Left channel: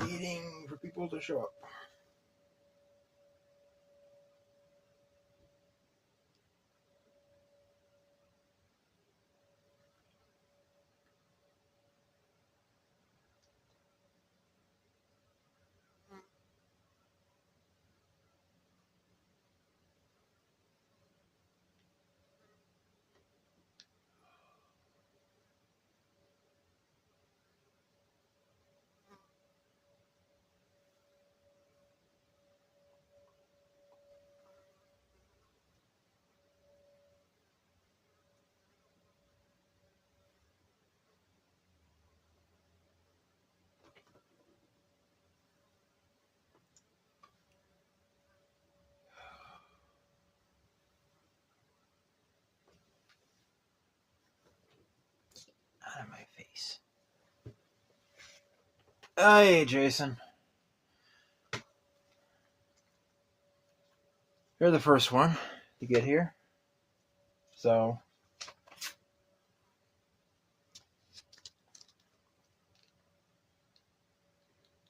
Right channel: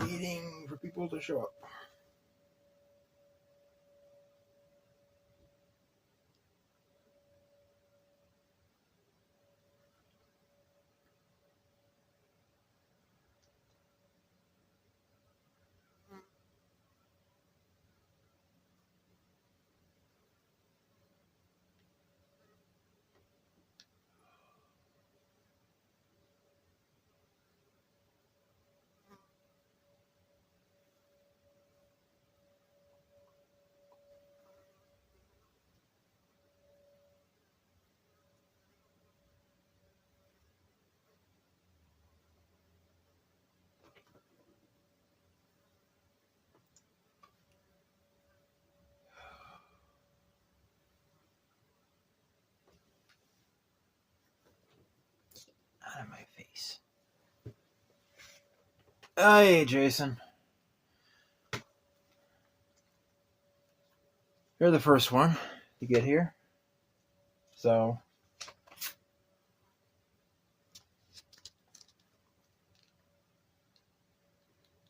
Waiting for people to show up. Out of my face. Hey, Jason. You're the first one to get here. So,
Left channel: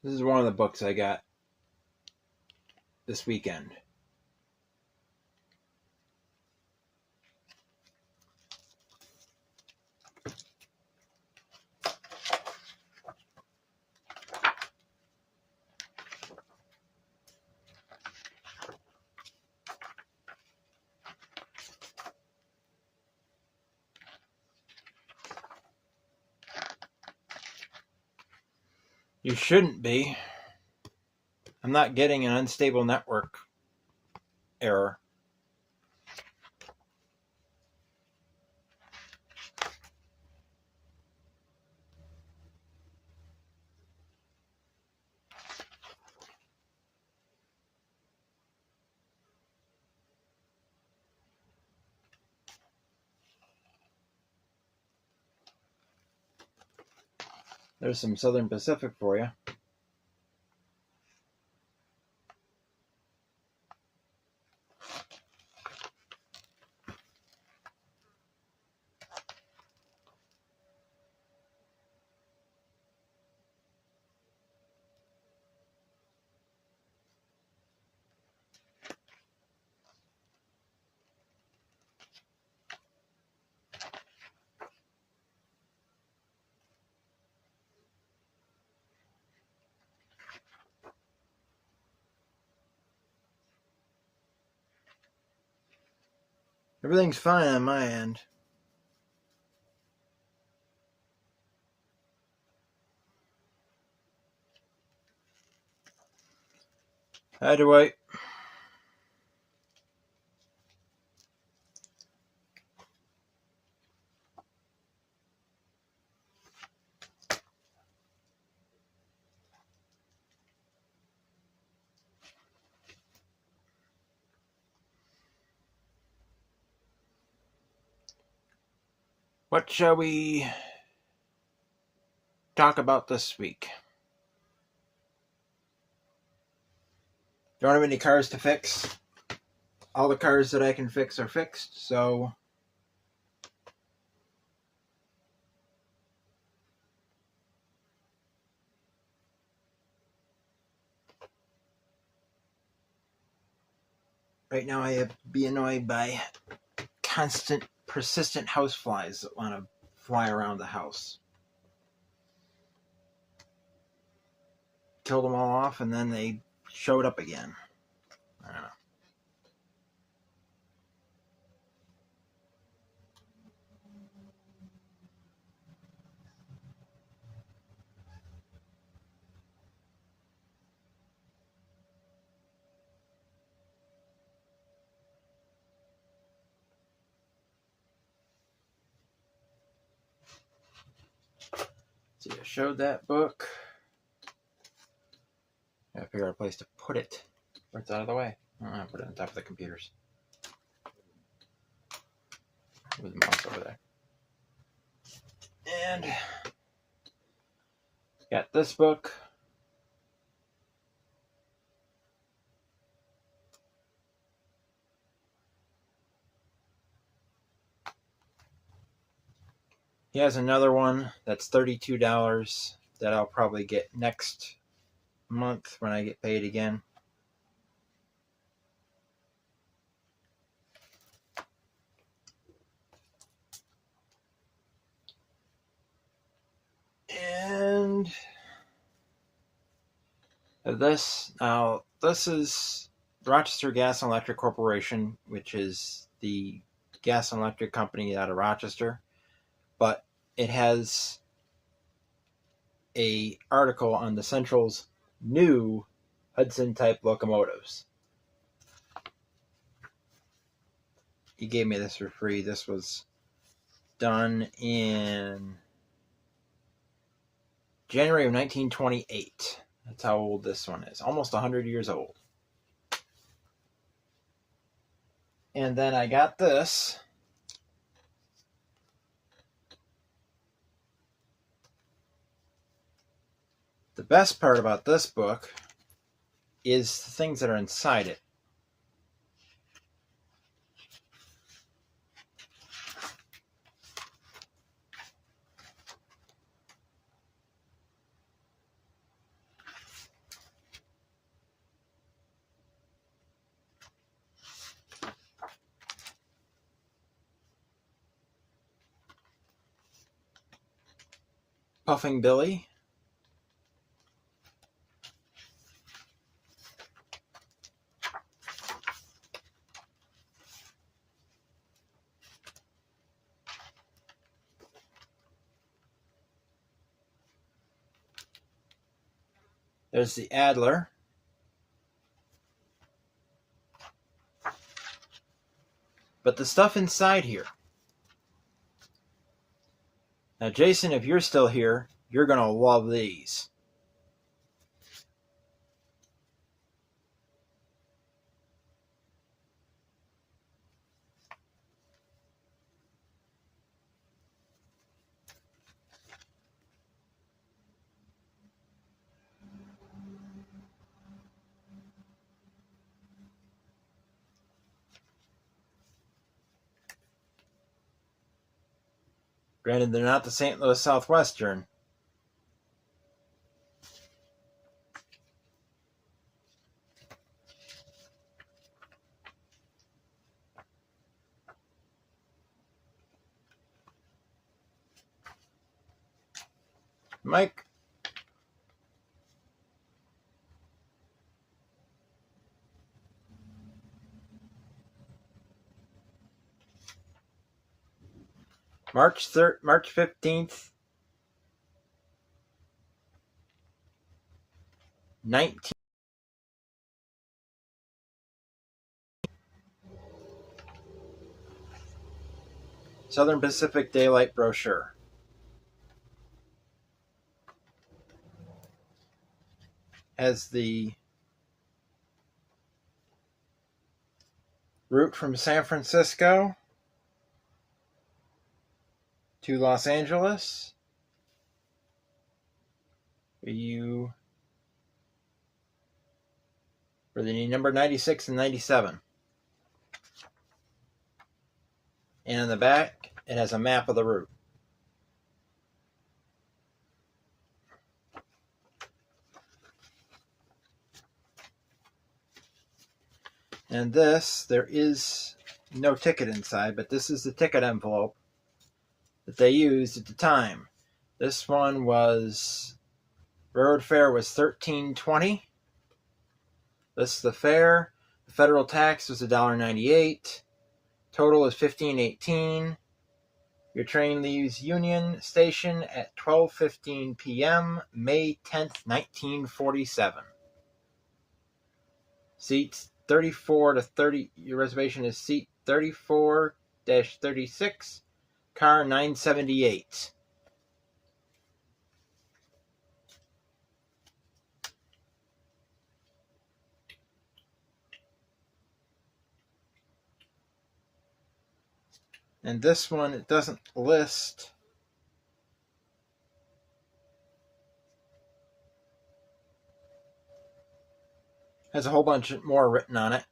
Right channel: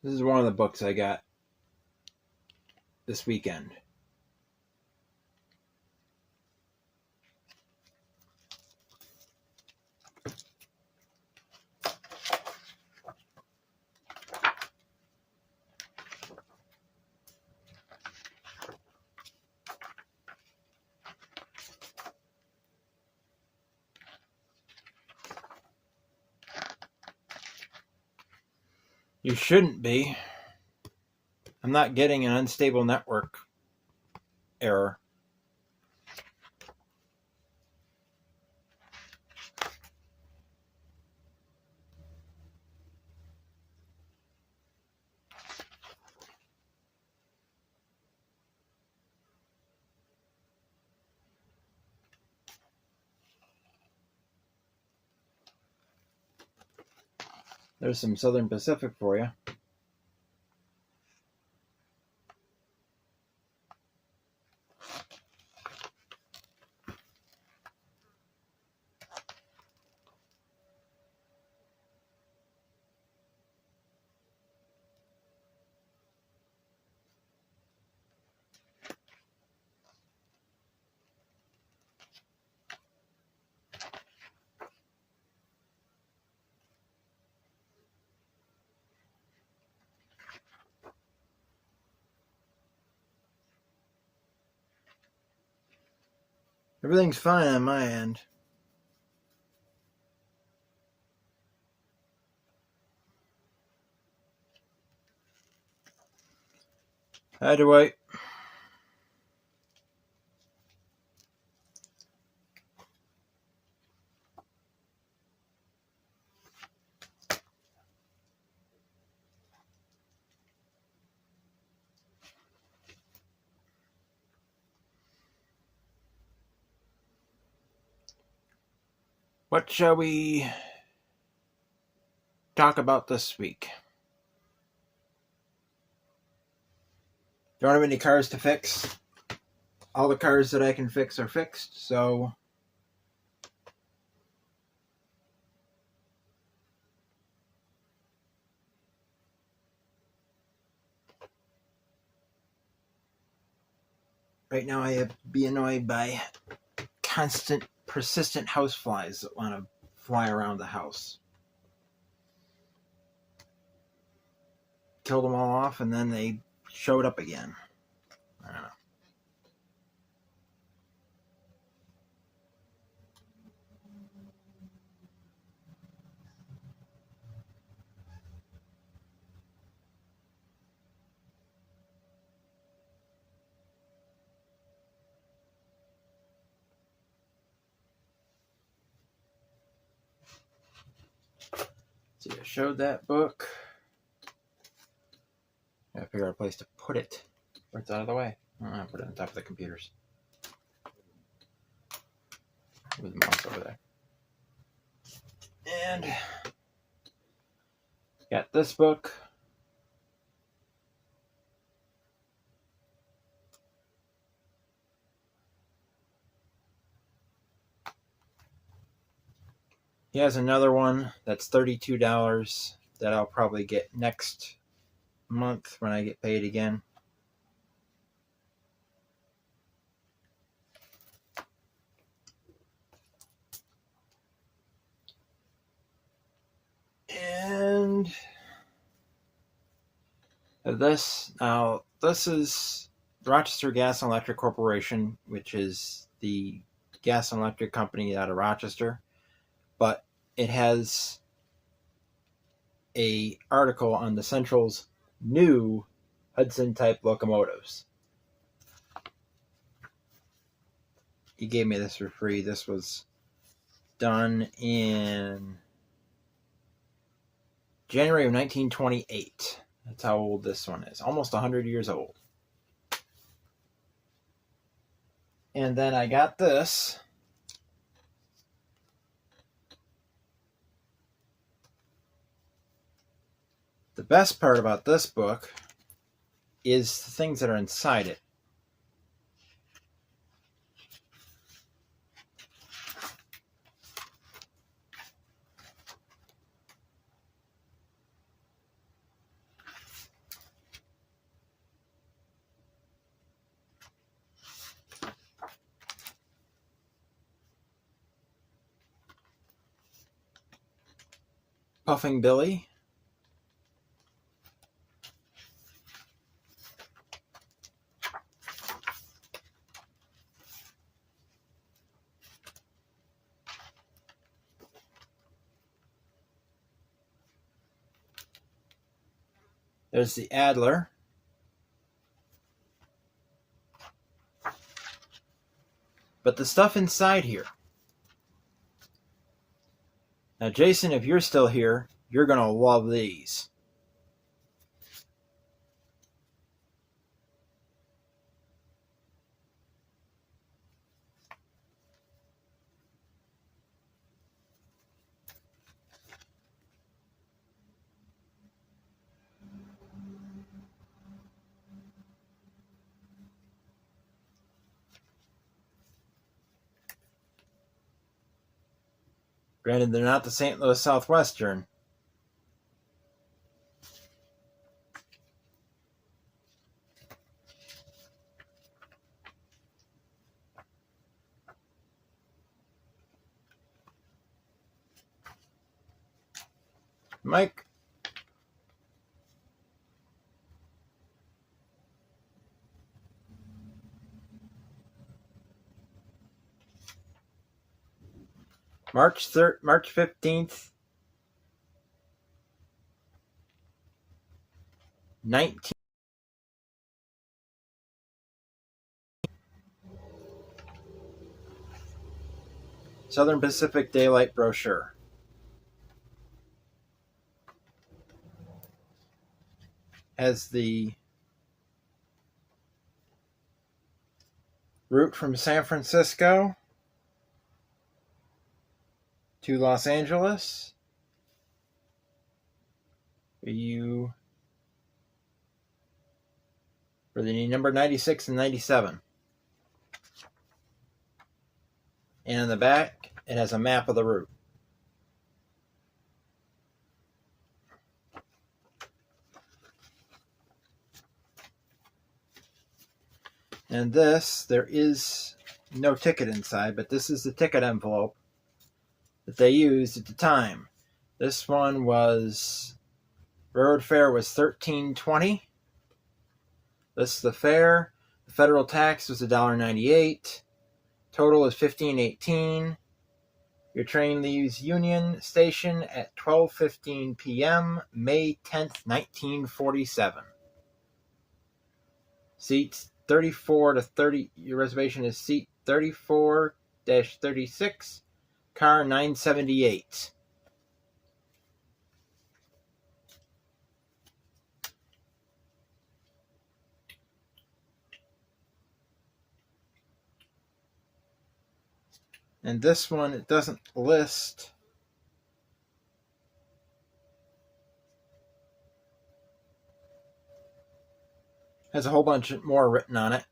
this is one of the books I got this weekend. You shouldn't be. I'm not getting an unstable network error. There's some Southern Pacific for you. Everything's fine on my end. Hi, Dwight. What shall we talk about this week? Don't have any cars to fix. All the cars that I can fix are fixed, so Right now I have to be annoyed by constant, persistent houseflies that want to fly around the house. Killed them all off, and then they showed up again. I don't know. See, I showed that book. I figure out a place to put it where it's out of the way. I'll put it on top of the computers. With the mouse over there. And got this book. He has another one that's $32 that I'll probably get next month when I get paid again. And this is the Rochester Gas and Electric Corporation, which is the gas and electric company out of Rochester. But it has a article on the Central's new Hudson-type locomotives. He gave me this for free. This was done in January of 1928. That's how old this one is. Almost 100 years old. And then I got this. The best part about this book is the things that are inside it. Puffing Billy. There's the Adler. But the stuff inside here. Now, Jason, if you're still here, you're going to love these. Granted, they're not the St. Louis Southwestern. Mike. March 15th, 19. Southern Pacific Daylight brochure. Has the route from San Francisco to Los Angeles. For the number 96 and 97. And in the back, it has a map of the route. And this, there is no ticket inside, but this is the ticket envelope that they used at the time. This one was, road fare was $13.20. This is the fare. The federal tax was $1.98. Total is $15.18. Your train leaves Union Station at 12:15 p.m., May 10th, 1947. Seats 34 to 30. Your reservation is seat 34-36, car 978. And this one, it doesn't list. Has a whole bunch more written on it.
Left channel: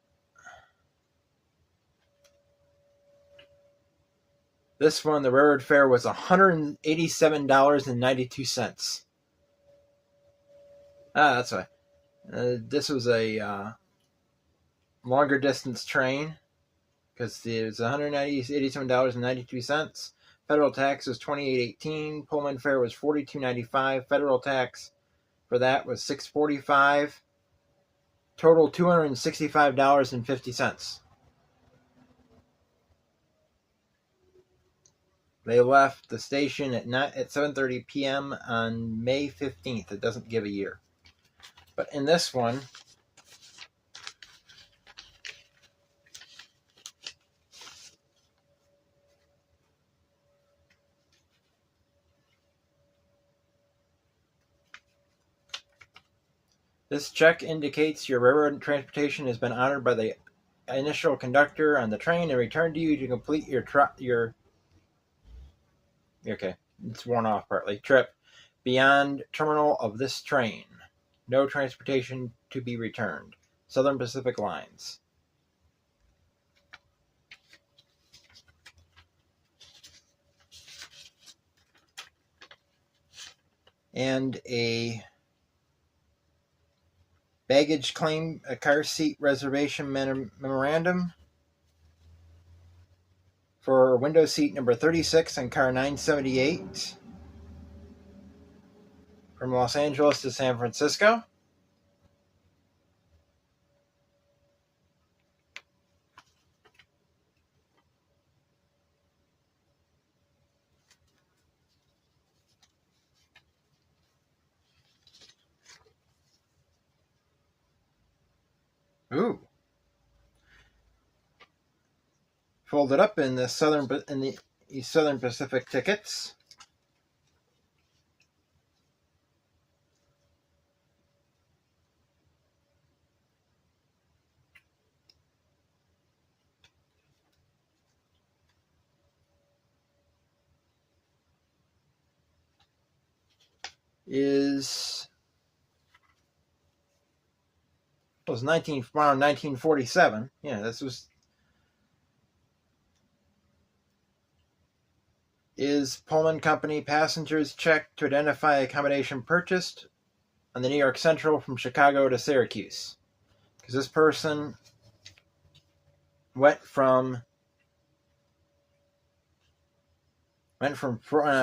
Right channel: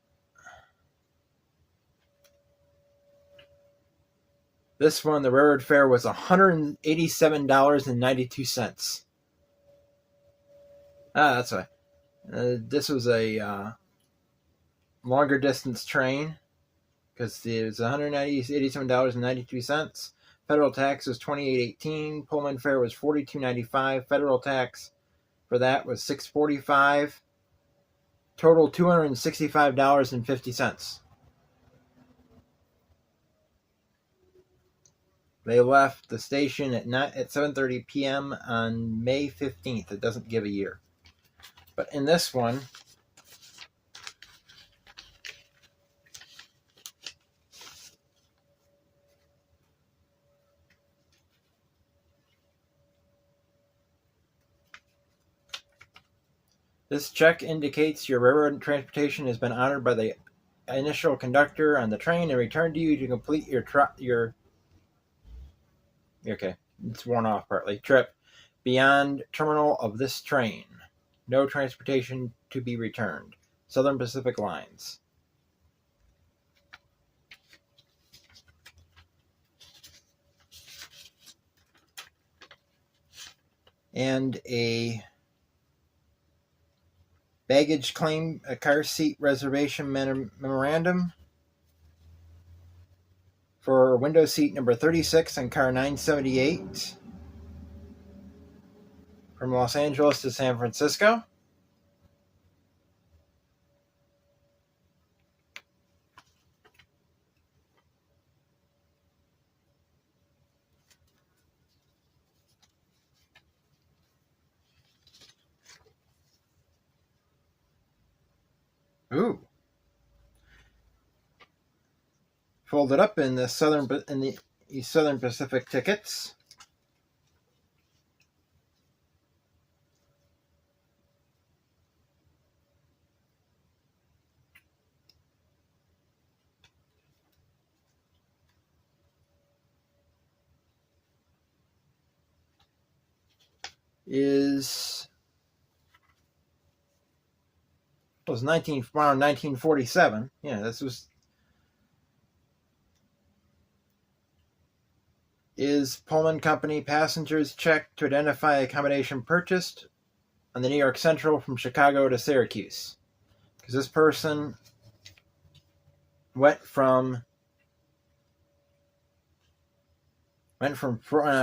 This one, the railroad fare was $187.92. That's why. This was a longer distance train because it was $187.92. Federal tax was $28.18. Pullman fare was $42.95. Federal tax for that was $6.45. Total $265.50. They left the station at 7:30 p.m. on May 15th. It doesn't give a year. But in this one, this check indicates your railroad transportation has been honored by the initial conductor on the train and returned to you to complete your okay, it's worn off partly, trip beyond terminal of this train. No transportation to be returned. Southern Pacific Lines. And a baggage claim, a car seat reservation memorandum for window seat number 36 on car 978 from Los Angeles to San Francisco. Ooh. Folded up in the Southern Pacific tickets. Was 1947. Yeah, this was. Is Pullman Company passengers check to identify accommodation purchased on the New York Central from Chicago to Syracuse? Because this person went from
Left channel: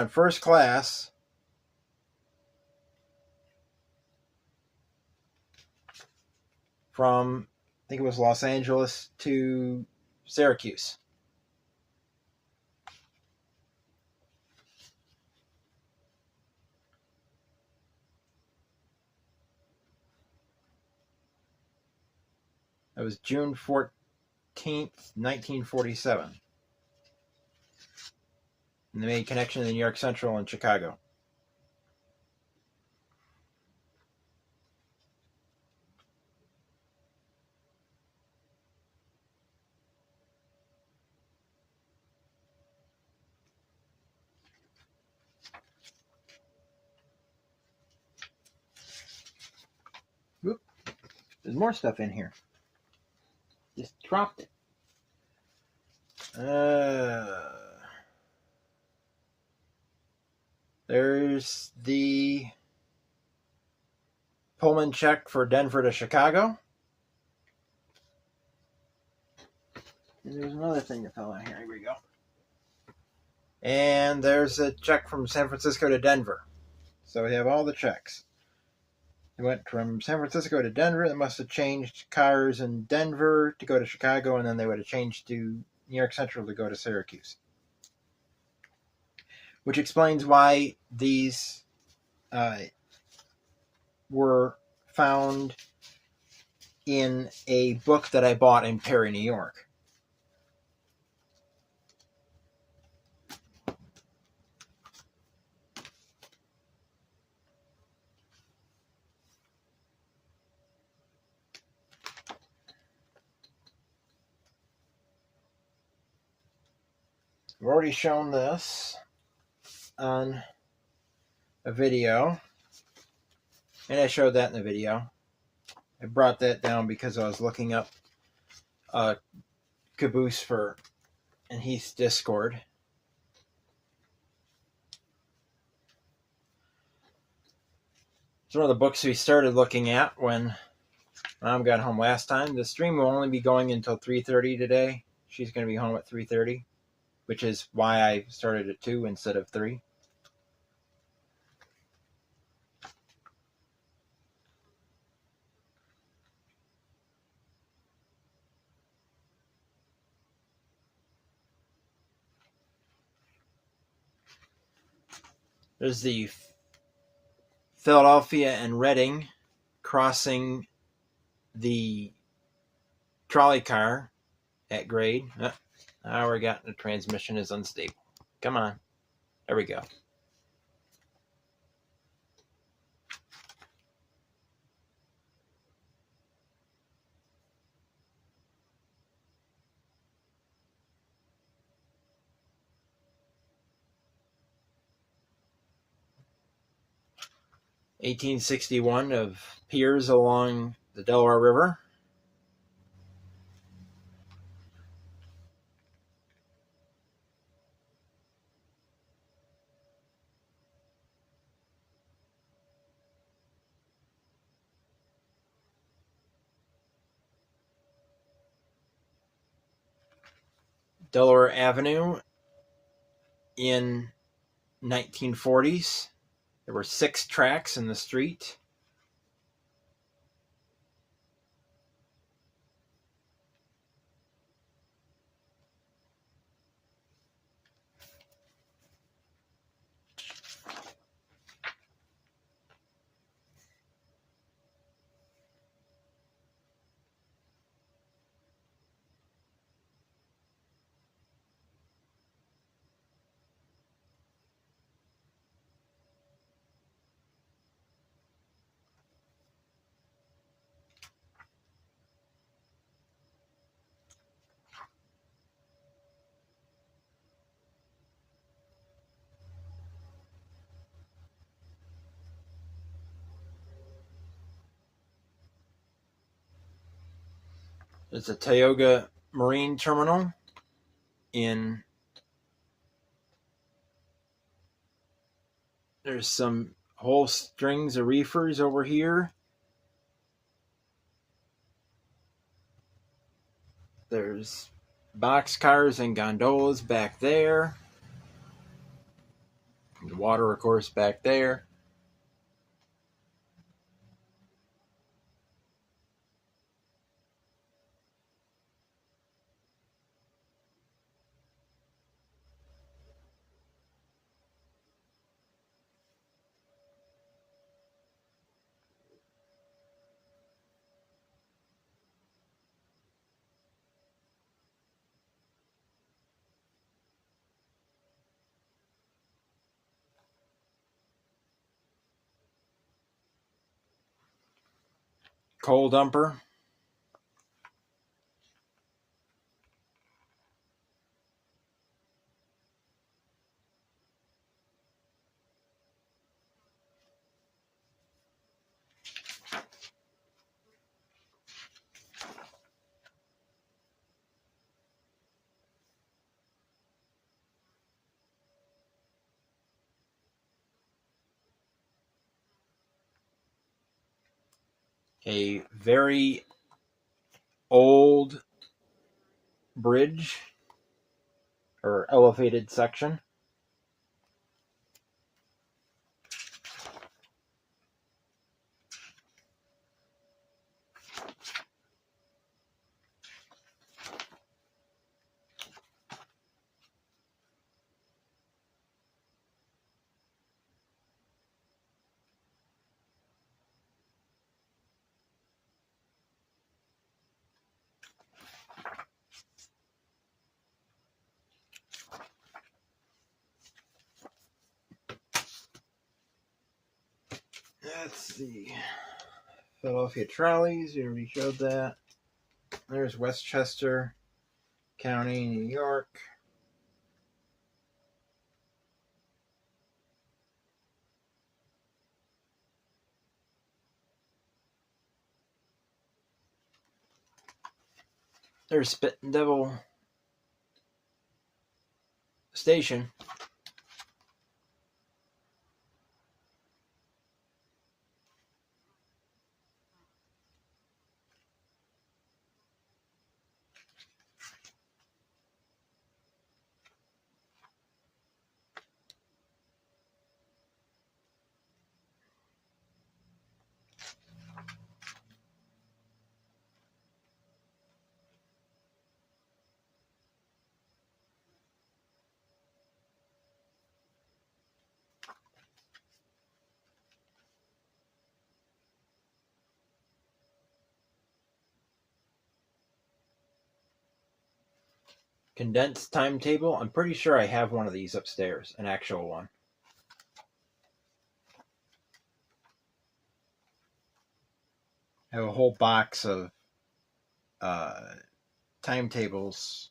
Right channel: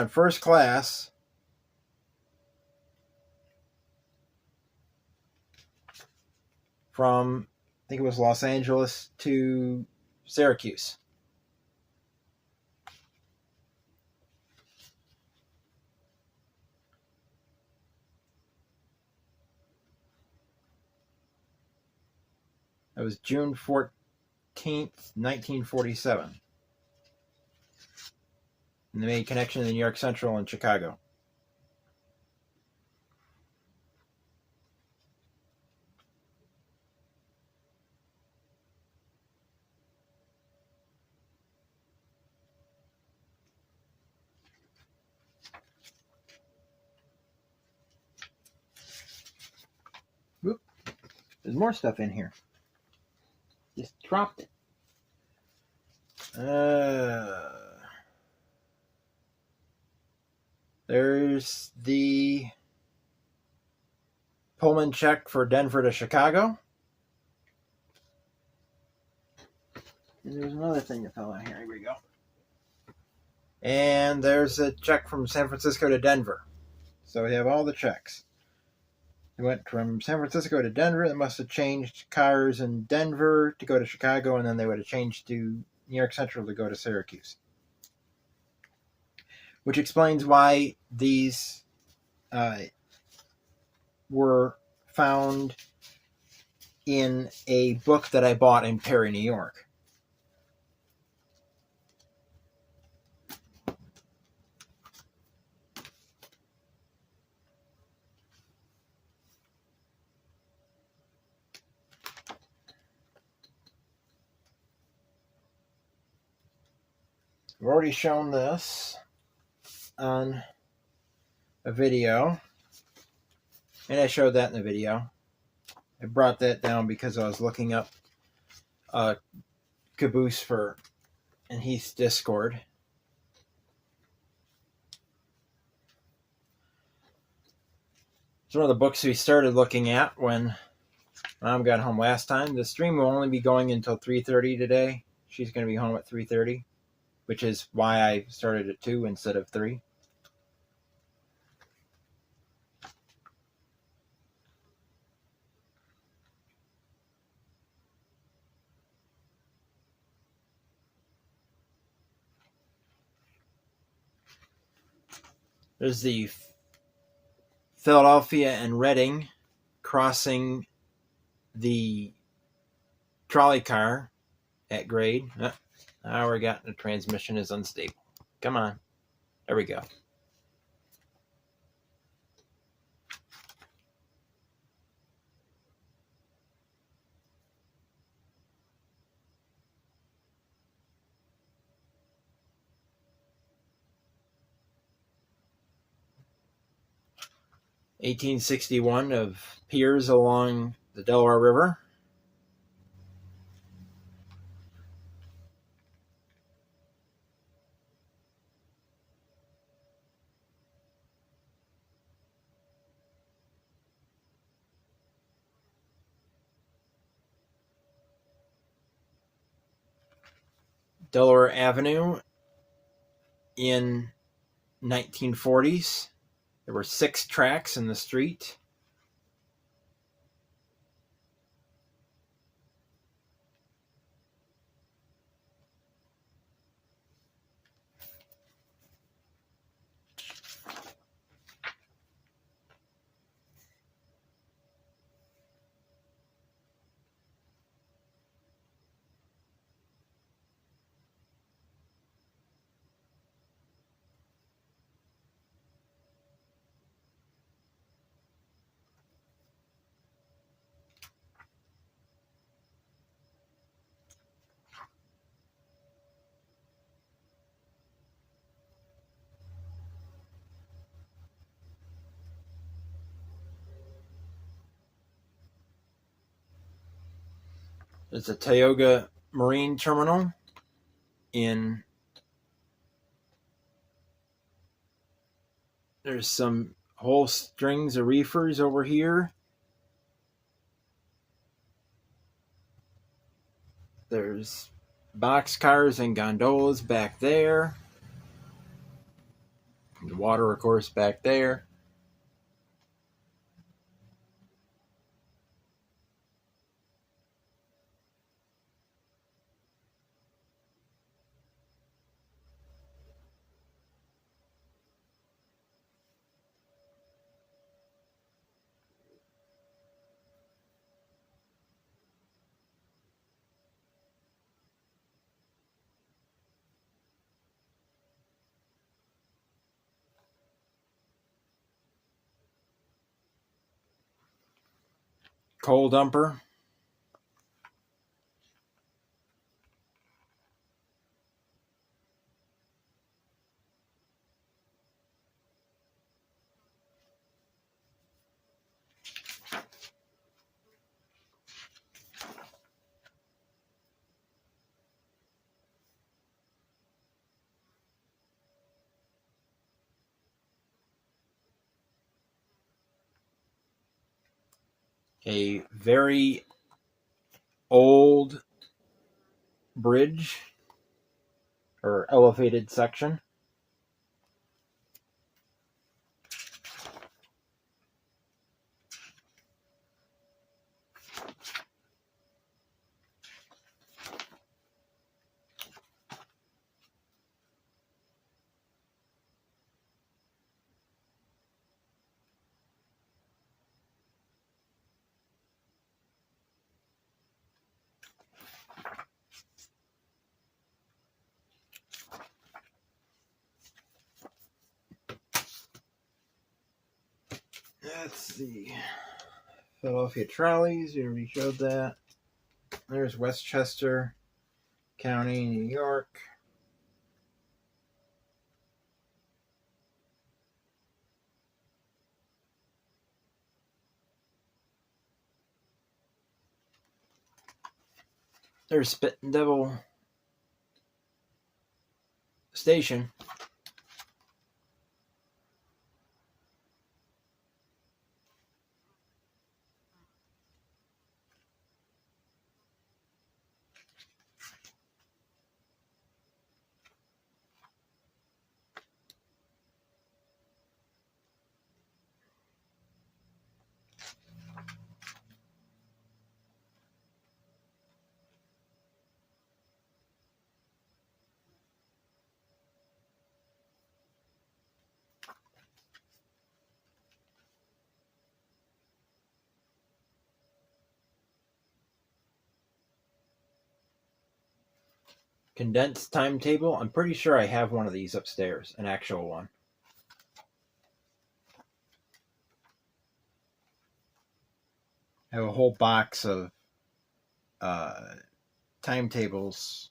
first class from, I think it was Los Angeles to Syracuse. That was June 14th, 1947. And they made connection to New York Central and Chicago. Oop. There's more stuff in here. Just dropped it. There's the Pullman check for Denver to Chicago. there's another thing that fell in here. Here we go. And there's a check from San Francisco to Denver. So we have all the checks. They went from San Francisco to Denver. They must have changed cars in Denver to go to Chicago, and then they would have changed to New York Central to go to Syracuse. Which explains why these were found in a book that I bought in Perry, New York. I've already shown this on a video, and I showed that in the video. I brought that down because I was looking up Caboose in Heath's Discord. It's one of the books we started looking at when Mom got home last time. The stream will only be going until 3:30 today. She's going to be home at 3:30, which is why I started at 2 instead of 3. There's the Philadelphia and Reading crossing the trolley car at grade. Now we got the transmission is unstable. Come on. There we go. (1861) of piers along the Delaware River. Delaware Avenue in 1940s. There were 6 tracks in the street. There's a Tioga Marine Terminal there's some whole strings of reefers over here. There's boxcars and gondolas back there. And the water, of course, back there. Coal dumper. A very old bridge or elevated section. Let's see. Philadelphia trolleys, you already showed that. There's Westchester County, New York. There's Spit and Devil Station. Condensed timetable. I'm pretty sure I have one of these upstairs, an actual one. I have a whole box of timetables.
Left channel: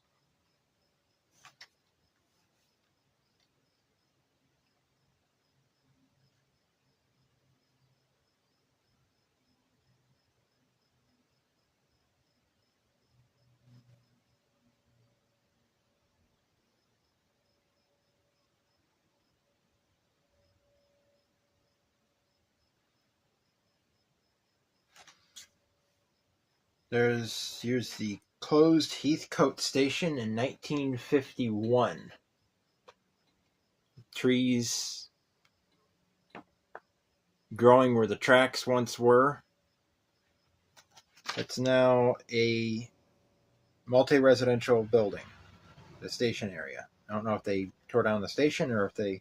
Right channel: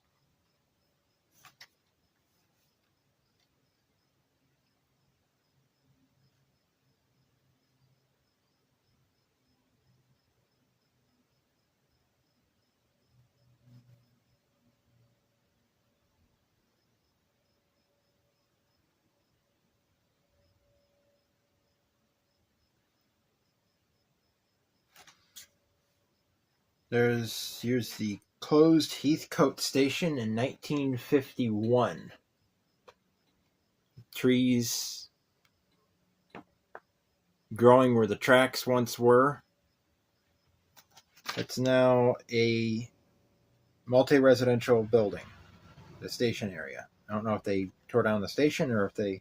Here's the closed Heathcote Station in 1951. Trees growing where the tracks once were. It's now a multi-residential building, the station area. I don't know if they tore down the station or if they...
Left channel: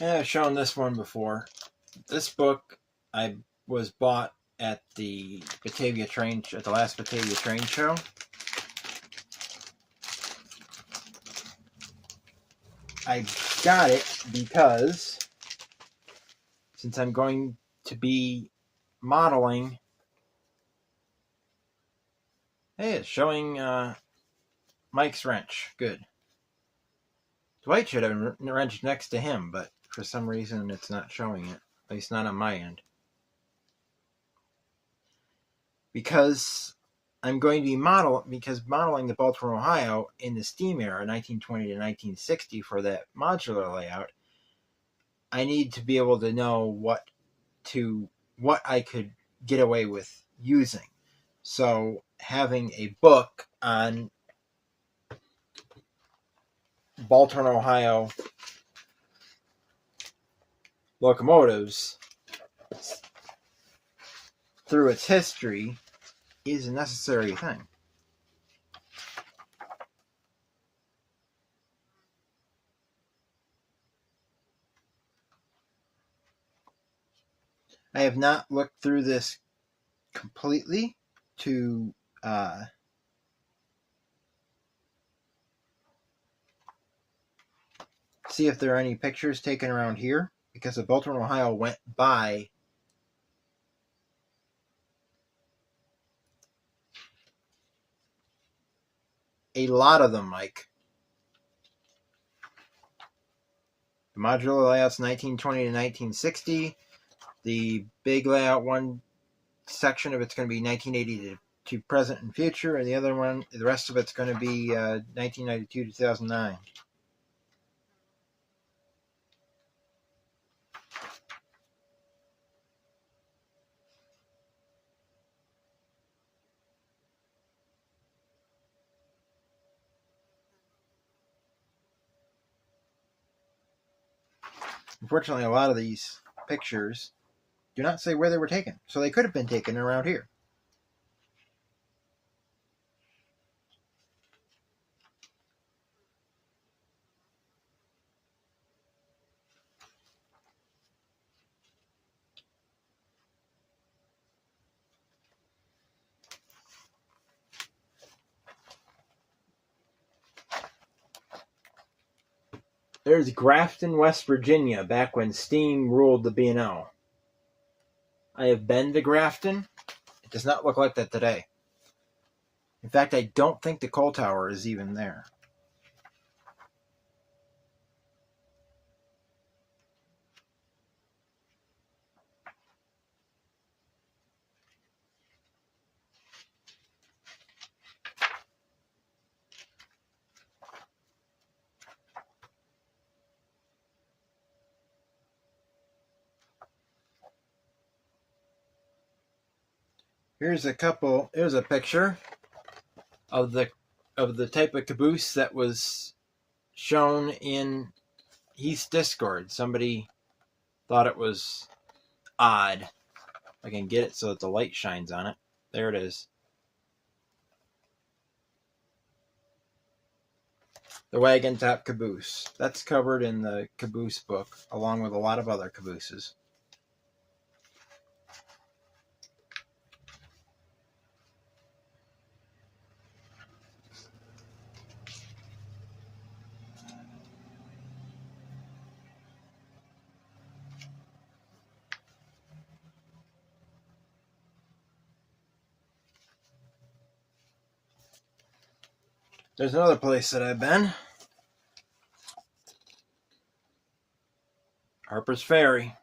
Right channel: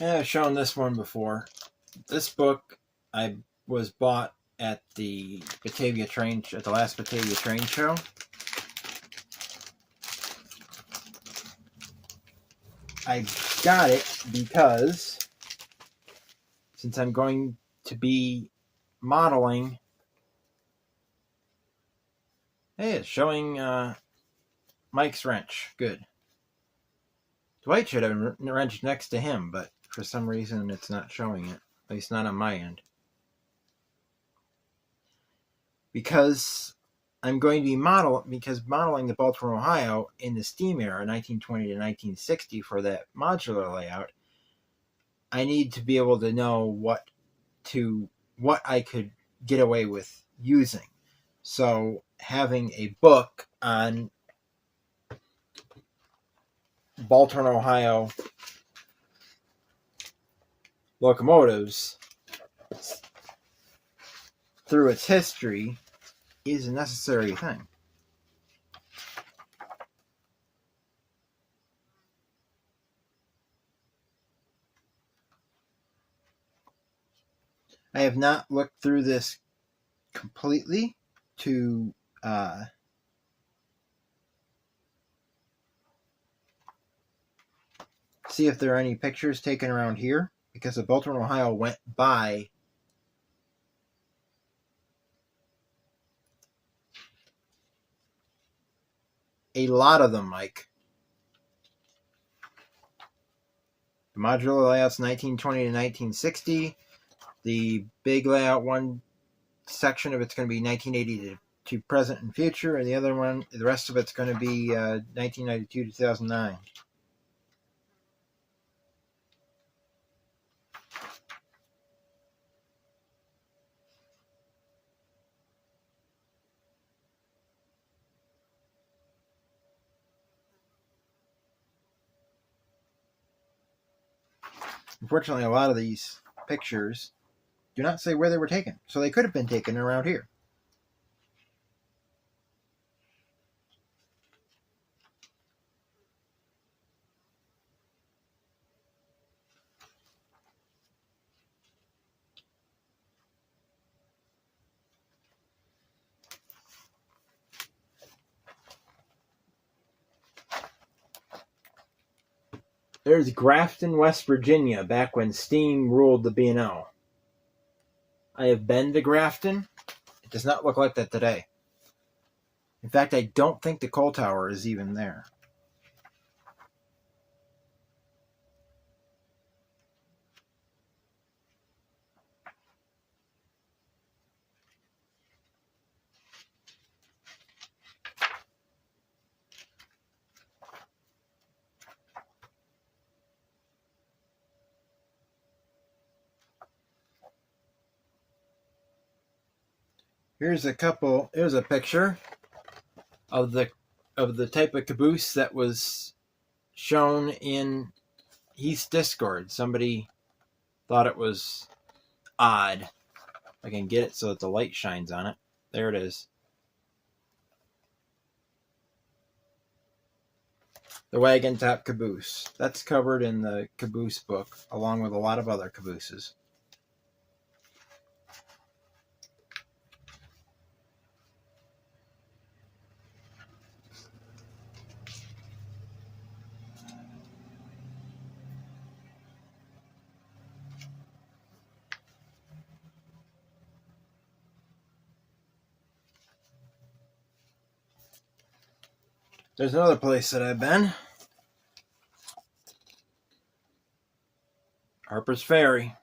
Yeah, I've shown this one before. This book was bought at the last Batavia train show. I got it because since I'm going to be modeling, hey, it's showing Mike's wrench. Good. Dwight should have a wrench next to him, but for some reason it's not showing it. At least not on my end. Because I'm going to be modeling the Baltimore, Ohio in the steam era, 1920 to 1960, for that modular layout, I need to be able to know what I could get away with using. So having a book on Baltimore, Ohio locomotives through its history is a necessary thing. I have not looked through this completely to see if there are any pictures taken around here, because the Baltimore, Ohio went by a lot of them, Mike. The modular layout's 1920 to 1960. The big layout, one section of it's going to be 1980 to present and future, and the rest of it's going to be 1992 to 2009. Unfortunately, a lot of these pictures do not say where they were taken, so they could have been taken around here. There's Grafton, West Virginia, back when steam ruled the B&O. I have been to Grafton. It does not look like that today. In fact, I don't think the coal tower is even there. Here's a picture of the type of caboose that was shown in Heath's Discord. Somebody thought it was odd. I can get it so that the light shines on it. There it is. The wagon top caboose. That's covered in the caboose book, along with a lot of other cabooses. There's another place that I've been. Harper's Ferry.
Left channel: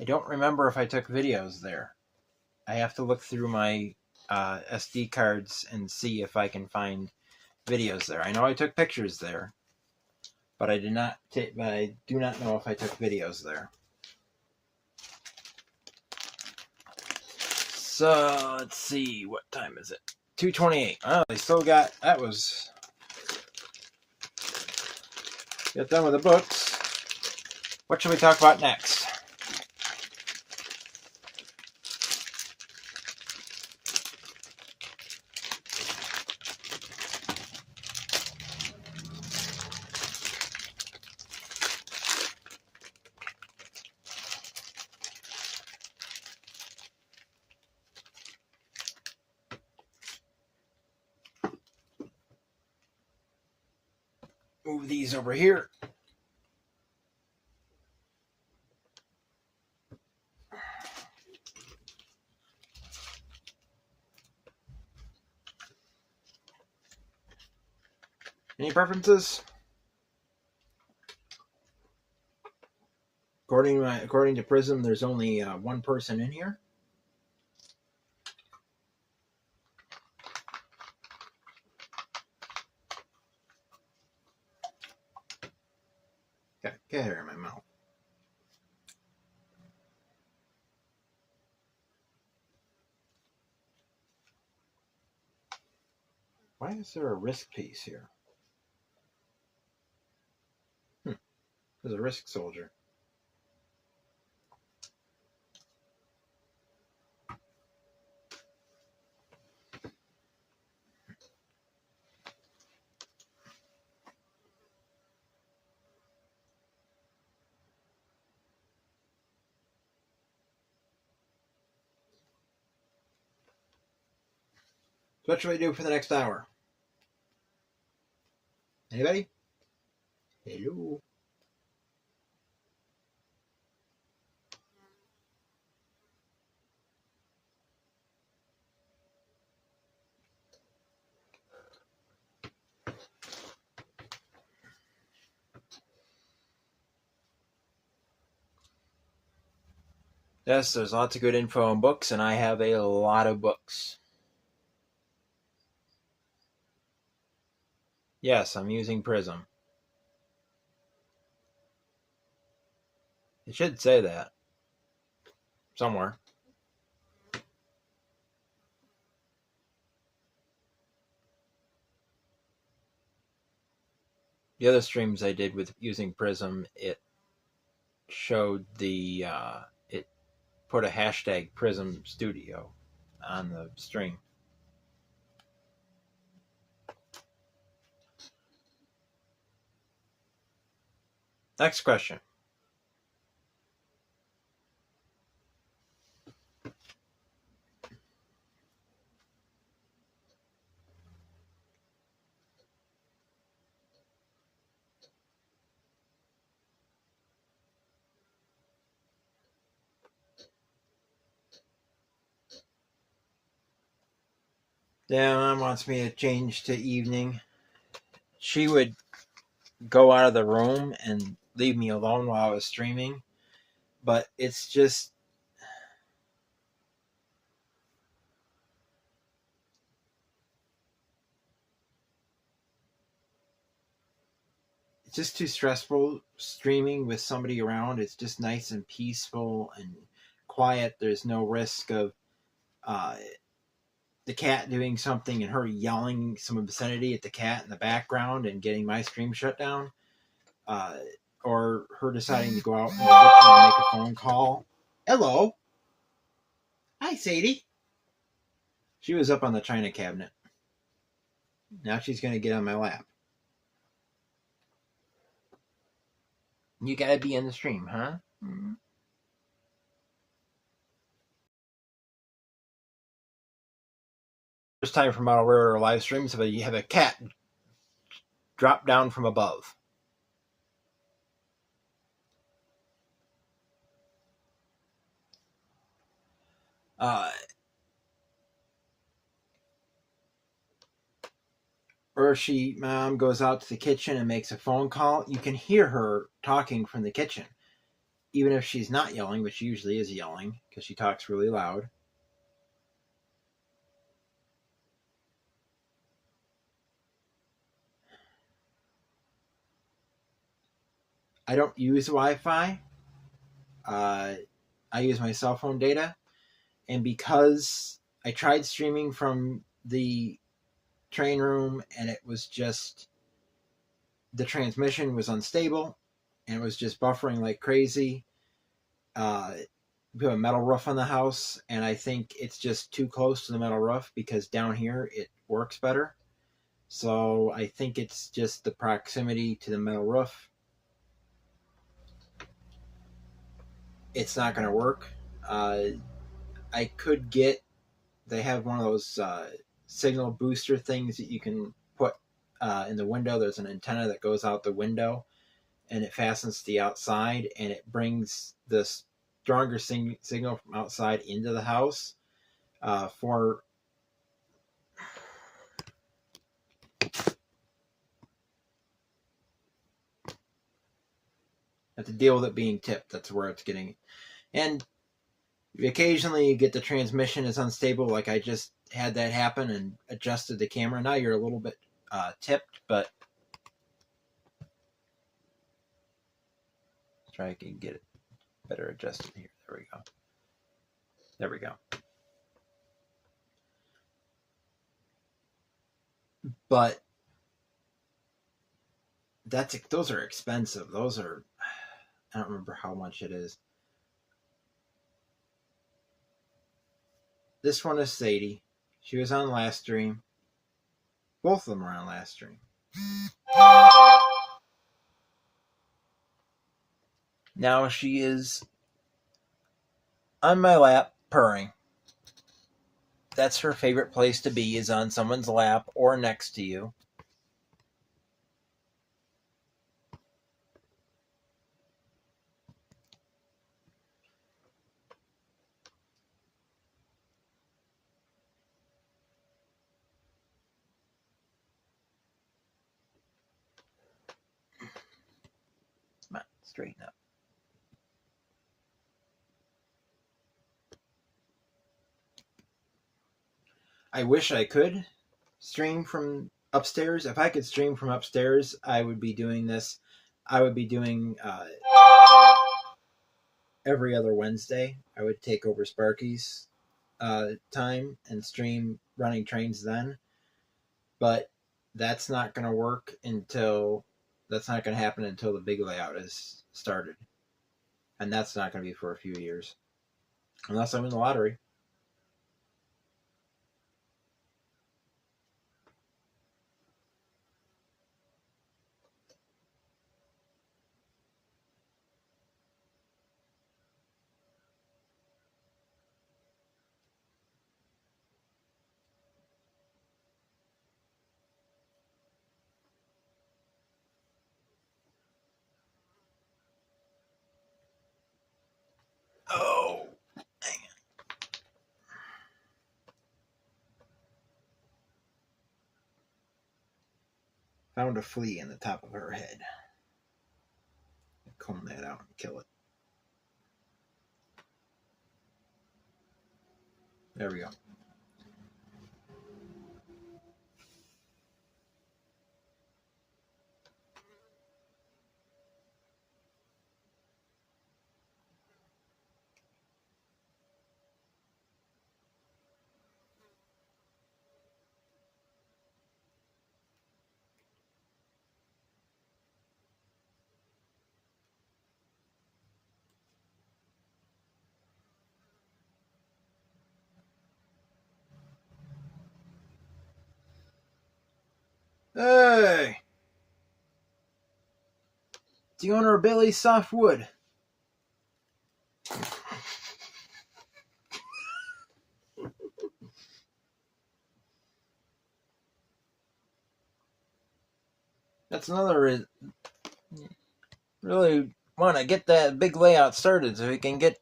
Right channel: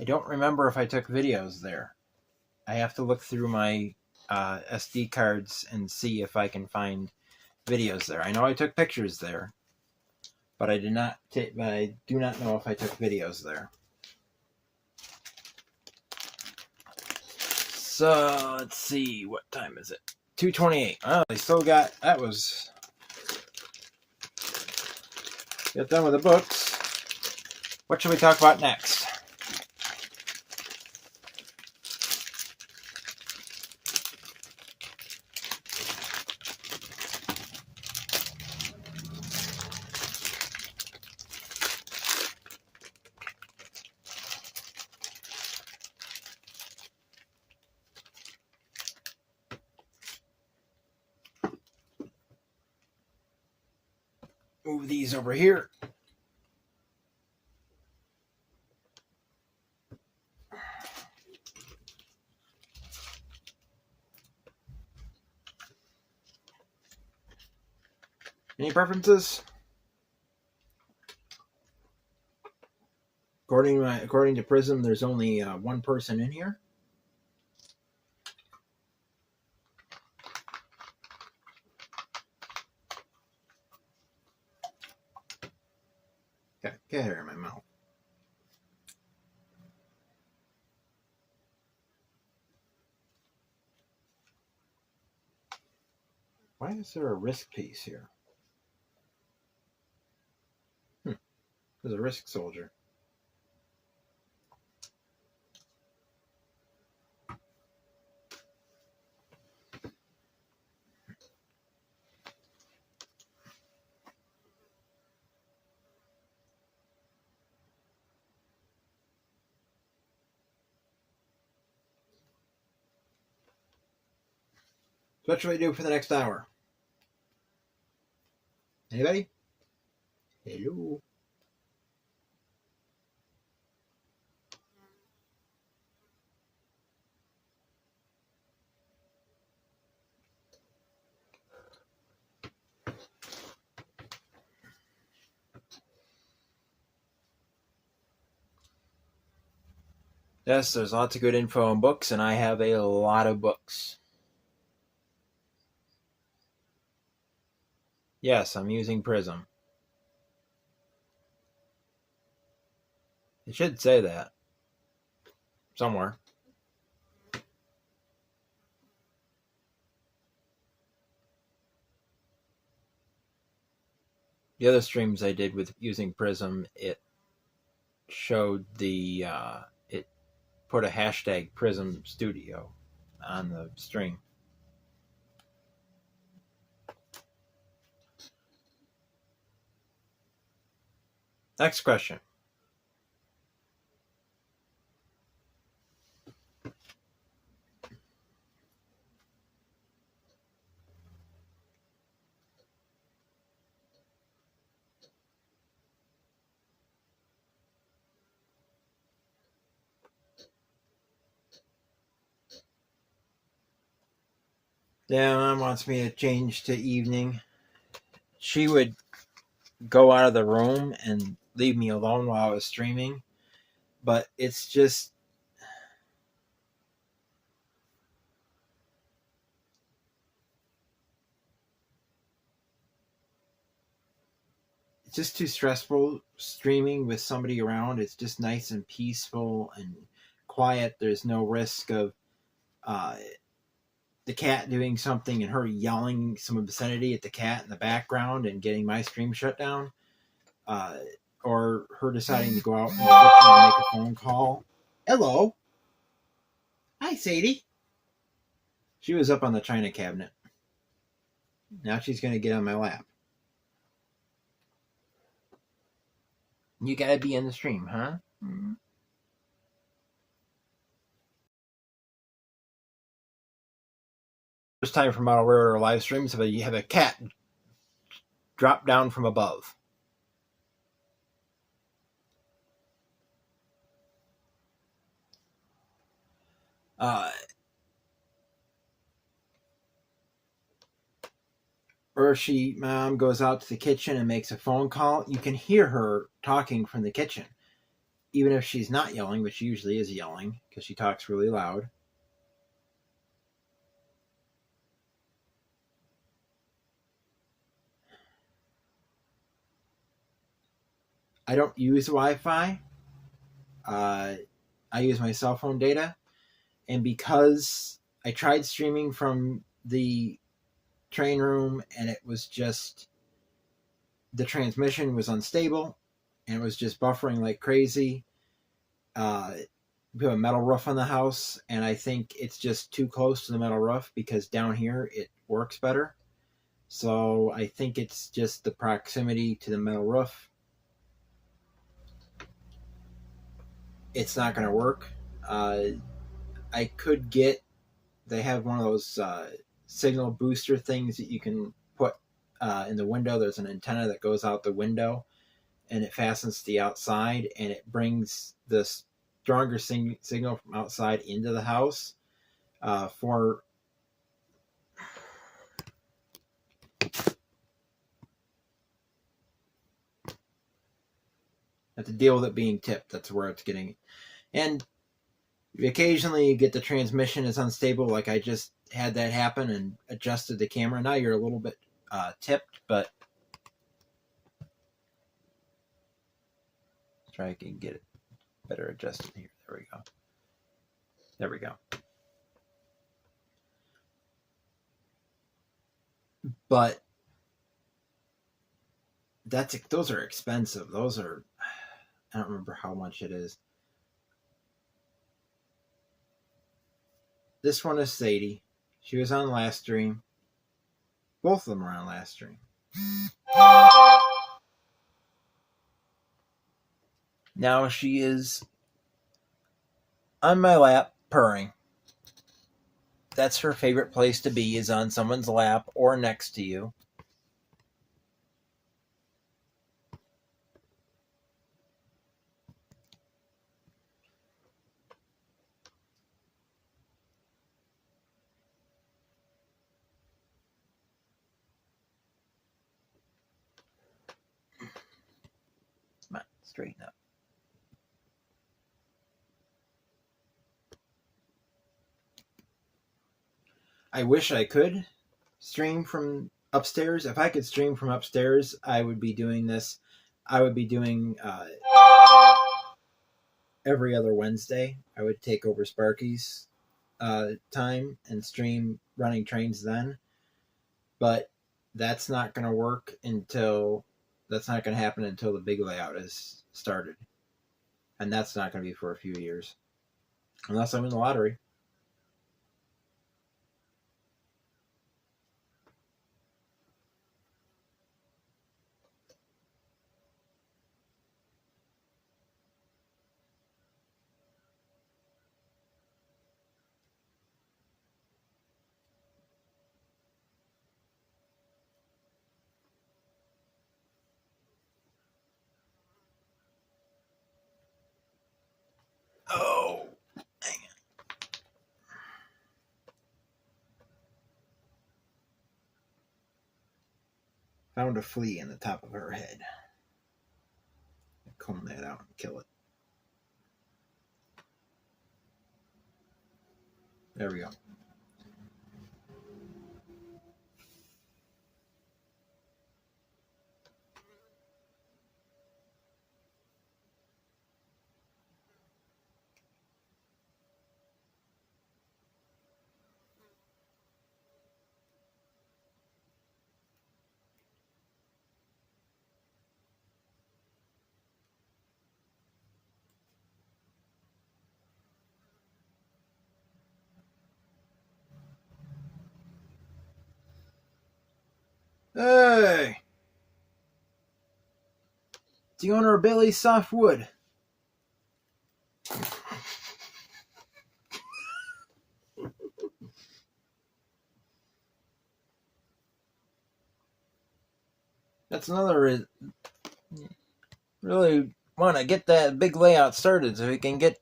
I don't remember if I took videos there. I have to look through my SD cards and see if I can find videos there. I know I took pictures there, but I do not know if I took videos there. So let's see, what time is it? 2:28. Oh, they still got that was get done with the books. What should we talk about next? Move these over here. Any preferences? According to Prism, there's only one person in here. Okay, get hair in my mouth. Why is there a risk piece here? There's a risk soldier. So what should we do for the next hour? Anybody? Hello? Yes, there's lots of good info on books, and I have a lot of books. Yes, I'm using Prism. It should say that somewhere. The other streams I did with using Prism, it showed it put a hashtag Prism Studio on the stream. Next question. Dan wants me to change to evening. She would go out of the room and leave me alone while I was streaming, but it's just too stressful streaming with somebody around. It's just nice and peaceful and quiet. There's no risk of the cat doing something and her yelling some obscenity at the cat in the background and getting my stream shut down, or her deciding to go out in the kitchen and make a phone call. Hello. Hi, Sadie. She was up on the china cabinet. Now she's going to get on my lap. You got to be in the stream, huh? Mm-hmm. First time for Model Rare live streams, but you have a cat drop down from above. Or mom goes out to the kitchen and makes a phone call. You can hear her talking from the kitchen, even if she's not yelling, which she usually is yelling because she talks really loud. I don't use Wi-Fi. I use my cell phone data, and because I tried streaming from the train room and it was just, the transmission was unstable and it was just buffering like crazy. We have a metal roof on the house, and I think it's just too close to the metal roof because down here it works better. So I think it's just the proximity to the metal roof. It's not going to work. I could get, they have one of those signal booster things that you can put in the window. There's an antenna that goes out the window and it fastens to the outside, and it brings the stronger signal from outside into the house for have to deal with it being tipped. That's where it's getting. And occasionally you get the transmission is unstable, like I just had that happen and adjusted the camera. Now you're a little bit tipped, but let's try and get it better adjusted here. There we go. There we go. But those are expensive. Those are, I don't remember how much it is. This one is Sadie. She was on last stream. Both of them were on last stream. Now she is on my lap purring. That's her favorite place to be, is on someone's lap or next to you. Come on, straighten up. I wish I could stream from upstairs. If I could stream from upstairs, I would be doing this. I would be doing every other Wednesday. I would take over Sparky's time and stream running trains then. But that's not going to work that's not going to happen until the big layout is started. And that's not going to be for a few years. Unless I'm in the lottery. Oh, dang it. Found a flea in the top of her head. Comb that out and kill it. There we go. Hey! It's the owner of Bailey's Soft Wood. That's another reason. Really want to get that big layout started so we can get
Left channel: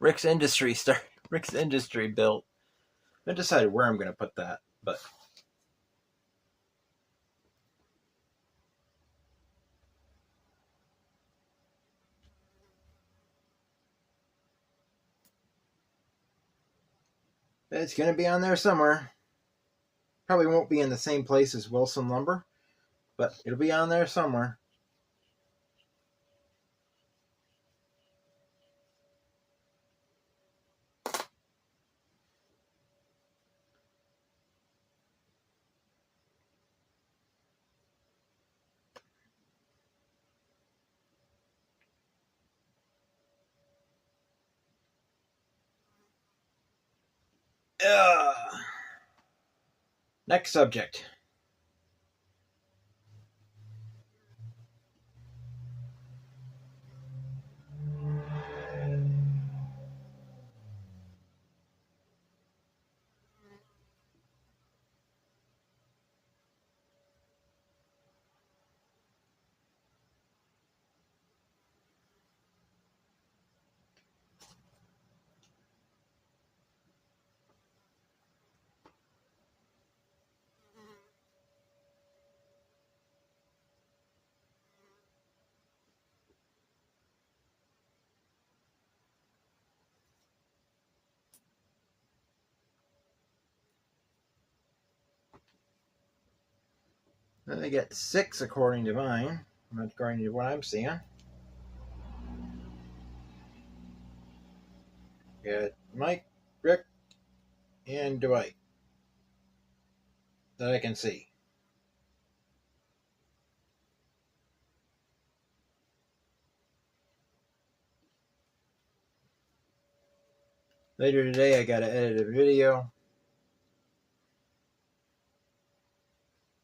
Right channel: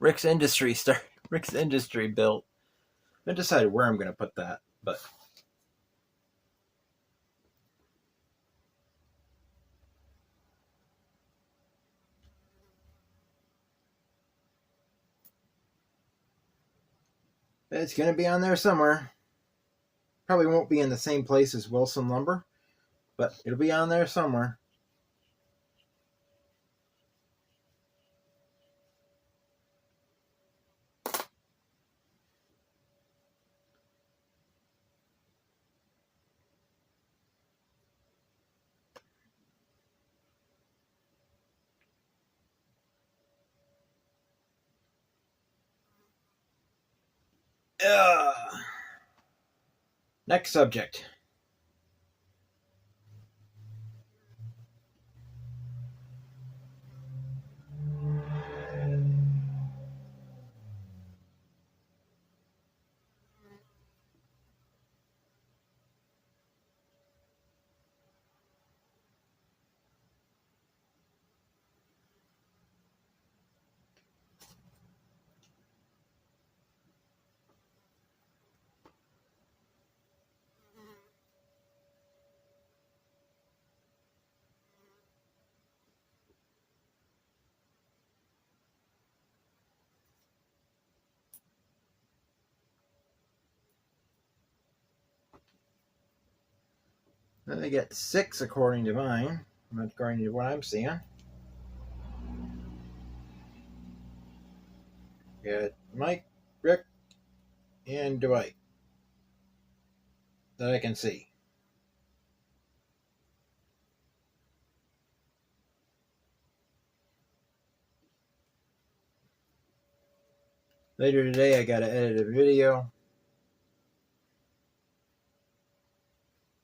Rick's Industry built. I decided where I'm going to put that, but it's going to be on there somewhere. Probably won't be in the same place as Wilson Lumber, but it'll be on there somewhere. Next subject. Then they get 6 according to mine, not according to what I'm seeing. Got Mike, Rick, and Dwight that I can see. Later today, I got to edit a video,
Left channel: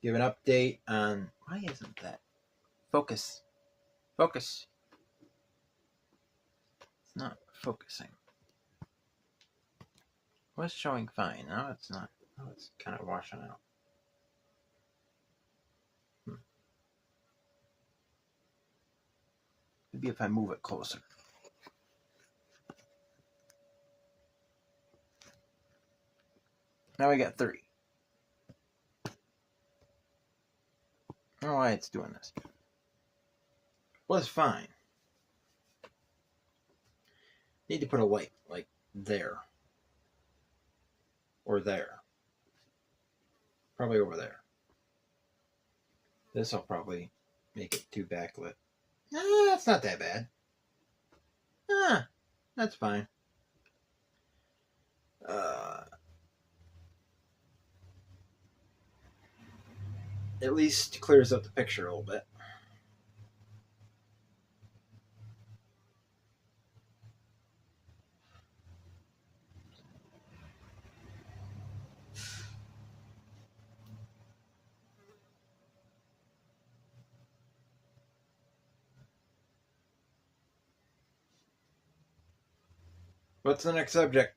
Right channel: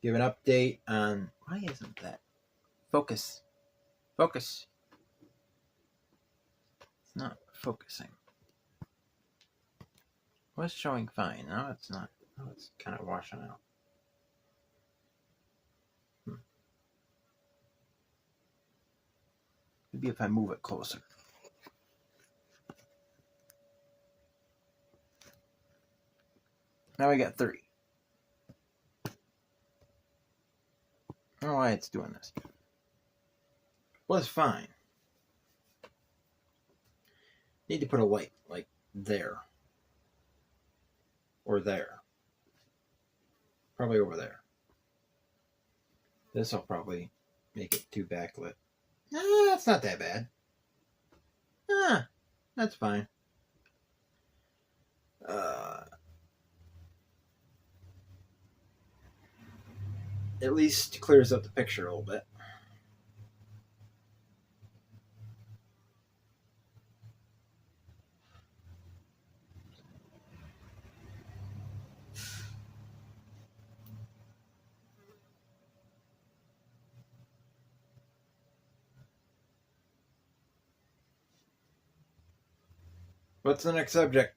give an update on, why isn't that? Focus. It's not focusing. Was showing fine. No, it's not. No, it's kind of washing out. Maybe if I move it closer. Now we got 3. I don't know why it's doing this. Was fine. Need to put a light like there. or there. Probably over there. This will probably make it too backlit. That's not that bad. That's fine. At least clears up the picture a little bit. What's the next subject?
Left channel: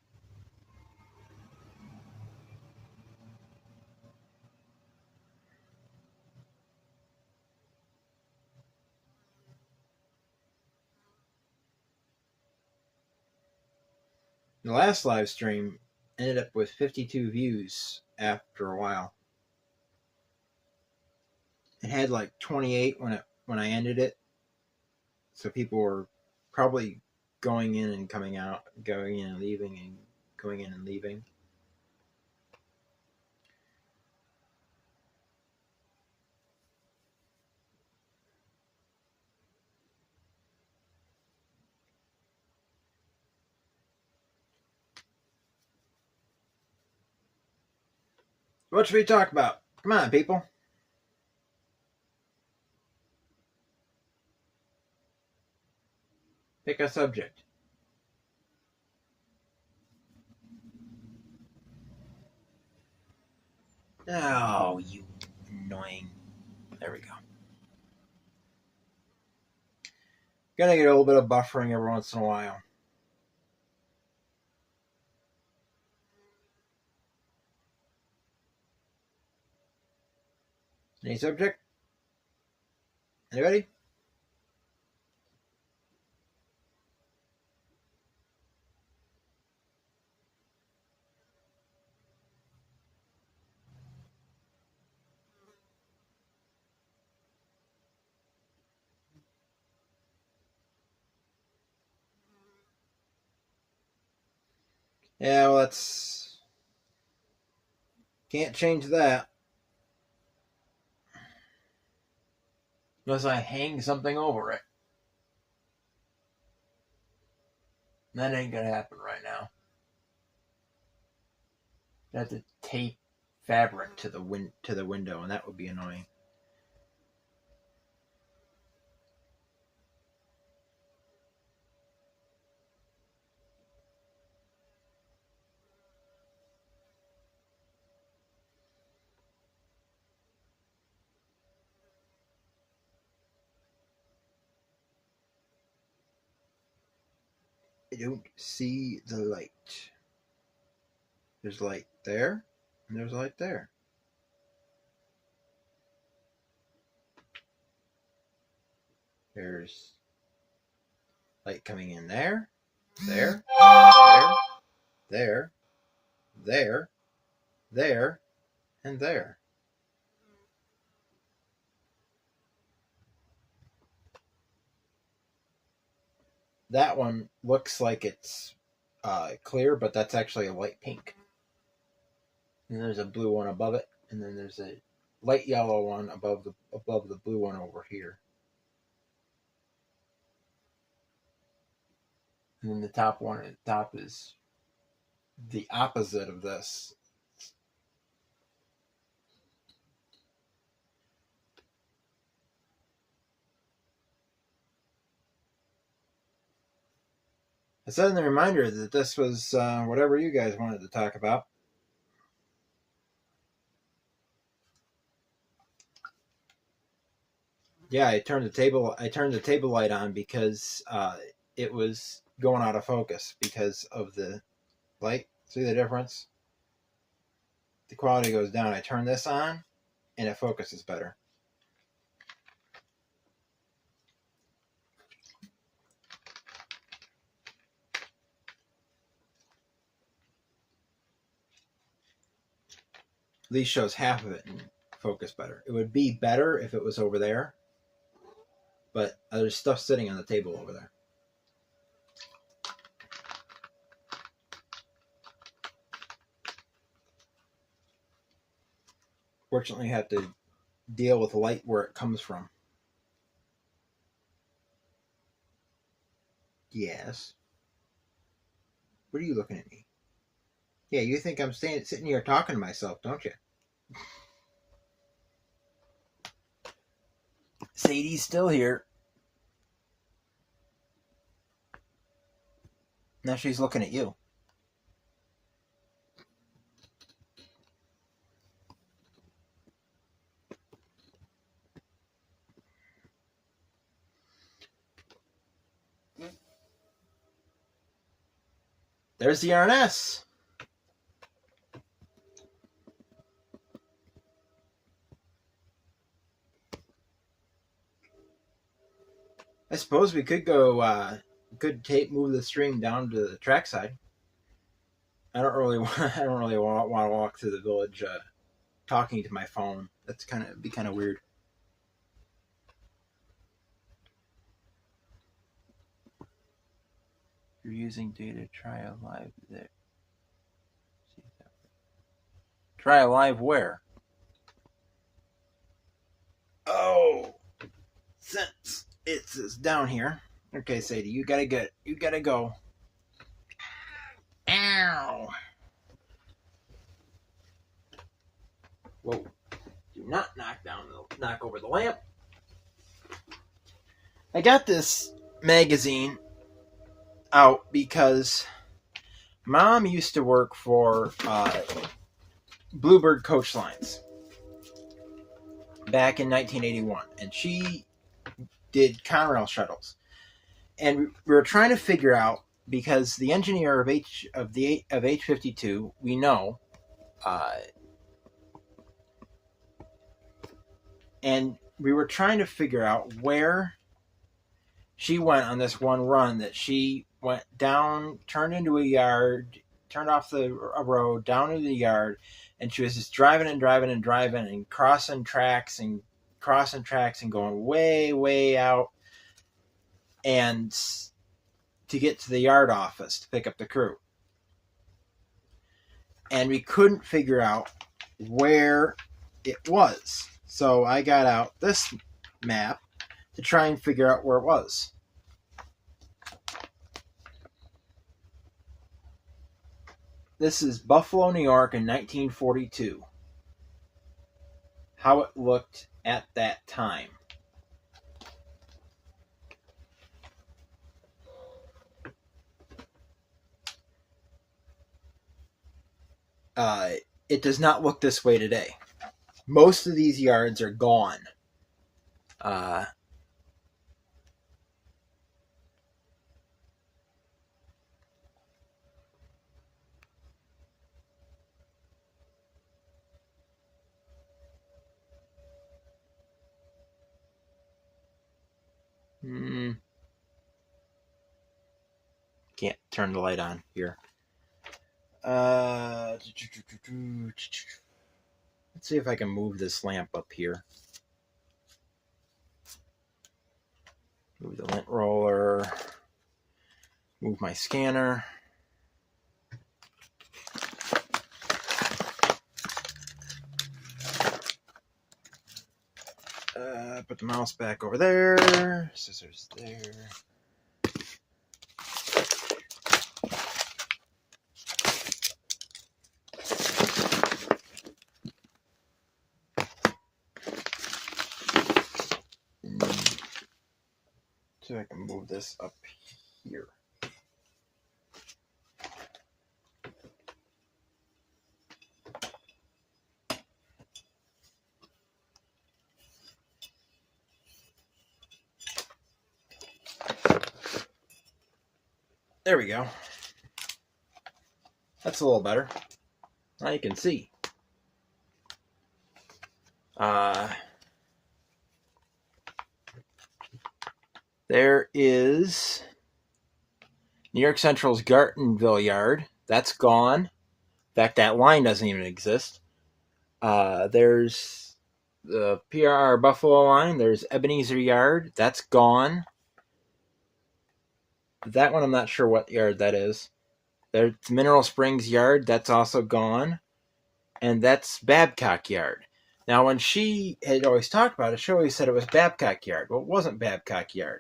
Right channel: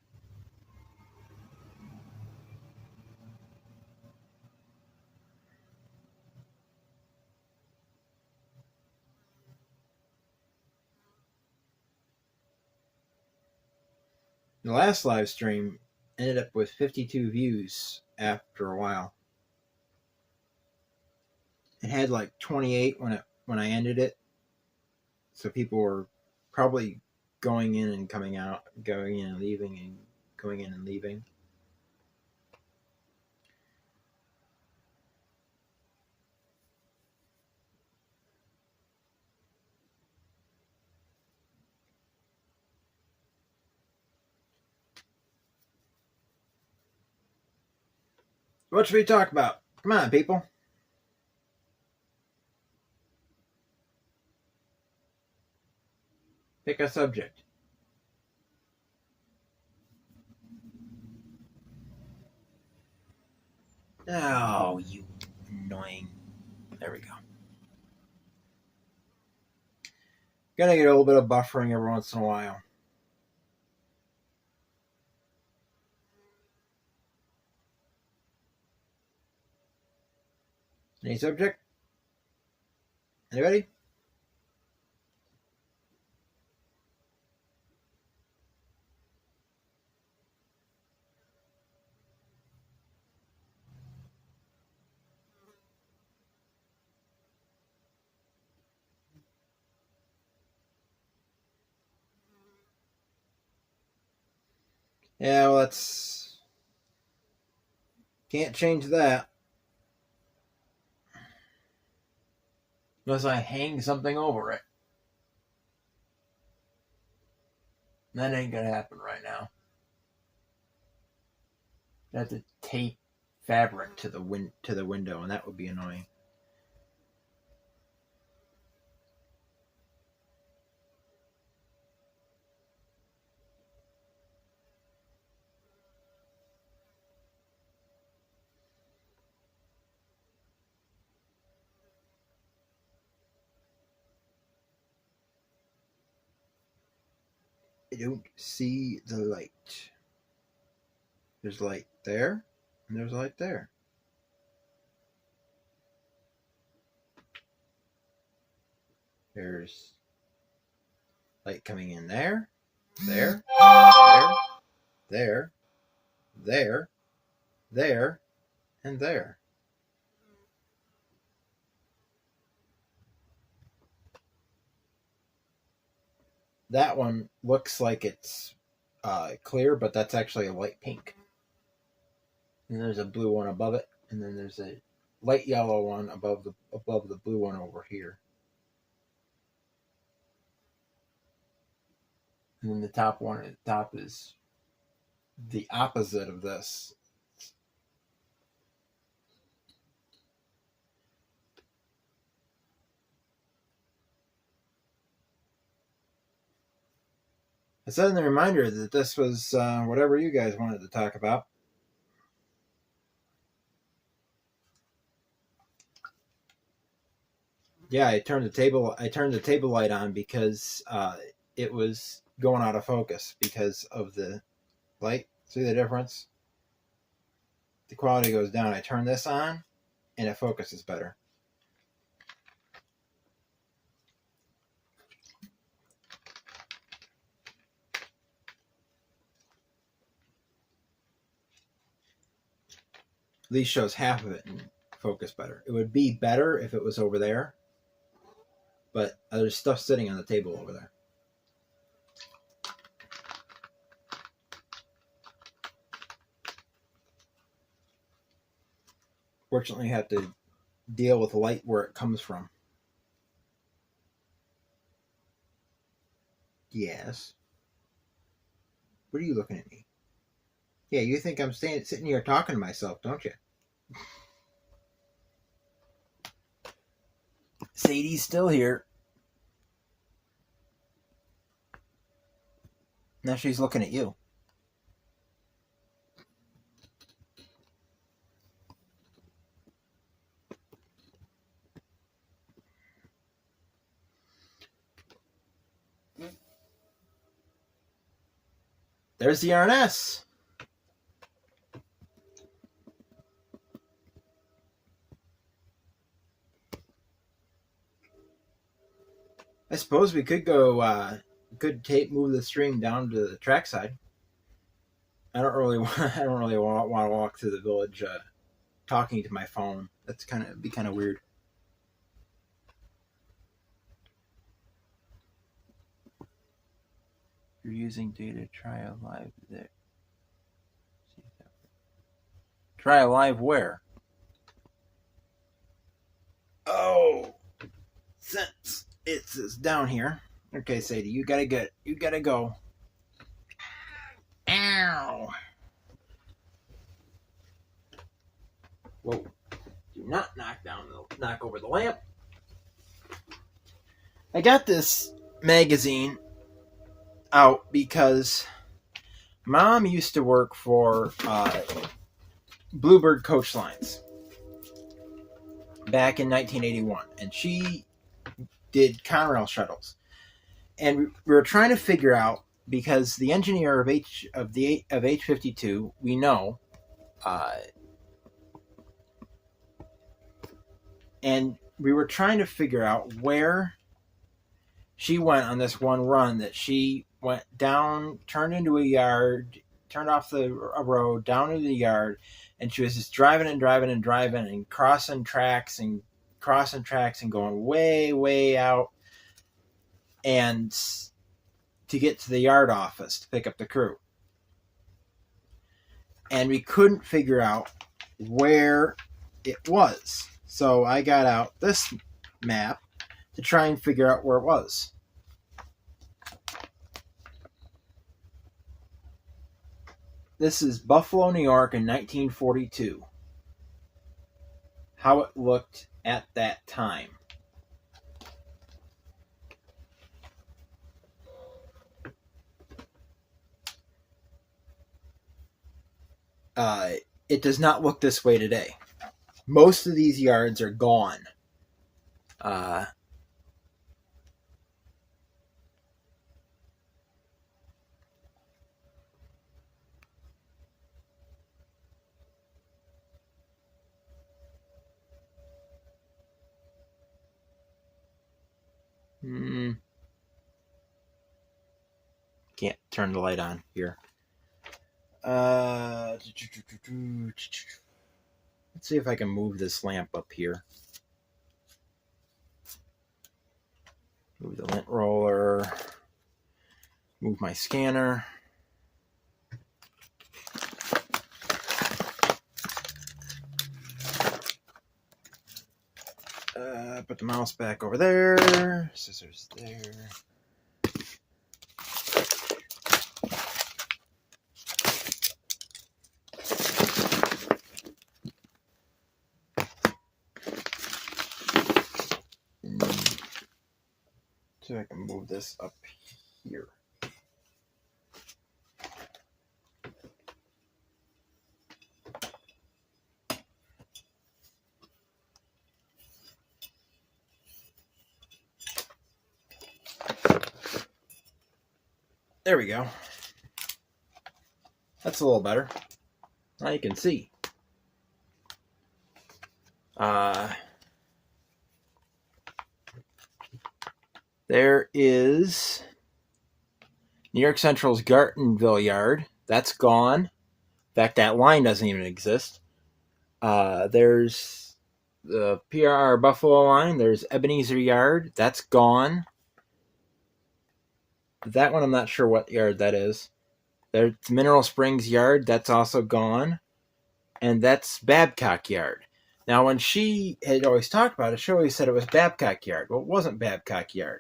The last live stream ended up with 52 views after a while. It had like 28 when I ended it. So people were probably going in and coming out, going in and leaving, and going in and leaving. What should we talk about? Come on, people. Pick a subject. Oh, you annoying. There we go. Gonna get a little bit of buffering every once in a while. Any subject? Anybody? Yeah, well, that's... Can't change that. Unless I hang something over it. That ain't gonna happen right now. I have to tape fabric to the window, and that would be annoying. I don't see the light. There's light there, and there's light there. There's light coming in there, there, there, there, there, and there. That one looks like it's clear, but that's actually a light pink. And there's a blue one above it, and then there's a light yellow one above the blue one over here. And then the top one at the top is the opposite of this. I said in the reminder that this was whatever you guys wanted to talk about. Yeah, I turned the table light on because it was going out of focus because of the light. See the difference? The quality goes down. I turn this on, and it focuses better. At least shows half of it and focus better. It would be better if it was over there, but there's stuff sitting on the table over there. Fortunately, you have to deal with light where it comes from. Yes. What are you looking at me? Yeah, you think I'm sitting here talking to myself, don't you? Sadie's still here. Now she's looking at you. There's the RNS. I suppose we could go, move the stream down to the trackside. I don't really want to walk through the village talking to my phone. That's be kind of weird. If you're using data, try a live there. Try a live where? Oh, since it's down here. Okay, Sadie, you gotta go. Ow! Whoa! Do not knock over the lamp. I got this magazine out because Mom used to work for Bluebird Coach Lines back in 1981, and she did Conrail shuttles. And we were trying to figure out, because the engineer of H-52, we know, and we were trying to figure out where she went on this one run, that she went down, turned into a yard, turned off a road, down into the yard, and she was just driving and crossing tracks and going way, way out, and to get to the yard office to pick up the crew. And we couldn't figure out where it was. So I got out this map to try and figure out where it was. This is Buffalo, New York in 1942. How it looked at that time. It does not look this way today. Most of these yards are gone. Can't turn the light on here. Let's see if I can move this lamp up here. Move the lint roller. Move my scanner. Put the mouse back over there. Scissors there. So I can move this up here. There we go. That's a little better. Now you can see. There is New York Central's Gartonville Yard. That's gone. In fact, that line doesn't even exist. There's the PRR Buffalo line. There's Ebenezer Yard. That's gone. That one, I'm not sure what yard that is. There's Mineral Springs Yard. That's also gone. And that's Babcock Yard. Now, when she had always talked about it, she always said it was Babcock Yard. Well, it wasn't Babcock Yard.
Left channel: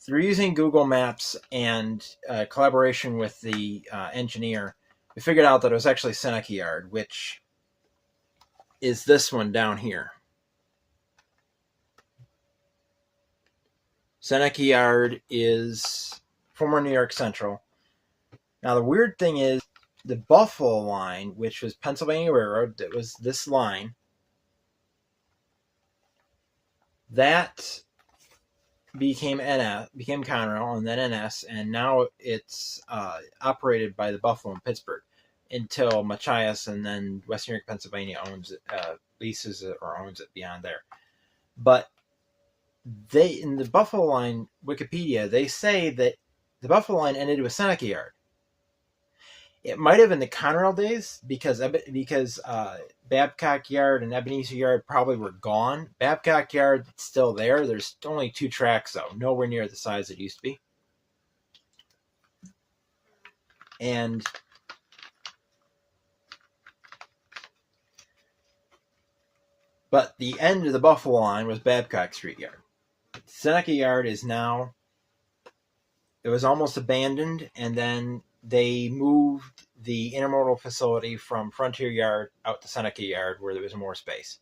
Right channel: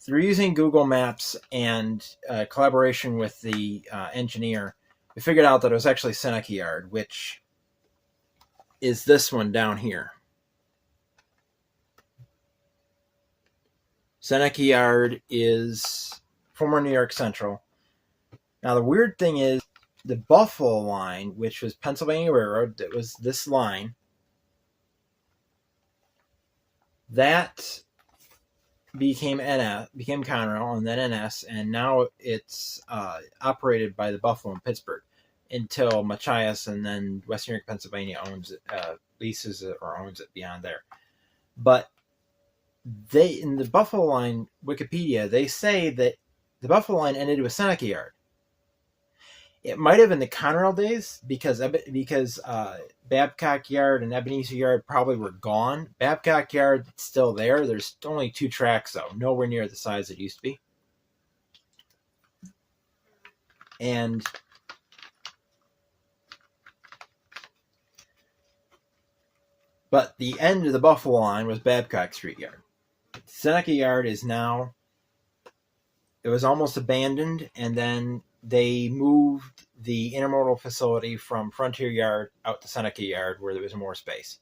Through using Google Maps and collaboration with the engineer, we figured out that it was actually Seneca Yard, which is this one down here. Seneca Yard is former New York Central. Now, the weird thing is the Buffalo line, which was Pennsylvania Railroad, that was this line, that became Conrail and then NS, and now it's operated by the Buffalo and Pittsburgh until Machias and then Western New York, Pennsylvania owns it, leases it or owns it beyond there. But in the Buffalo line Wikipedia, they say that the Buffalo line ended with Seneca Yard. It might have in the Conrail days because Babcock Yard and Ebenezer Yard probably were gone. Babcock Yard is still there. There's only 2 tracks though, nowhere near the size it used to be. But the end of the Buffalo line was Babcock Street Yard. Seneca Yard is now, it was almost abandoned, and then they moved the intermodal facility from Frontier Yard out to Seneca Yard where there was more space.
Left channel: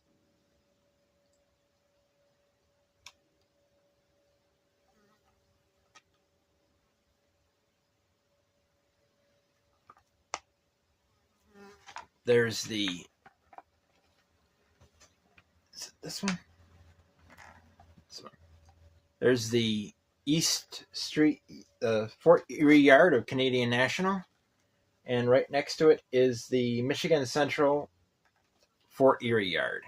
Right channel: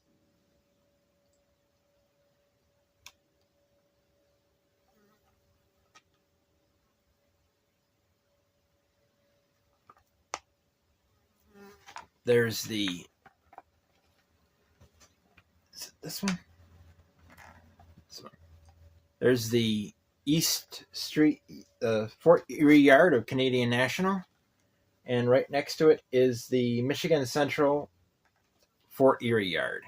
There's this one. There's the East Street, Fort Erie Yard of Canadian National, and right next to it is the Michigan Central Fort Erie Yard.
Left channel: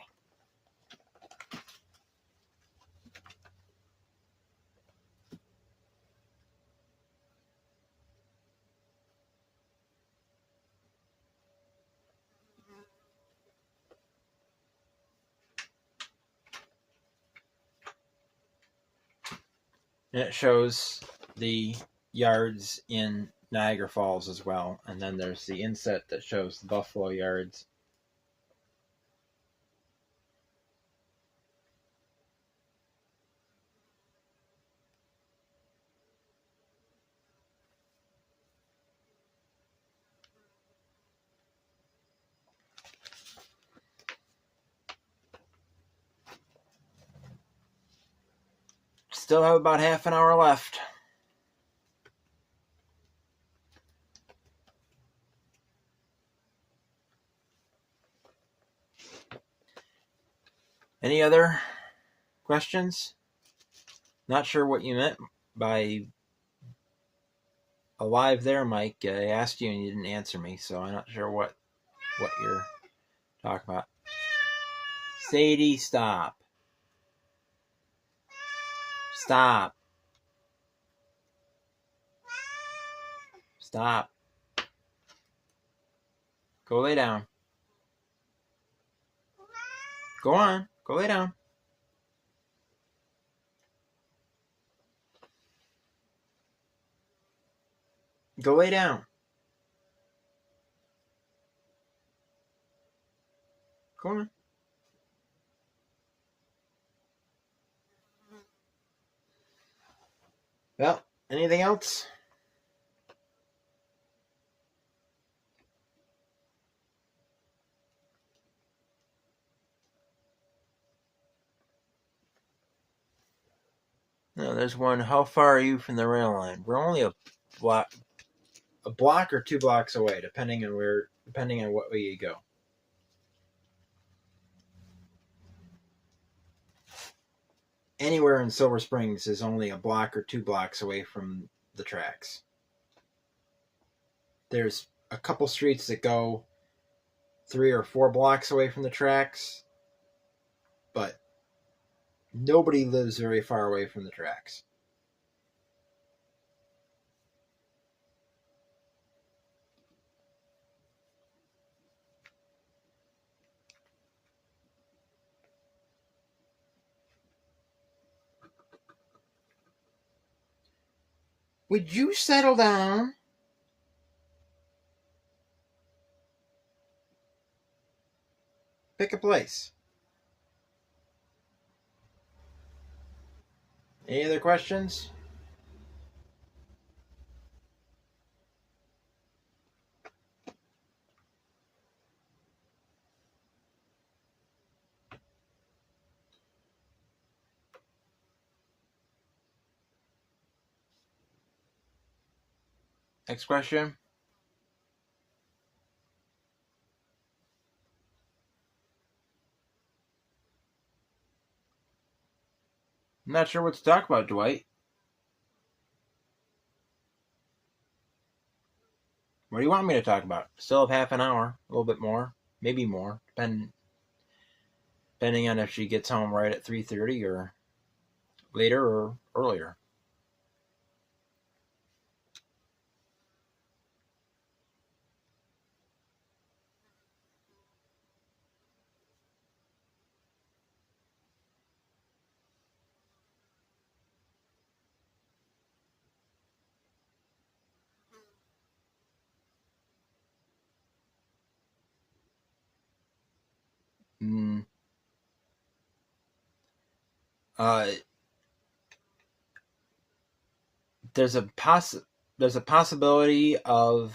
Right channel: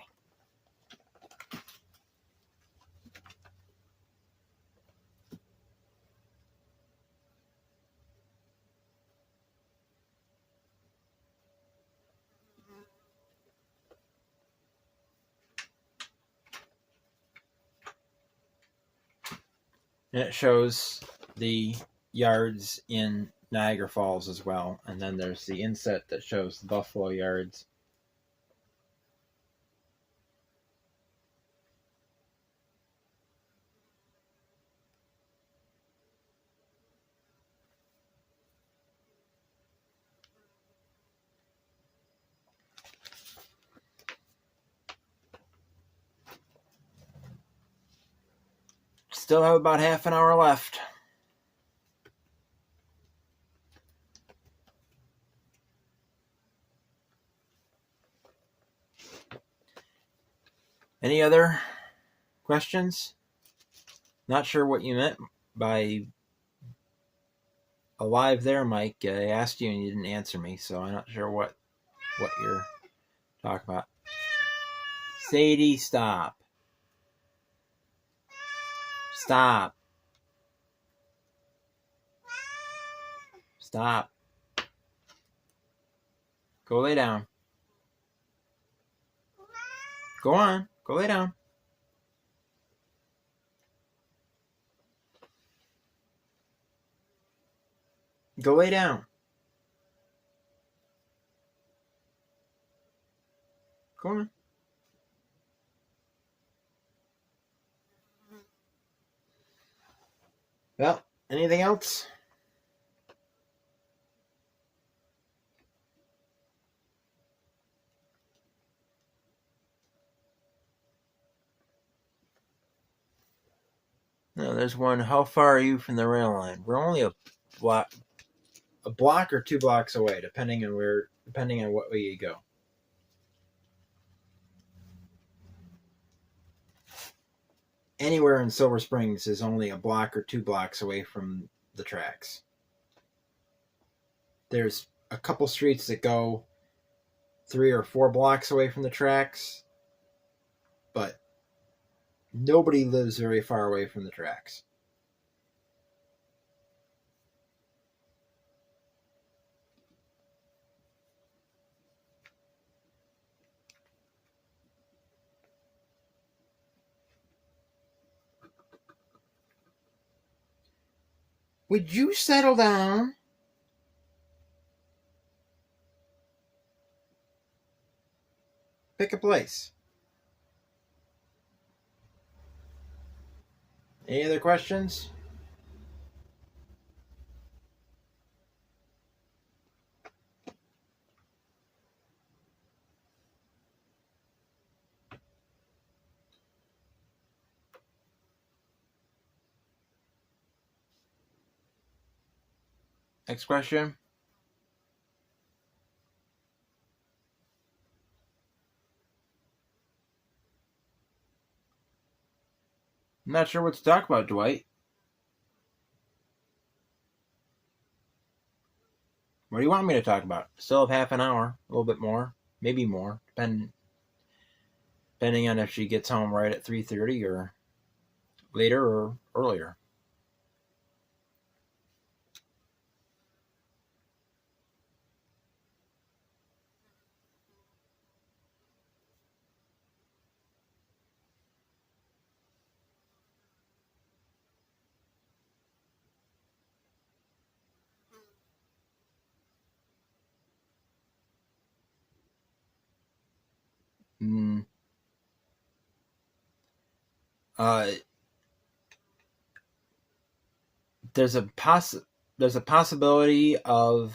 And it shows the yards in Niagara Falls as well. And then there's the inset that shows the Buffalo yards. Still have about half an hour left. Any other questions? Not sure what you meant by alive there, Mike. I asked you and you didn't answer me, so I'm not sure what you're talking about. Sadie, stop. Stop. Stop. Go lay down. Go on. Go lay down. Go lay down. Go on. Well, anything else? No, there's one. How far are you from the rail line? We're only a block or 2 blocks away, depending on what way you go. Anywhere in Silver Springs is only a block or 2 blocks away from the tracks. There's a couple streets that go 3 or 4 blocks away from the tracks, but nobody lives very far away from the tracks. Would you settle down? pick a place. Any other questions? Next question. I'm not sure what to talk about, Dwight. What do you want me to talk about? Still have half an hour, a little bit more, maybe more, depending on if she gets home right at 3:30 or later or earlier. Mm, uh, there's a possibility of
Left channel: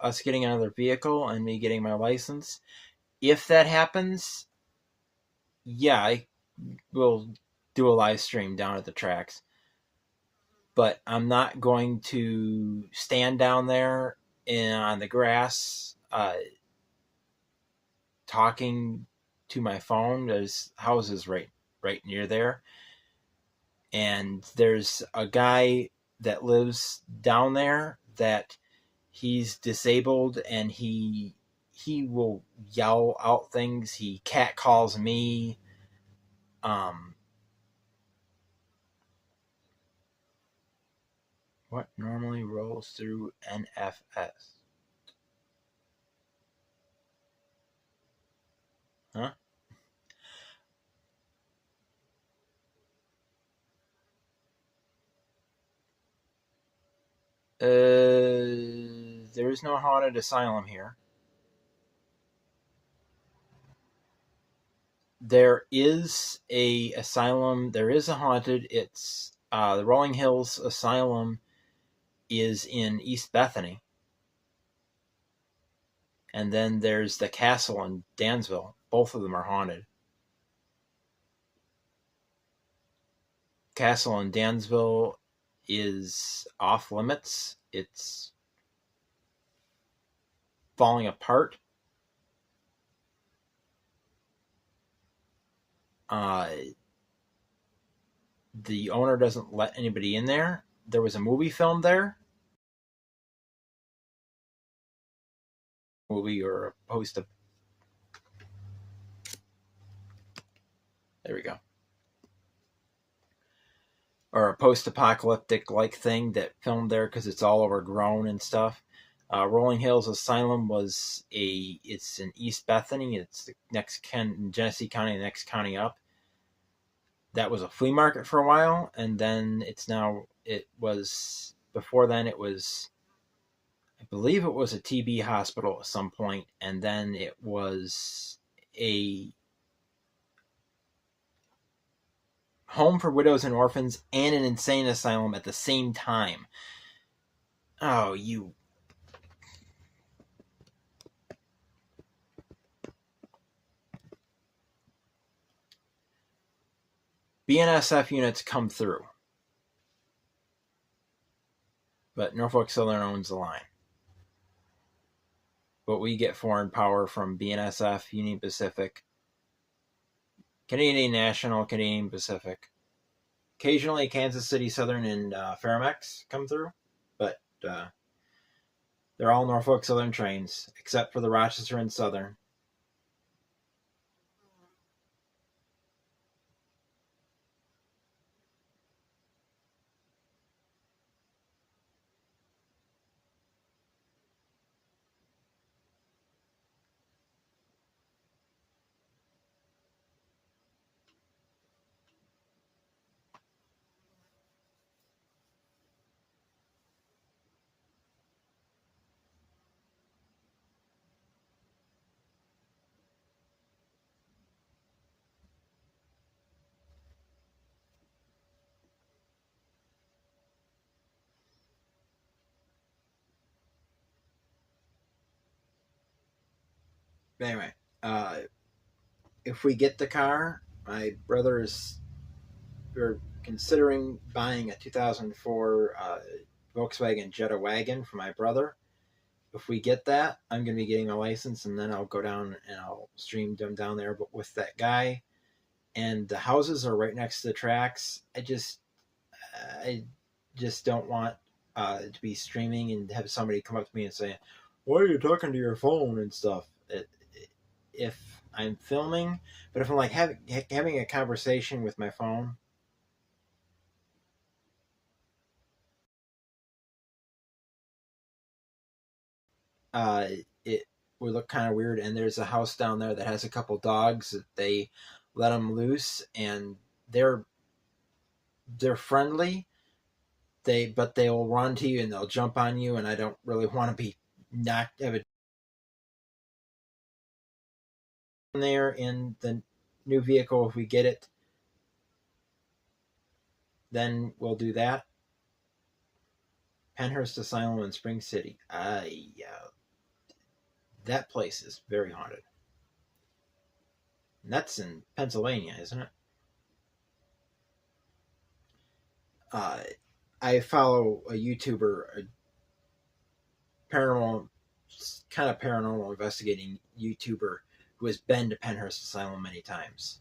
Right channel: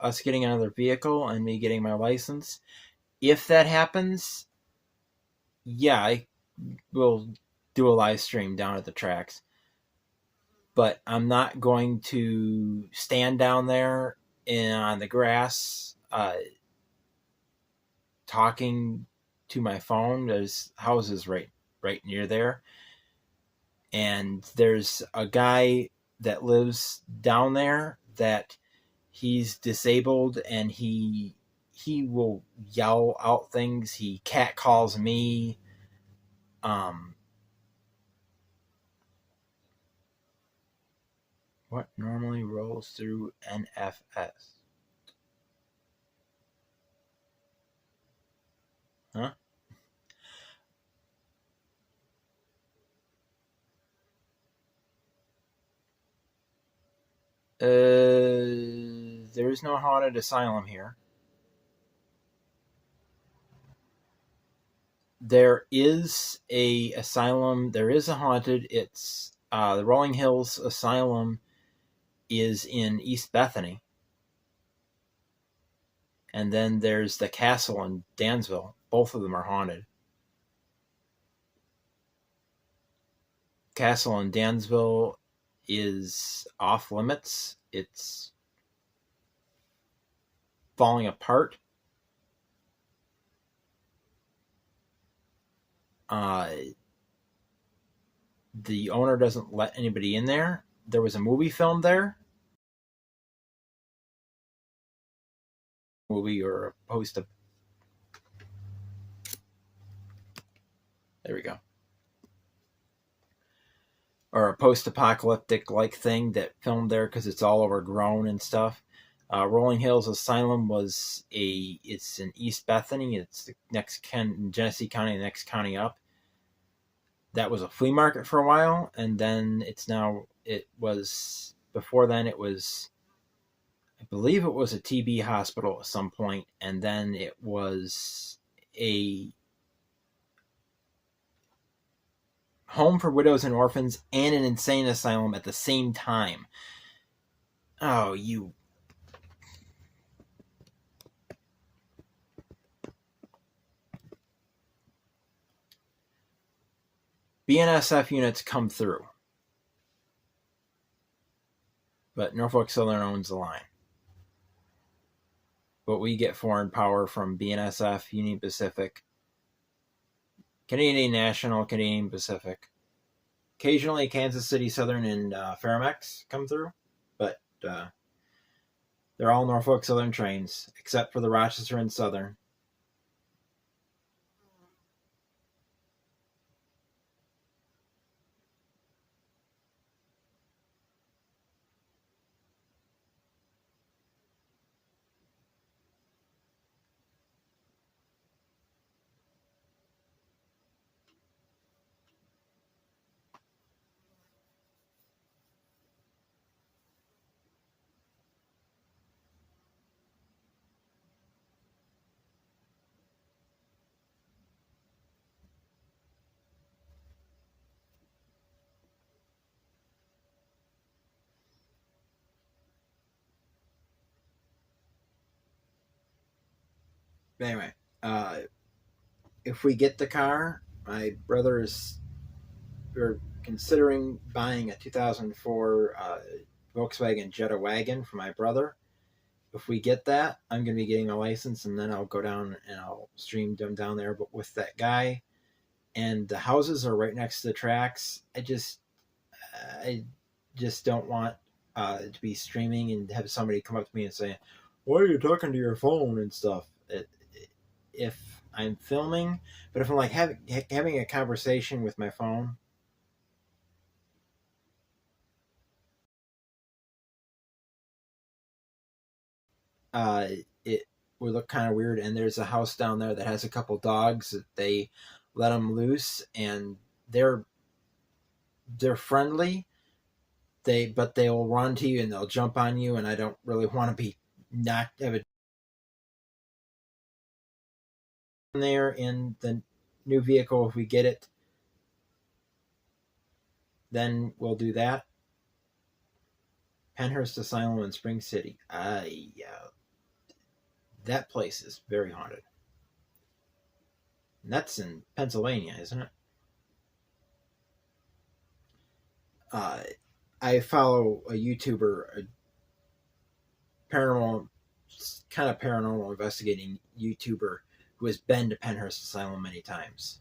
us getting another vehicle and me getting my license. If that happens, yeah, I will do a live stream down at the tracks. But I'm not going to stand down there on the grass talking to my phone. There's houses right near there, and there's a guy that lives down there that he's disabled, and he will yell out things. He cat calls me. What normally rolls through NFS? Huh? There is no haunted asylum here. There is a asylum. There is a haunted. It's the Rolling Hills Asylum is in East Bethany, and then there's the castle in Dansville. Both of them are haunted. Castle in Dansville is off limits. It's falling apart. The owner doesn't let anybody in there. There was a movie filmed there. Movie or a post of. There we go. Or a post-apocalyptic like thing that filmed there because it's all overgrown and stuff. Rolling Hills Asylum it's in East Bethany. It's the next Genesee County, the next county up. That was a flea market for a while, and then before then it was, I believe it was a TB hospital at some point, and then it was a home for widows and orphans and an insane asylum at the same time. Oh, you. BNSF units come through, but Norfolk Southern owns the line. But we get foreign power from BNSF, Union Pacific, Canadian National, Canadian Pacific. Occasionally, Kansas City Southern and Ferromex come through, but they're all Norfolk Southern trains, except for the Rochester and Southern. Anyway, if we get the car, my brother is considering buying a 2004 Volkswagen Jetta wagon for my brother. If we get that, I'm going to be getting a license, and then I'll go down and I'll stream them down there. But with that guy, and the houses are right next to the tracks, I just don't want to be streaming and have somebody come up to me and say, "Why are you talking to your phone and stuff?" If I'm filming, but if I'm like having a conversation with my phone, it would look kind of weird. And there's a house down there that has a couple dogs that they let them loose, and they're friendly. But they'll run to you and they'll jump on you, and I don't really want to be have it there in the new vehicle. If we get it, then we'll do that. Penhurst Asylum in Spring City. That place is very haunted. And that's in Pennsylvania, isn't it? I follow a YouTuber, a paranormal investigating YouTuber who has been to Penhurst Asylum many times.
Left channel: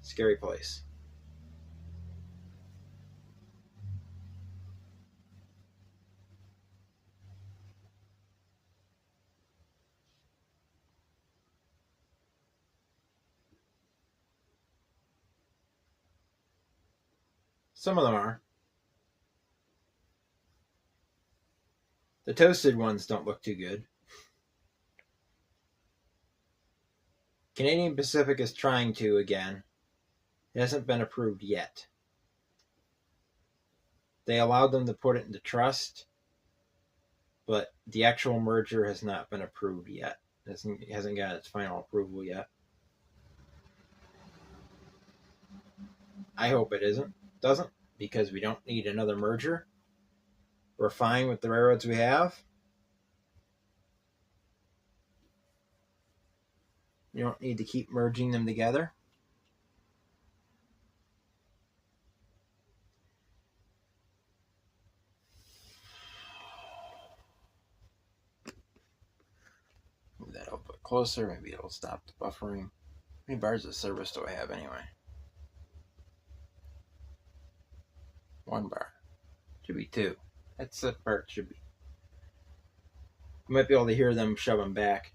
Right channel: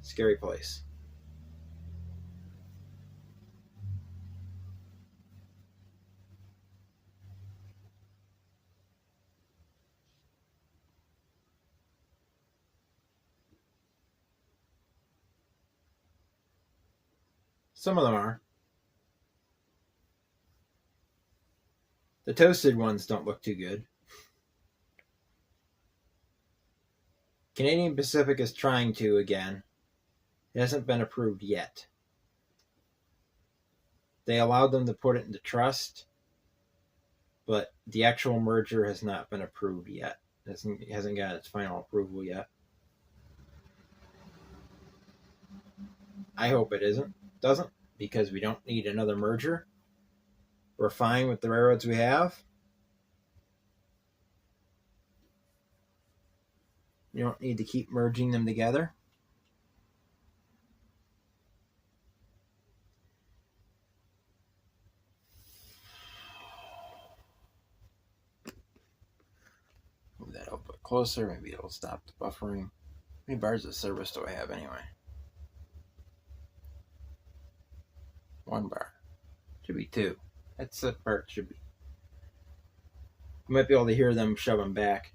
Scary place. Some of them are. The toasted ones don't look too good. Canadian Pacific is trying to again. It hasn't been approved yet. They allowed them to put it into trust, but the actual merger has not been approved yet. It hasn't got its final approval yet. I hope it doesn't, because we don't need another merger. We're fine with the railroads we have. You don't need to keep merging them together. Move that a little bit closer. Maybe it'll stop the buffering. How many bars of service do I have anyway? 1 bar. Should be 2. That's that part should be. You might be able to hear them shove them back.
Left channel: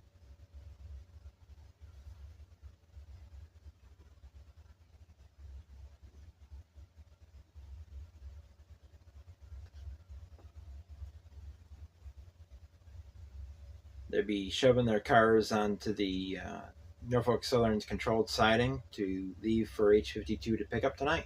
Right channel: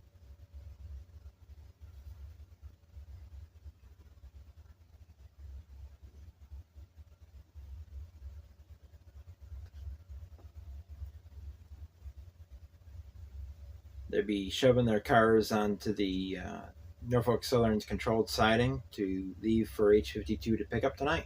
They'd be shoving their cars onto the Norfolk Southern's controlled siding to leave for H-52 to pick up tonight.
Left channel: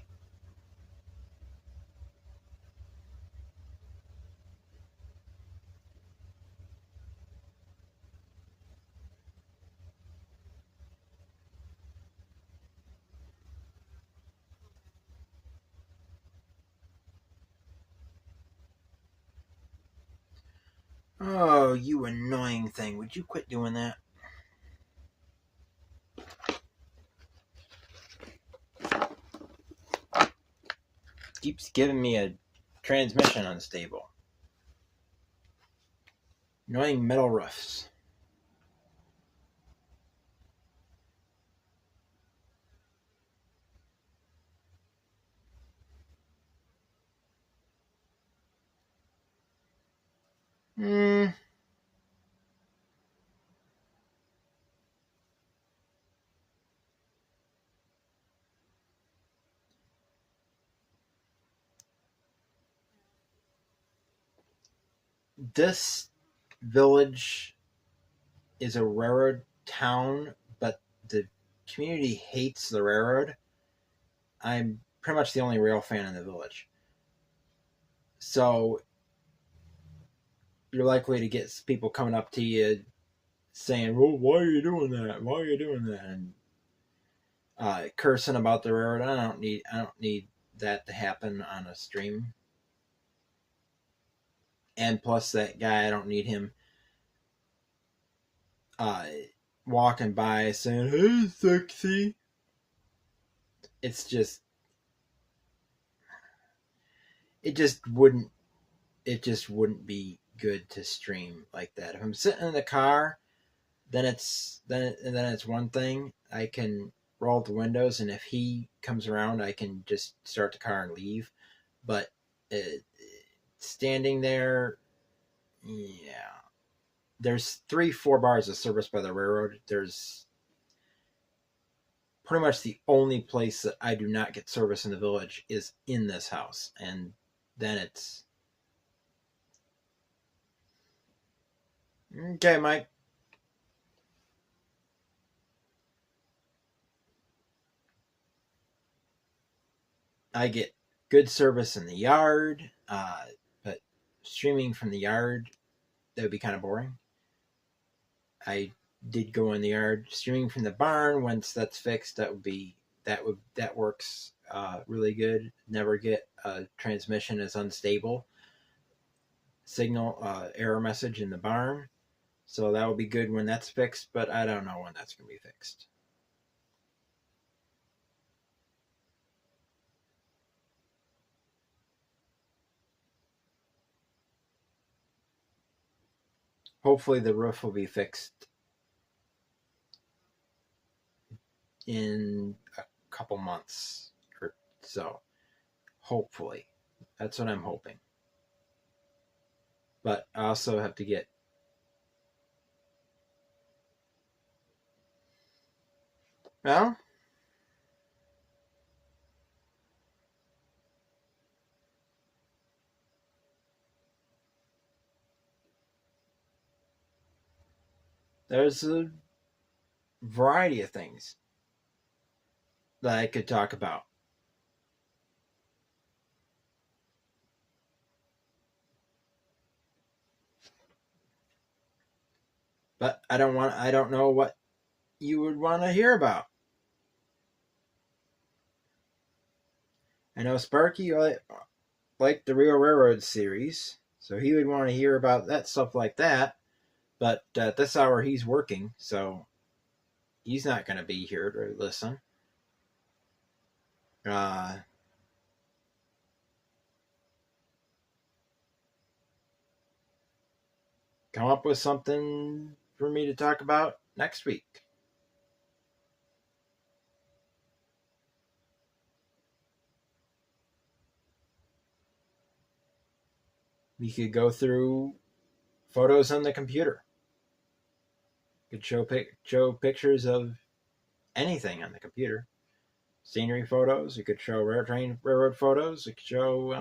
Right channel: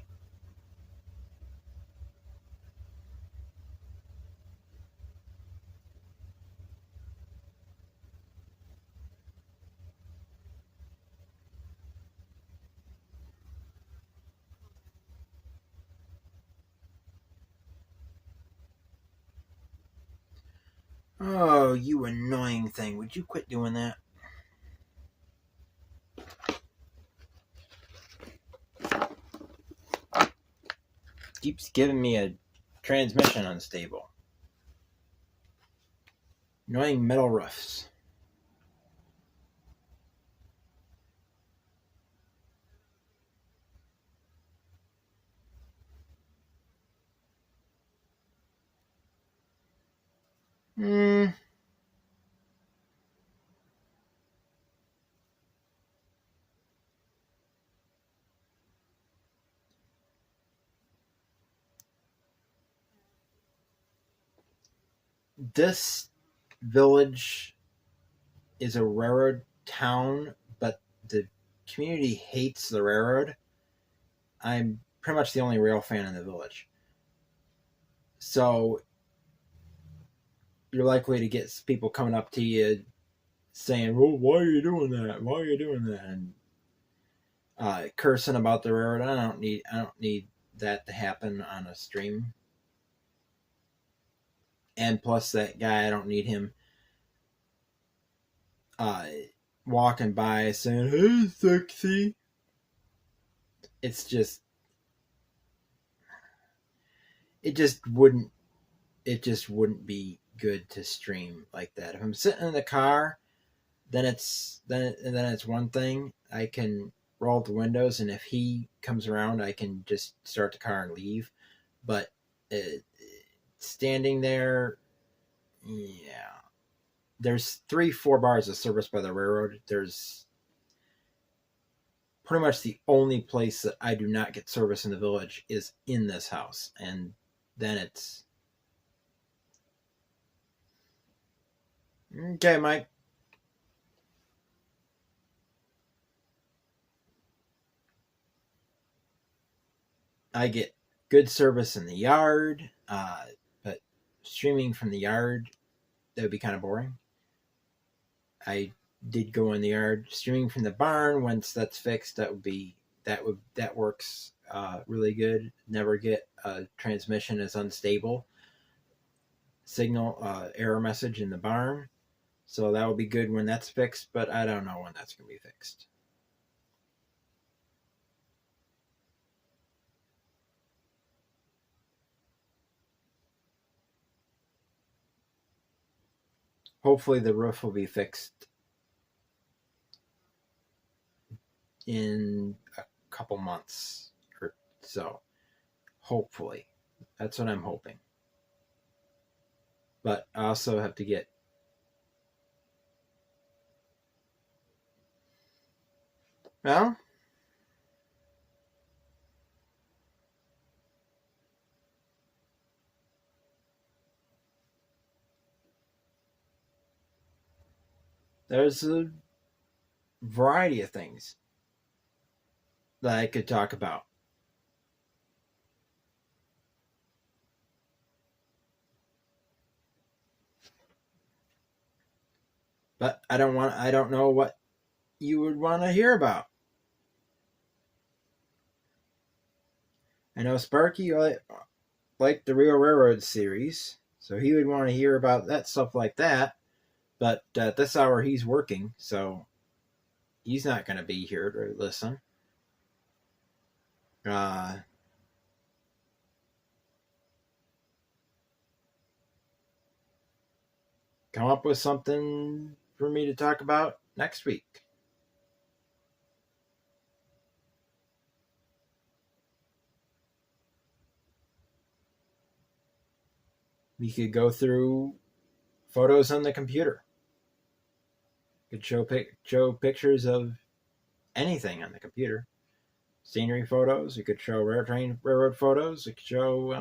Oh, you annoying thing. Would you quit doing that? Keeps giving me a transmission unstable. Annoying metal roofs. This village is a railroad town, but the community hates the railroad. I'm pretty much the only rail fan in the village. So you're likely to get people coming up to you saying, "Well, why are you doing that? Why are you doing that?" And cursing about the railroad. I don't need that to happen on a stream. And plus, that guy, I don't need him walking by saying, "Hey, sexy." It's just, it just wouldn't, be good to stream like that. If I'm sitting in the car, then it's one thing. I can roll up the windows, and if he comes around, I can just start the car and leave. But standing there, yeah. There's 3-4 bars of service by the railroad. There's pretty much the only place that I do not get service in the village is in this house, and then it's okay, Mike. I get good service in the yard, but streaming from the yard, that would be kind of boring. I did go in the yard. Streaming from the barn, once that's fixed, that works really good. Never get transmission is unstable signal error message in the barn, so that will be good when that's fixed. But I don't know when that's going to be fixed. Hopefully the roof will be fixed in a couple months or so. Hopefully. That's what I'm hoping. But I also have to get well, there's a variety of things that I could talk about. But I don't know what you would want to hear about. I know Sparky liked the Real Railroad series, so he would want to hear about that stuff like that. But at this hour, he's working, so he's not going to be here to listen. Come up with something for me to talk about next week. We could go through photos on the computer. We could show pictures of anything on the computer. Scenery photos. You could show railroad photos. You could show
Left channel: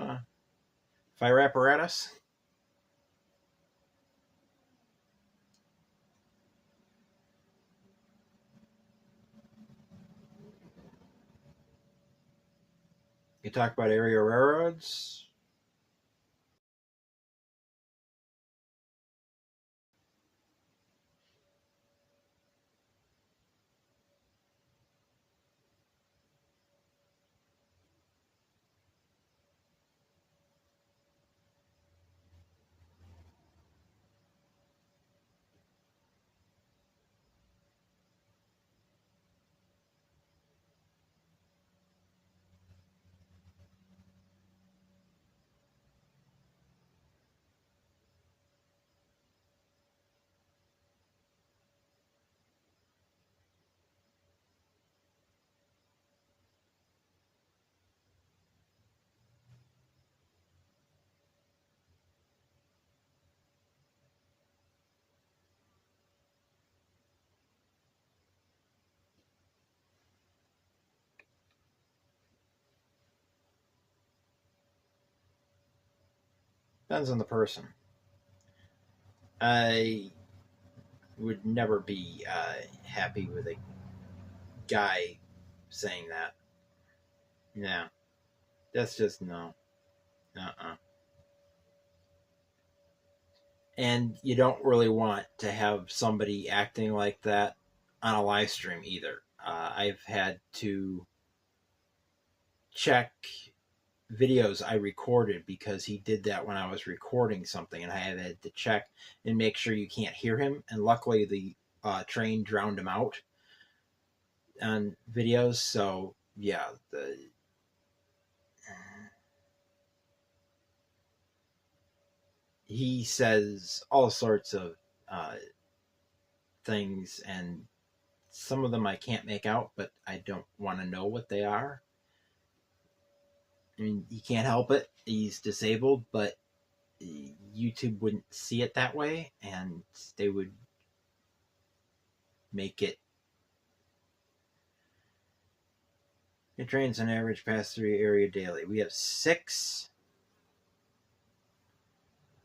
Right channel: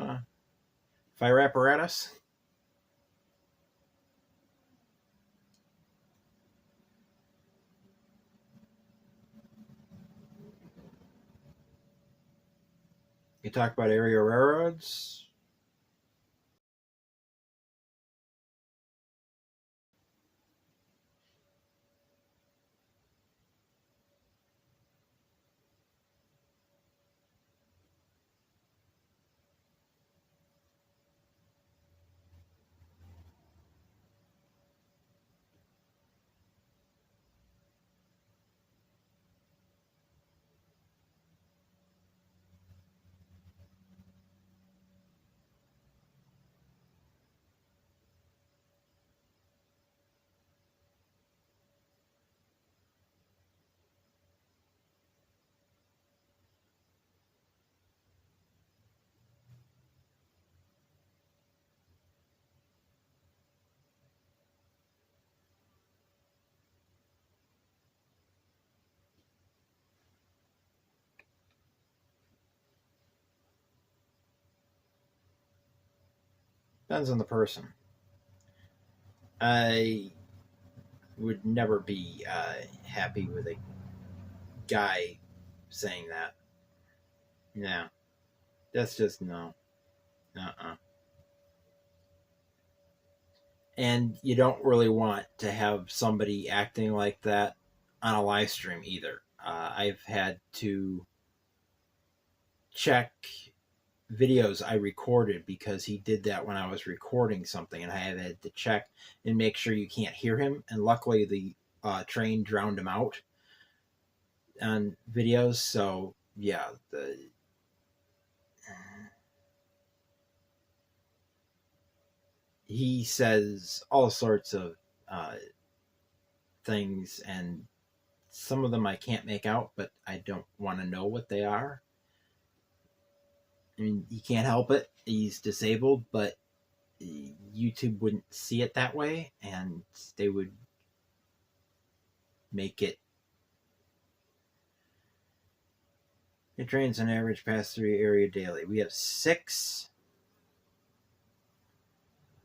fire apparatus. You talk about area railroads. Depends on the person. I would never be happy with a guy saying that. Yeah, that's just no. And you don't really want to have somebody acting like that on a live stream either. I've had to check videos I recorded because he did that when I was recording something, and I had to check and make sure you can't hear him. And luckily, the train drowned him out on videos. So yeah, he says all sorts of things, and some of them I can't make out, but I don't want to know what they are. I mean, he can't help it. He's disabled, but YouTube wouldn't see it that way, and they would make it. It trains on average pass through area daily. We have six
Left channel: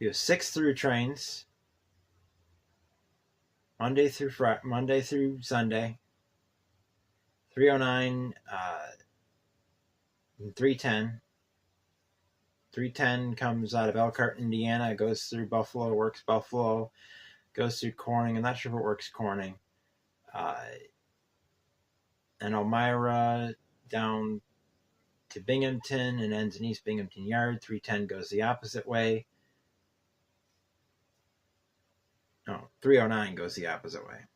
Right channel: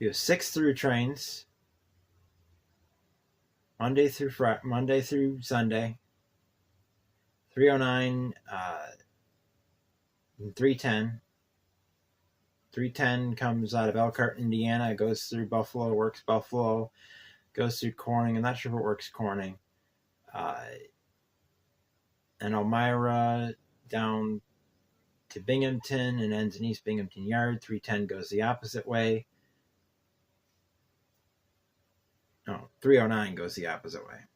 through trains, Monday through Sunday, 309 and 310. 310 comes out of Elkhart, Indiana. It goes through Buffalo, works Buffalo, goes through Corning. I'm not sure if it works Corning. And Elmira down to Binghamton and ends in East Binghamton Yard. 310 goes the opposite way. No, 309 goes the opposite way.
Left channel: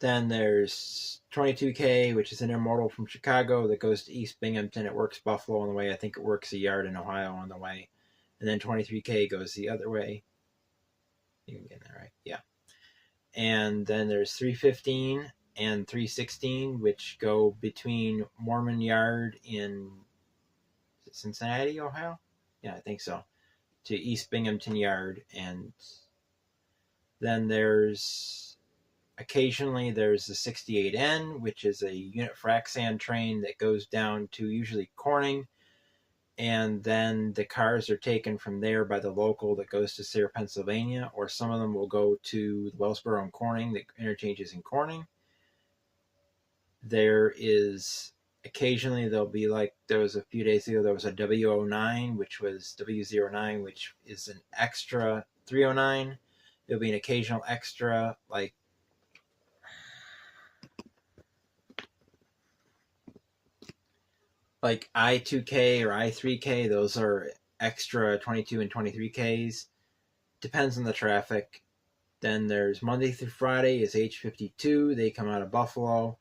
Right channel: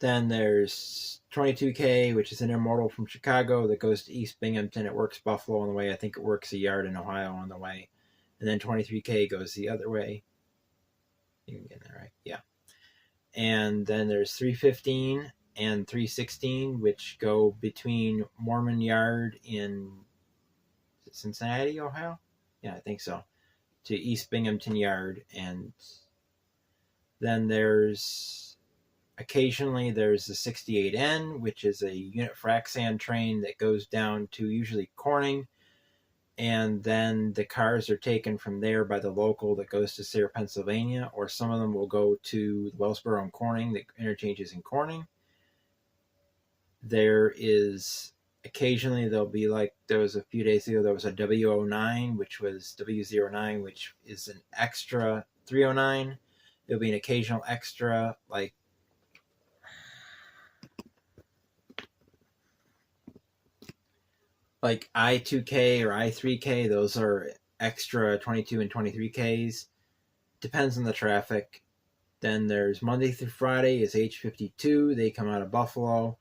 Then there's 22K, which is an intermodal from Chicago that goes to East Binghamton. It works Buffalo on the way. I think it works a yard in Ohio on the way. And then 23K goes the other way. You can get that right? Yeah. And then there's 315 and 316, which go between Mormon Yard in Cincinnati, Ohio? Yeah, I think so. To East Binghamton Yard. And then occasionally there's the 68N, which is a unit frac sand train that goes down to usually Corning, and then the cars are taken from there by the local that goes to Sayre, Pennsylvania, or some of them will go to Wellsboro and Corning, the interchanges in Corning. There is occasionally there'll be, like there was a few days ago, there was a W09, which was W09, which is an extra 309. There'll be an occasional extra, like I2K or I3K. Those are extra 22 and 23Ks. Depends on the traffic. Then there's Monday through Friday is H52. They come out of Buffalo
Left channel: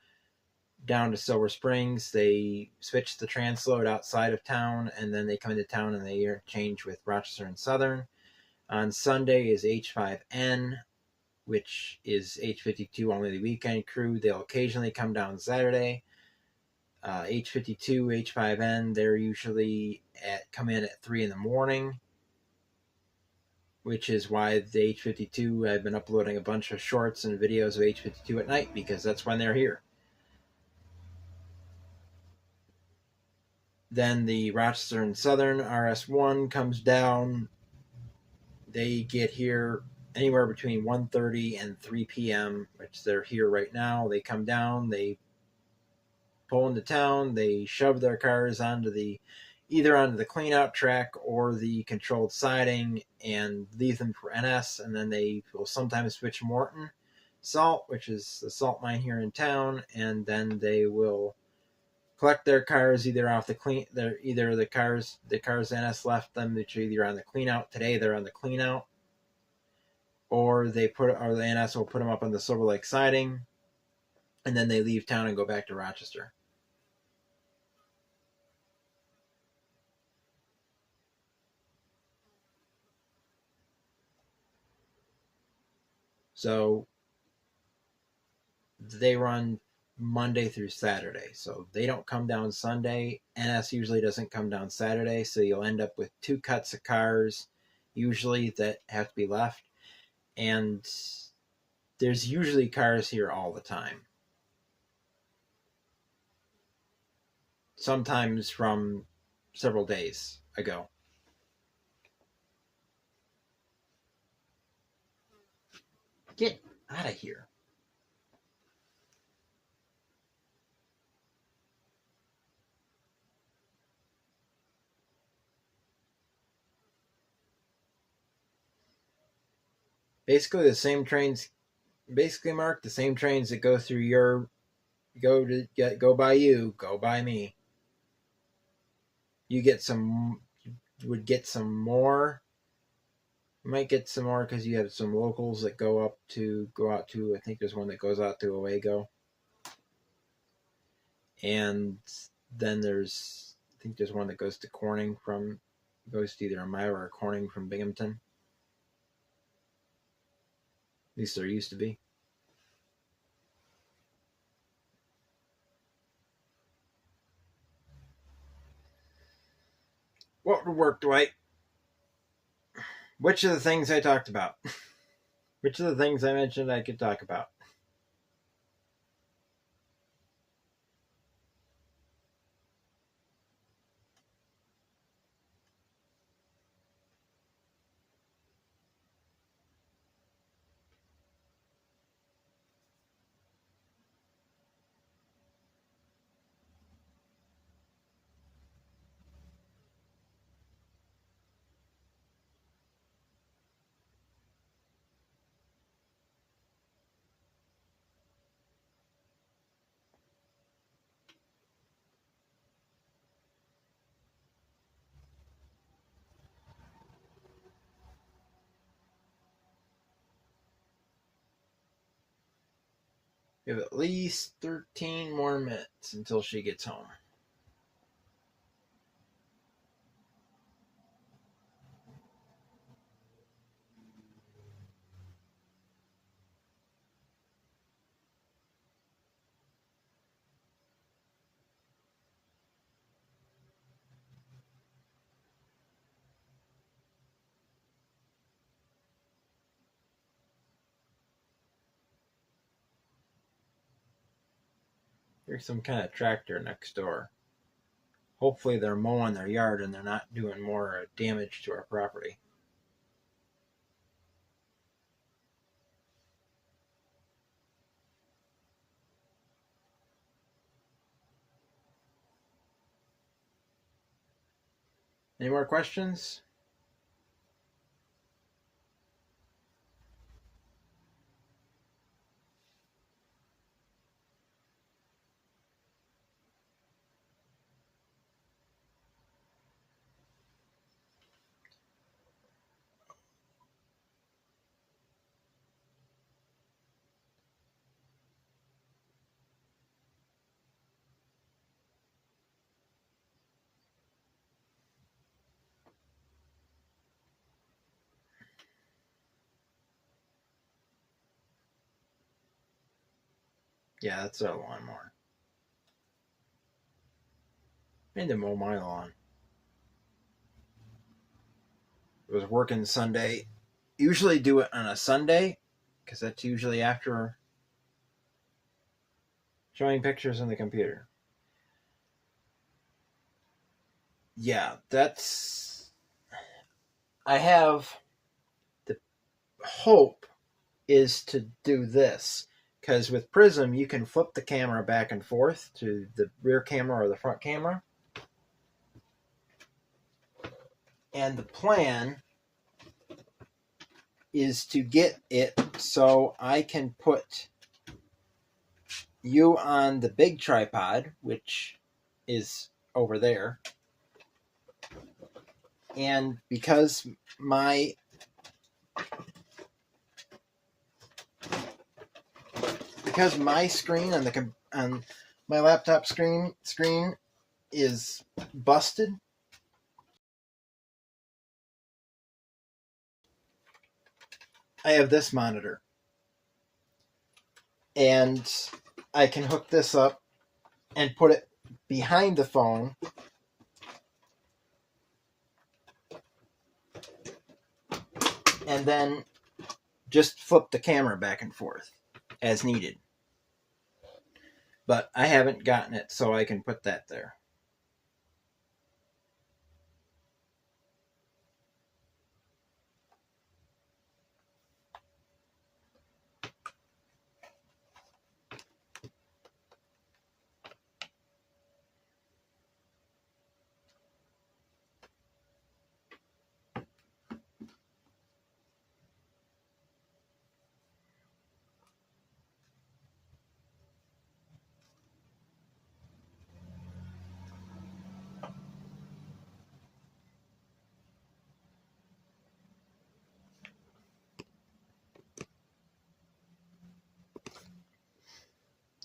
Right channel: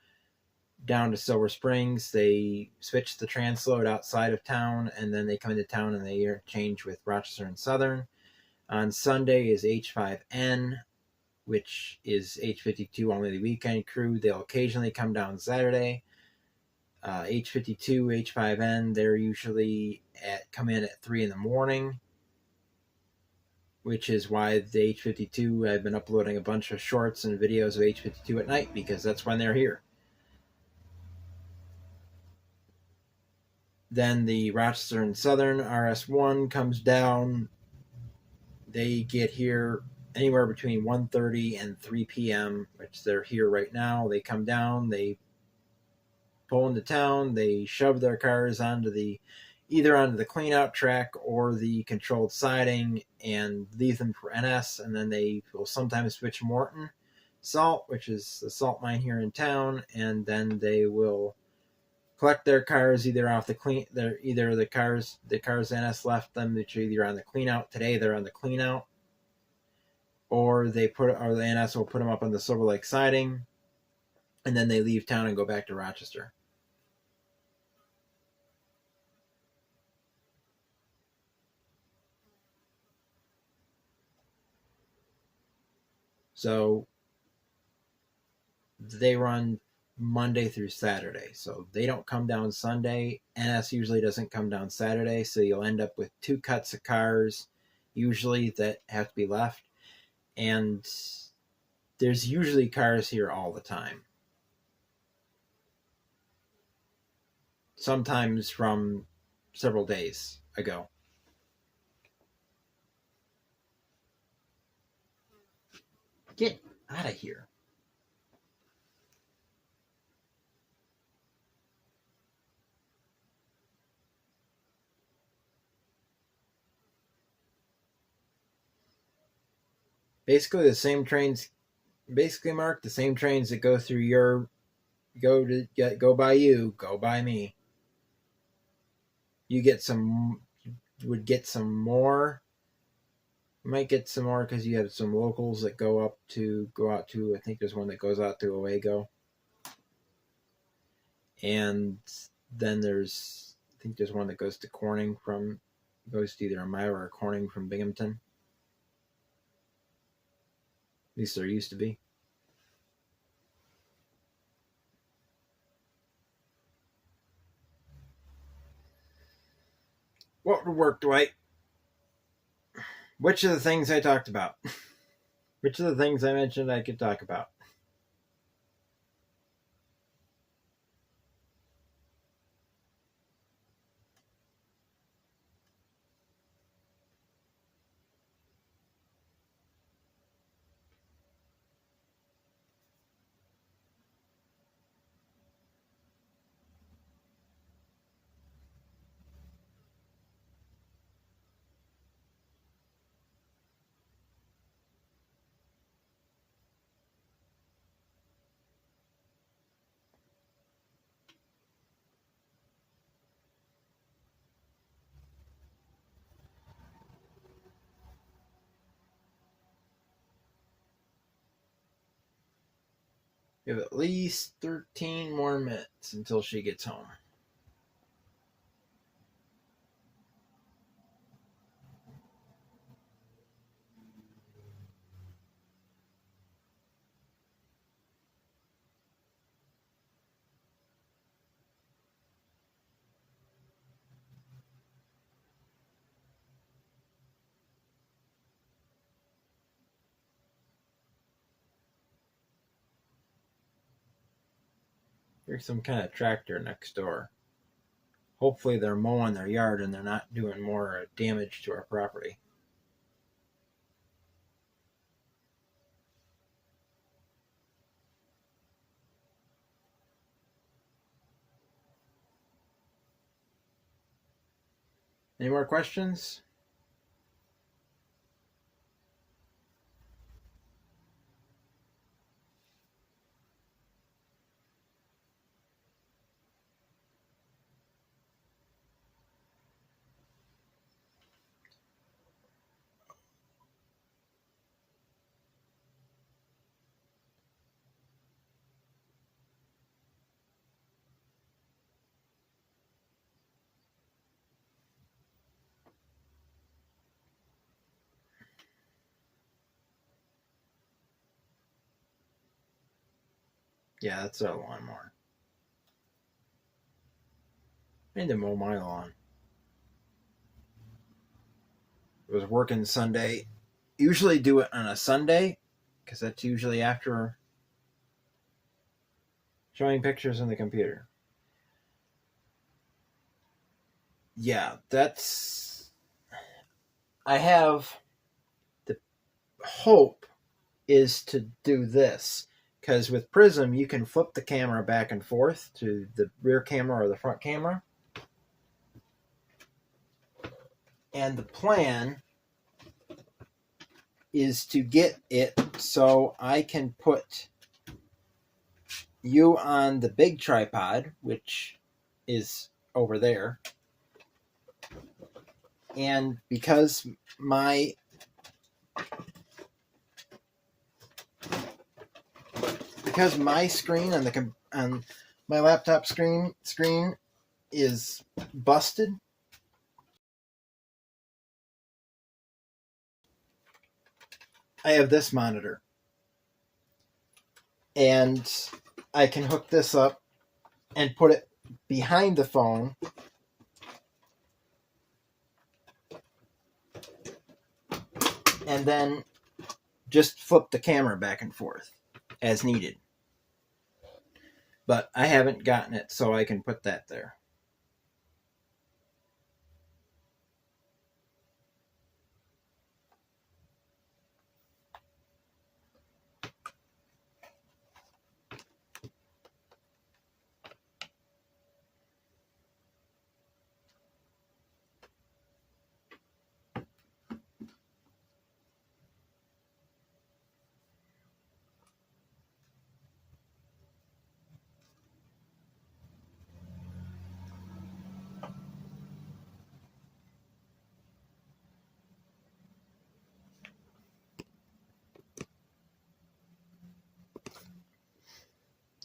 down to Silver Springs. They switch the transload outside of town, and then they come into town and they interchange with Rochester and Southern. On Sunday is H5N, which is H52 only the weekend crew. They'll occasionally come down Saturday. H52, H5N, they're usually come in at 3 in the morning, which is why the H52, I've been uploading a bunch of shorts and videos of H52 at night, because that's when they're here. Then the Rochester and Southern RS1 comes down. They get here anywhere between 1:30 and 3 p.m., which they're here right now. They come down, they pull into town, they shove their cars either onto the clean-out track or the controlled siding and leave them for NS, and then they will sometimes switch Morton Salt, which is the salt mine here in town, and then they will collect their cars either off the cars NS left them, which are either on the clean-out. Today they're on the clean-out, or the NS will put them up on the Silver Lake siding, and then they leave town and go back to Rochester. So they run Monday through Saturday. So they don't come down Sunday. NS usually doesn't come down Saturday, so you'll end up with 2 cuts of cars usually that have to be left. And there's usually cars here all the time. Sometimes from several days ago. Get out of here. Basically the same trains, Mark, the same trains that go through go by you, go by me. You would get some more You might get some more because you have some locals that go out to. I think there's one that goes out to Owego, and then I think there's one that goes to Corning goes to either Amira or Corning from Binghamton. At least there used to be. What would work, Dwight? Which of the things I talked about? Which of the things I mentioned I could talk about? We have at least 13 more minutes until she gets home. There's some kind of tractor next door. Hopefully they're mowing their yard and they're not doing more damage to our property. Any more questions? Yeah, that's our lawnmower. I need to mow my lawn. It was working Sunday. Usually do it on a Sunday because that's usually after showing pictures on the computer. Yeah, I have the hope is to do this because with Prism you can flip the camera back and forth to the rear camera or the front camera. And the plan is to get it so I can put you on the big tripod, which is over there. And because my screen on my laptop screen is busted, I have this monitor. And I can hook this up and put it behind the phone. And then just flip the camera back and forth as needed. But I haven't gotten it so I can put that there.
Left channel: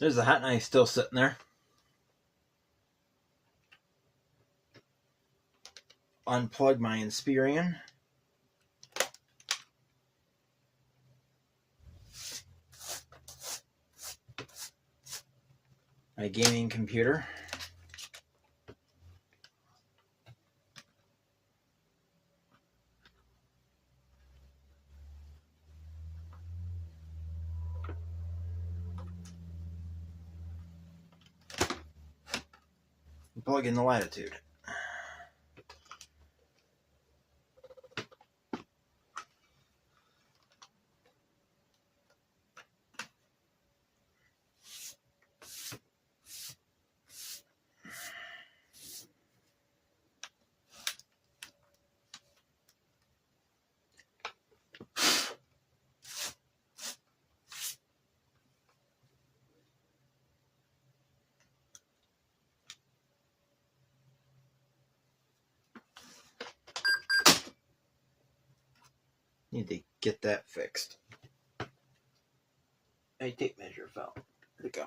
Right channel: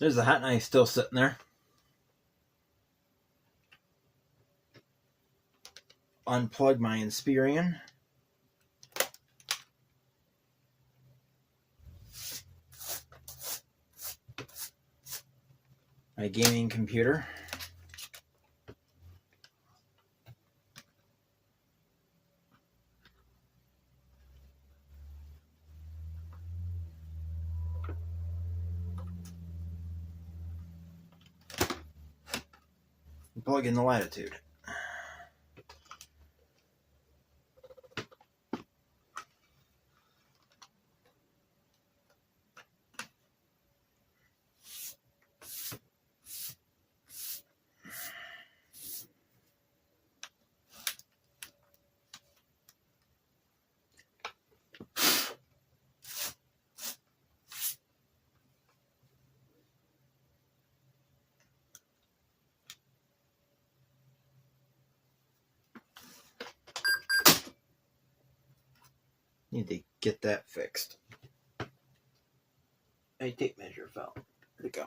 There's the hot knife still sitting there. Unplug my Inspirion. My gaming computer. And plug in the Latitude. Need to get that fixed. A tape measure fell. There we go.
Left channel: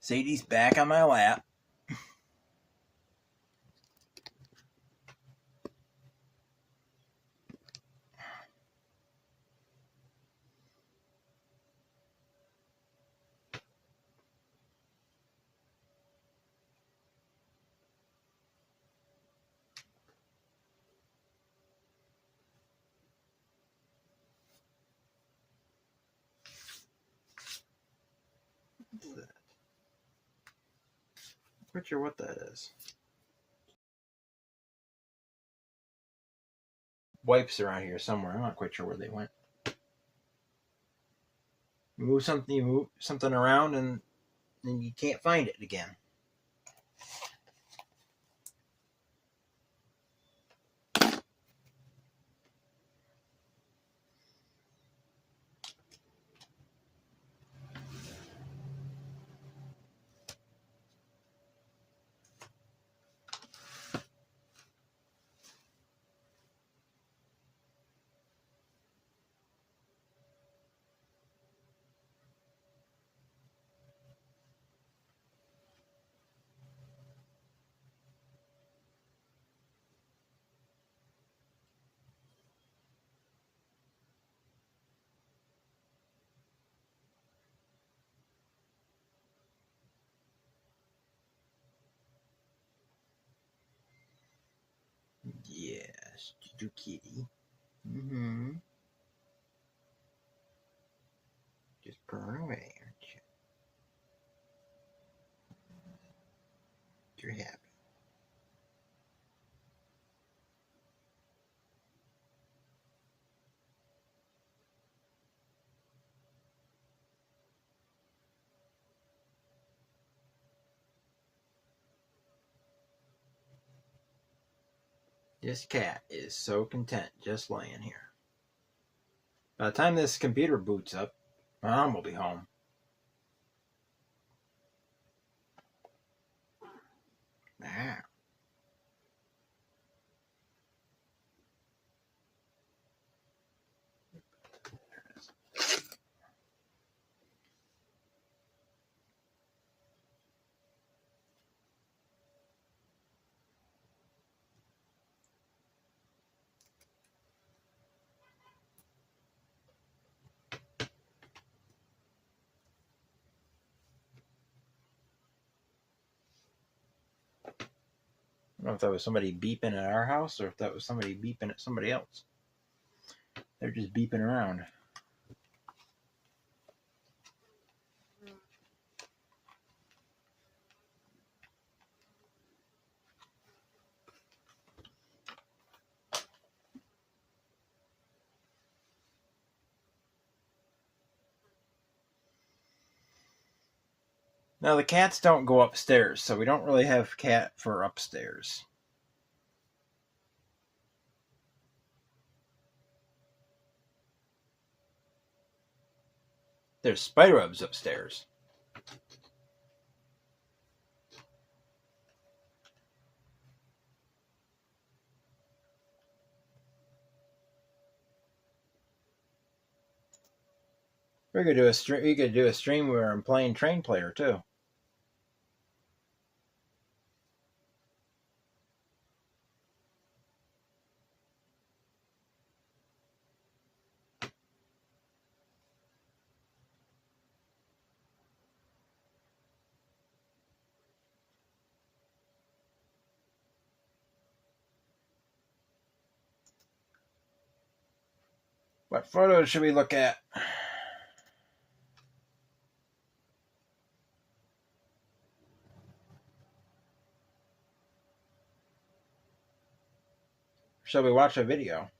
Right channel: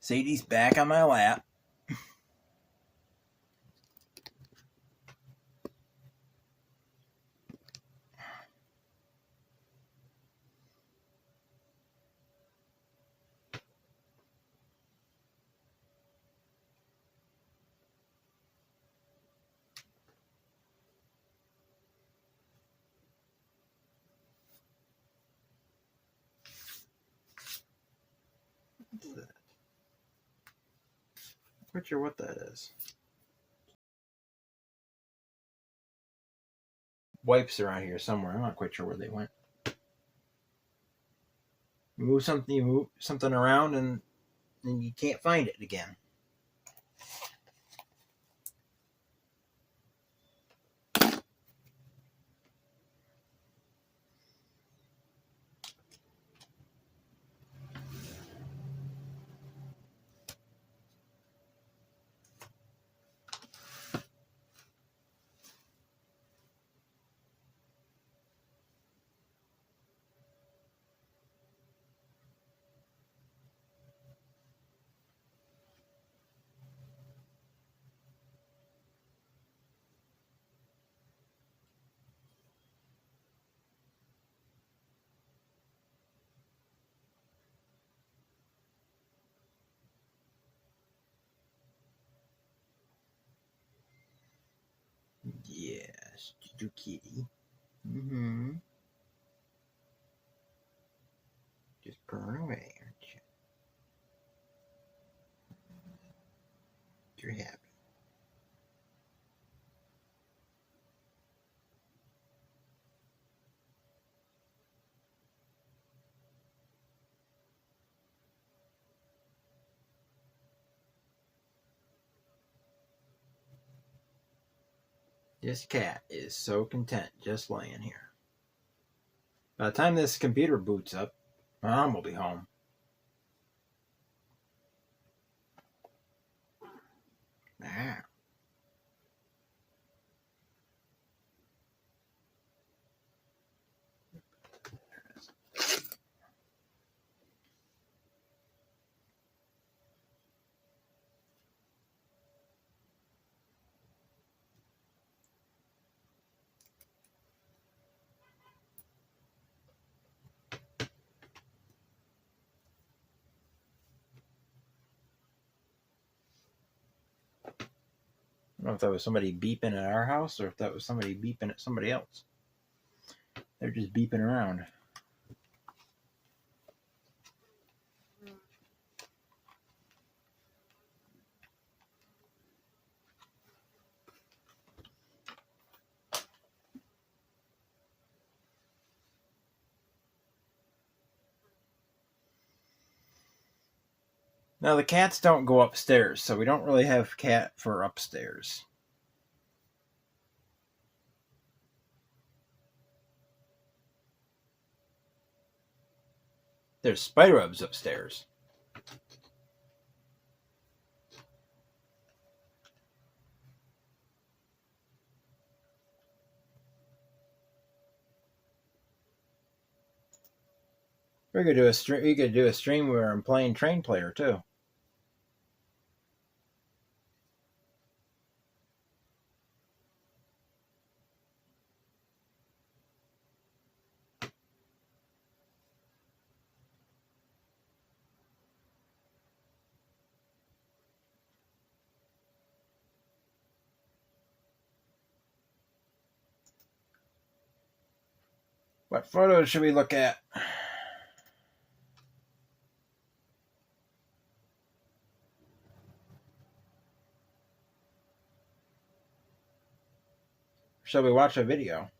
Sadie's back on my lap. I'm not sure what that is. Wipes around here somewhere. I'm not quite sure where they went. You move something around and you can't find it again. Yes, do kitty. Just purring away, aren't you? You're happy. This cat is so content just laying here. By the time this computer boots up, Mom will be home. Ah. I don't know if that was somebody beeping at our house or if that was somebody beeping at somebody else. They're just beeping around. Now the cats don't go upstairs, so we don't really have cat for upstairs. There's spider webs upstairs. We could do a stream. We could do a stream where I'm playing Train Player too. What photos should we look at? Shall we watch a video?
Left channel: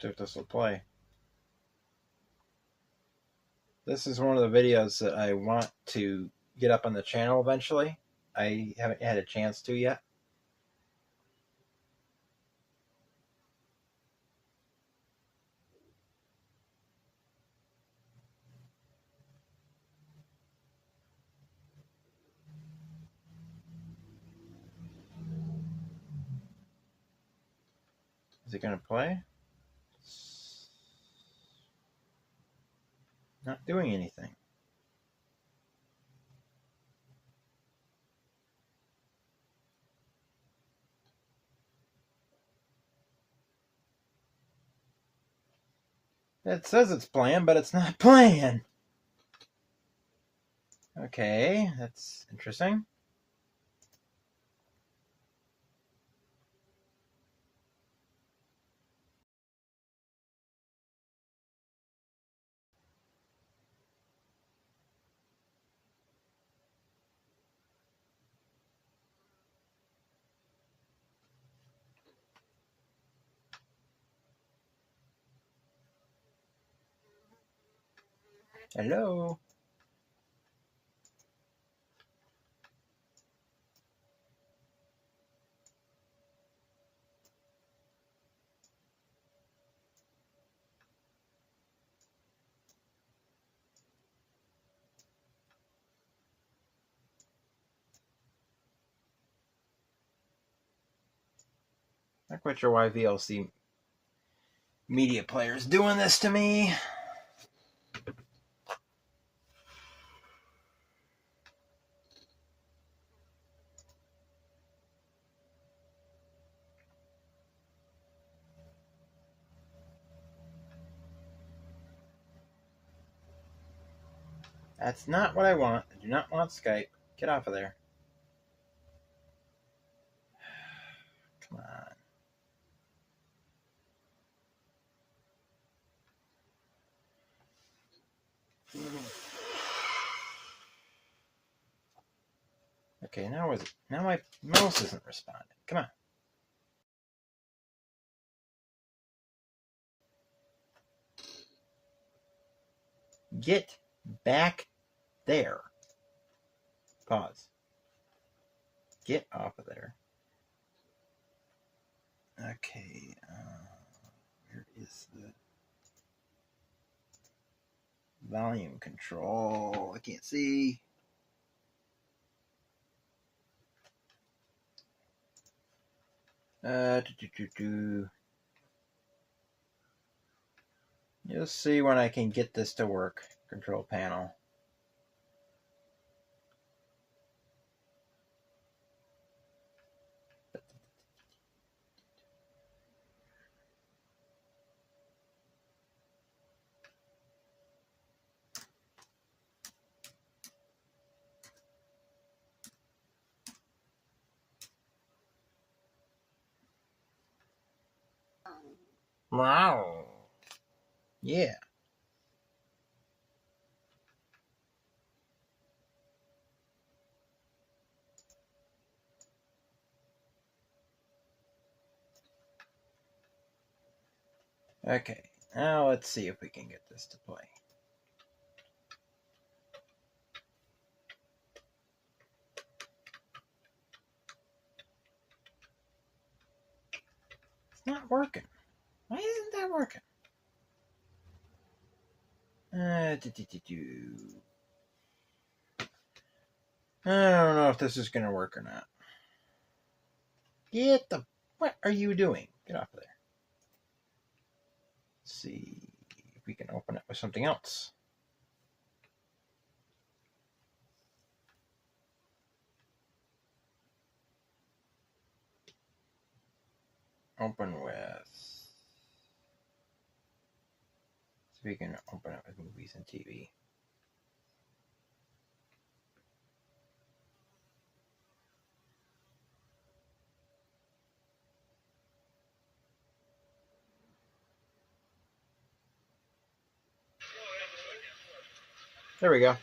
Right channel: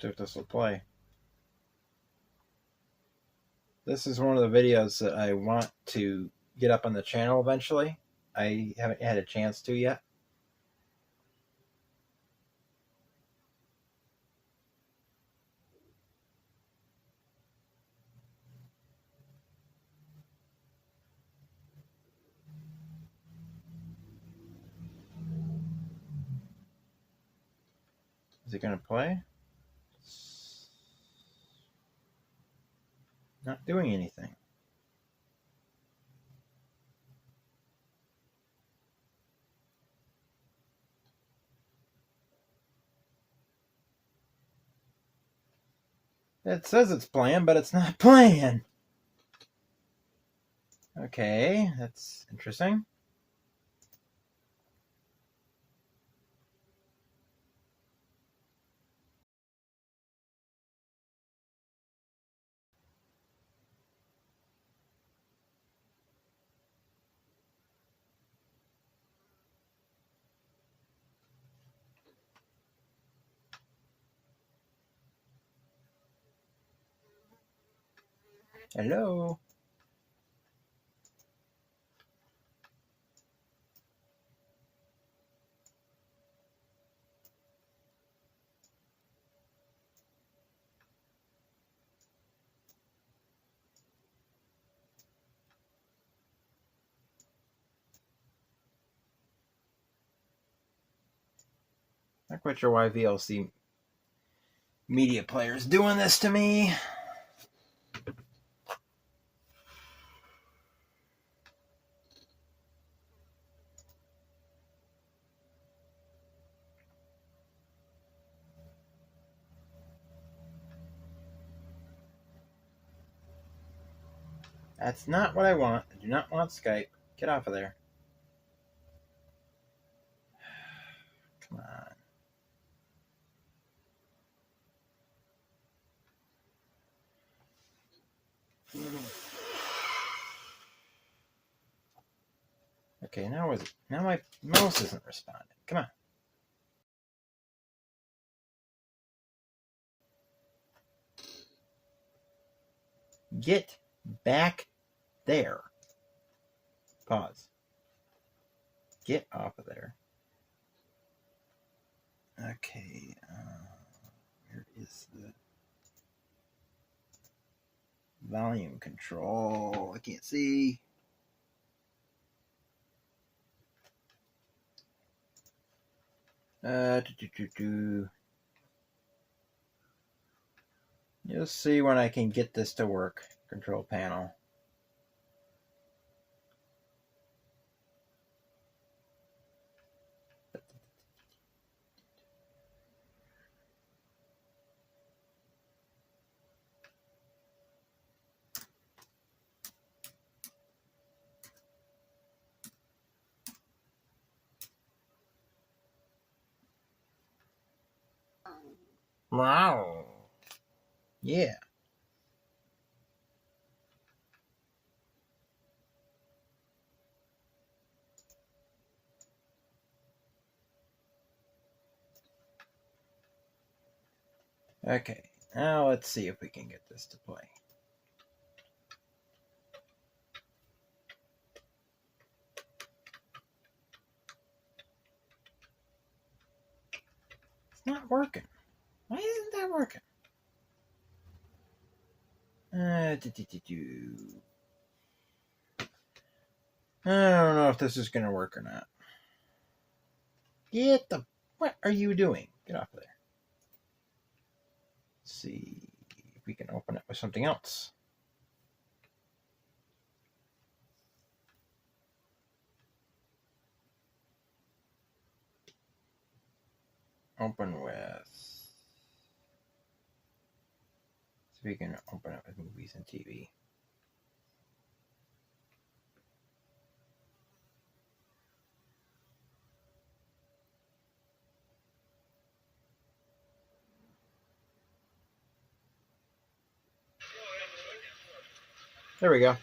See if this will play. This is one of the videos that I want to get up on the channel eventually. I haven't had a chance to yet. Is it going to play? Not doing anything. It says it's playing, but it's not playing. Okay, that's interesting. Hello? Not quite sure why VLC Media Player is doing this to me. That's not what I want. I do not want Skype. Get off of there. Come on. Okay, now my mouse isn't responding. Come on. Get back there. Pause. Get off of there. Okay. Where is the volume control? I can't see. You'll see when I can get this to work. Control panel. Wow. Yeah. Okay. Now let's see if we can get this to play. It's not working. Why isn't that working? I don't know if this is going to work or not. What are you doing? Get off of there. Let's see if we can open it with something else. Open with... So we can open it with movies and TV. There we go.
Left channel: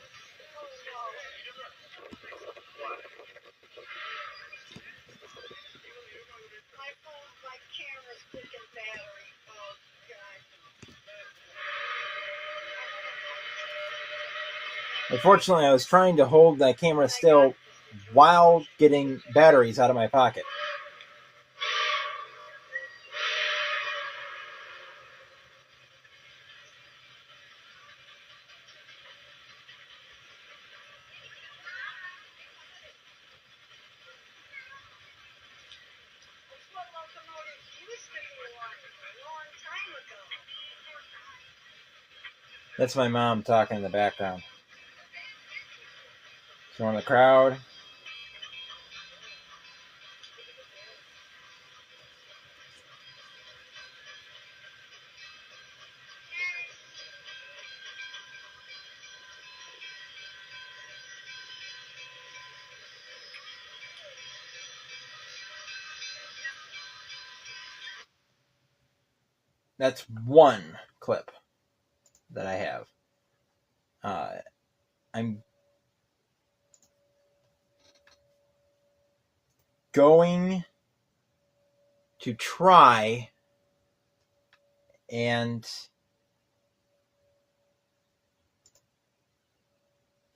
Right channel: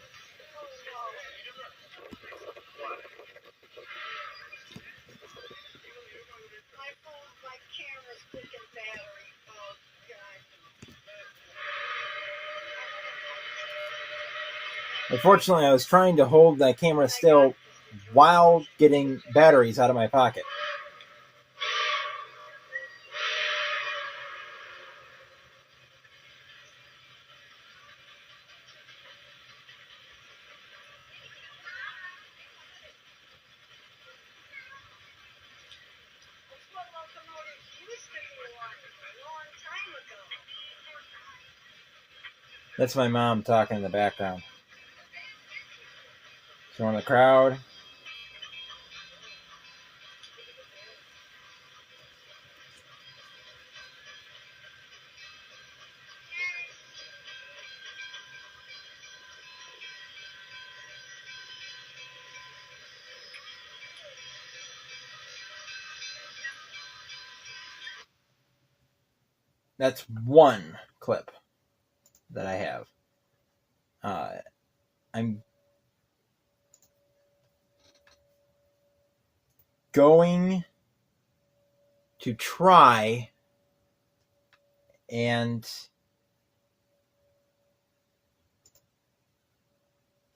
Unfortunately, I was trying to hold that camera still while getting batteries out of my pocket. That's my mom talking in the background. So in the crowd. That's one clip that I have. I'm going to try and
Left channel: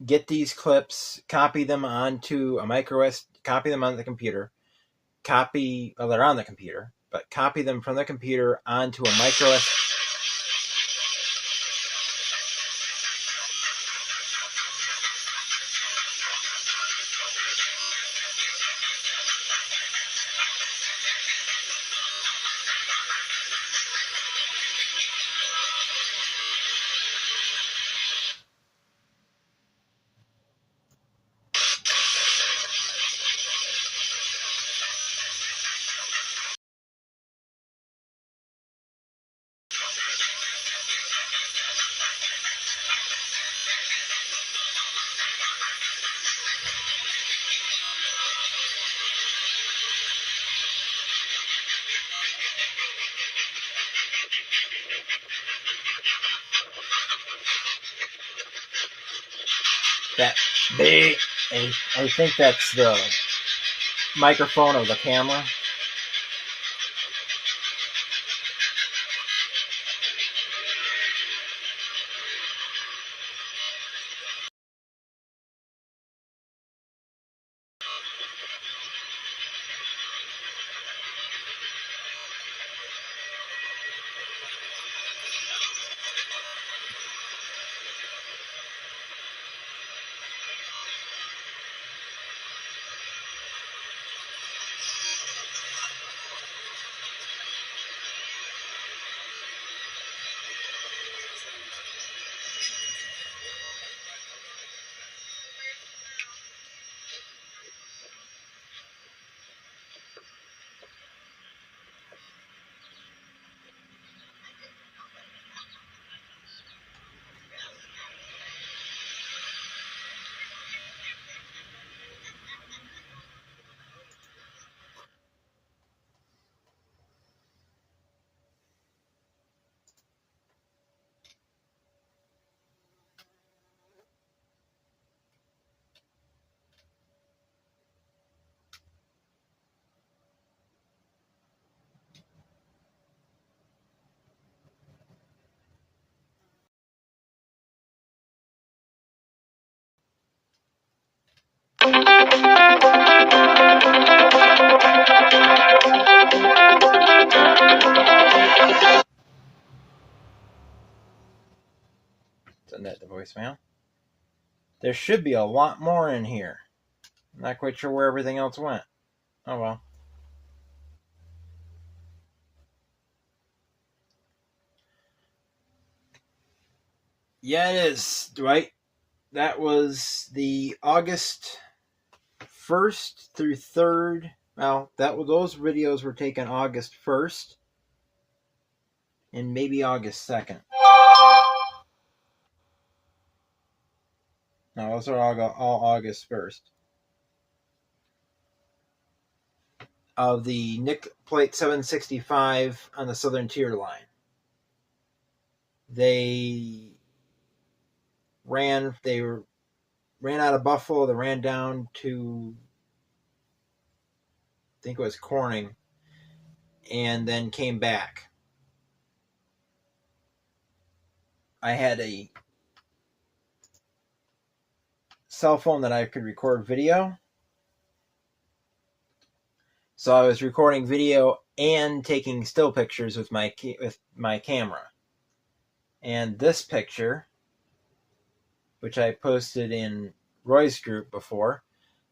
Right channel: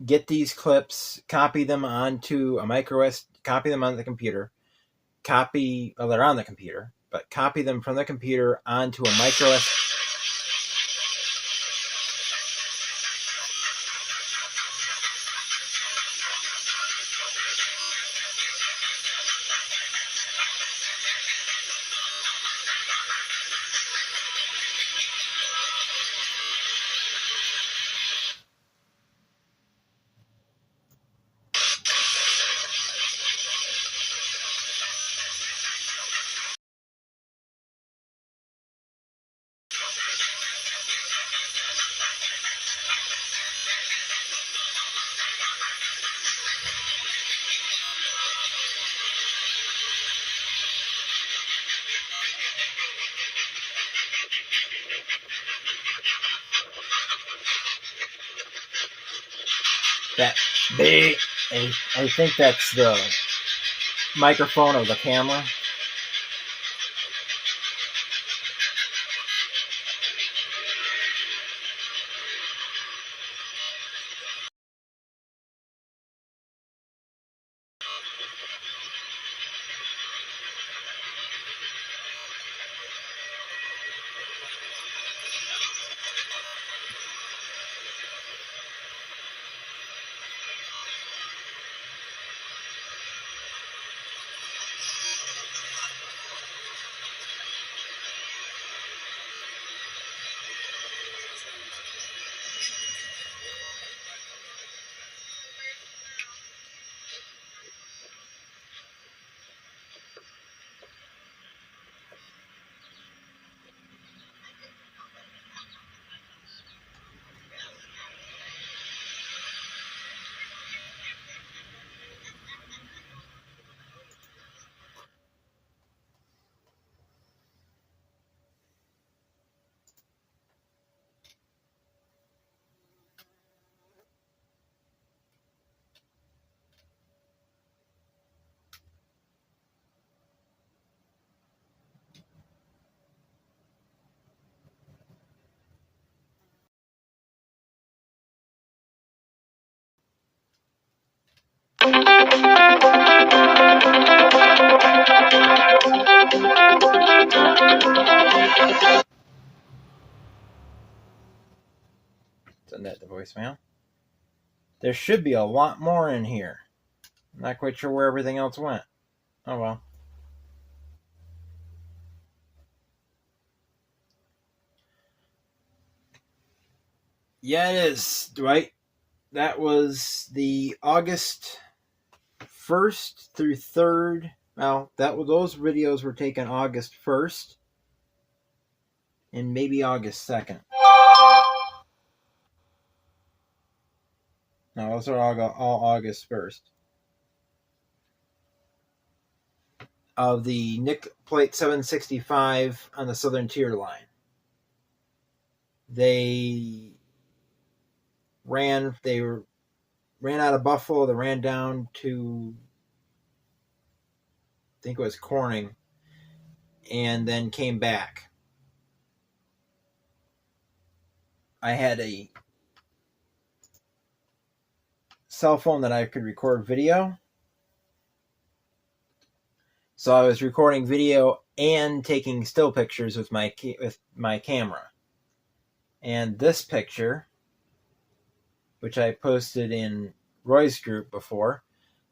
get these clips, copy them onto a micro SD, copy them on the computer, they're on the computer, but copy them from the computer onto a micro SD. I think that's the microphone of the camera. voicemail. There should be a lot more in here. I'm not quite sure where everything else went. Oh well. Yeah, it is, Dwight. That was the August 1st through 3rd. Well, those videos were taken August 1st and maybe August 2nd. No, those are all August 1st. Of the Nick Plate 765 on the Southern Tier line. They ran out of Buffalo, they ran down to, I think it was Corning, and then came back. I had a cell phone that I could record video. So I was recording video and taking still pictures with my camera. And this picture, which I posted in Roy's group before,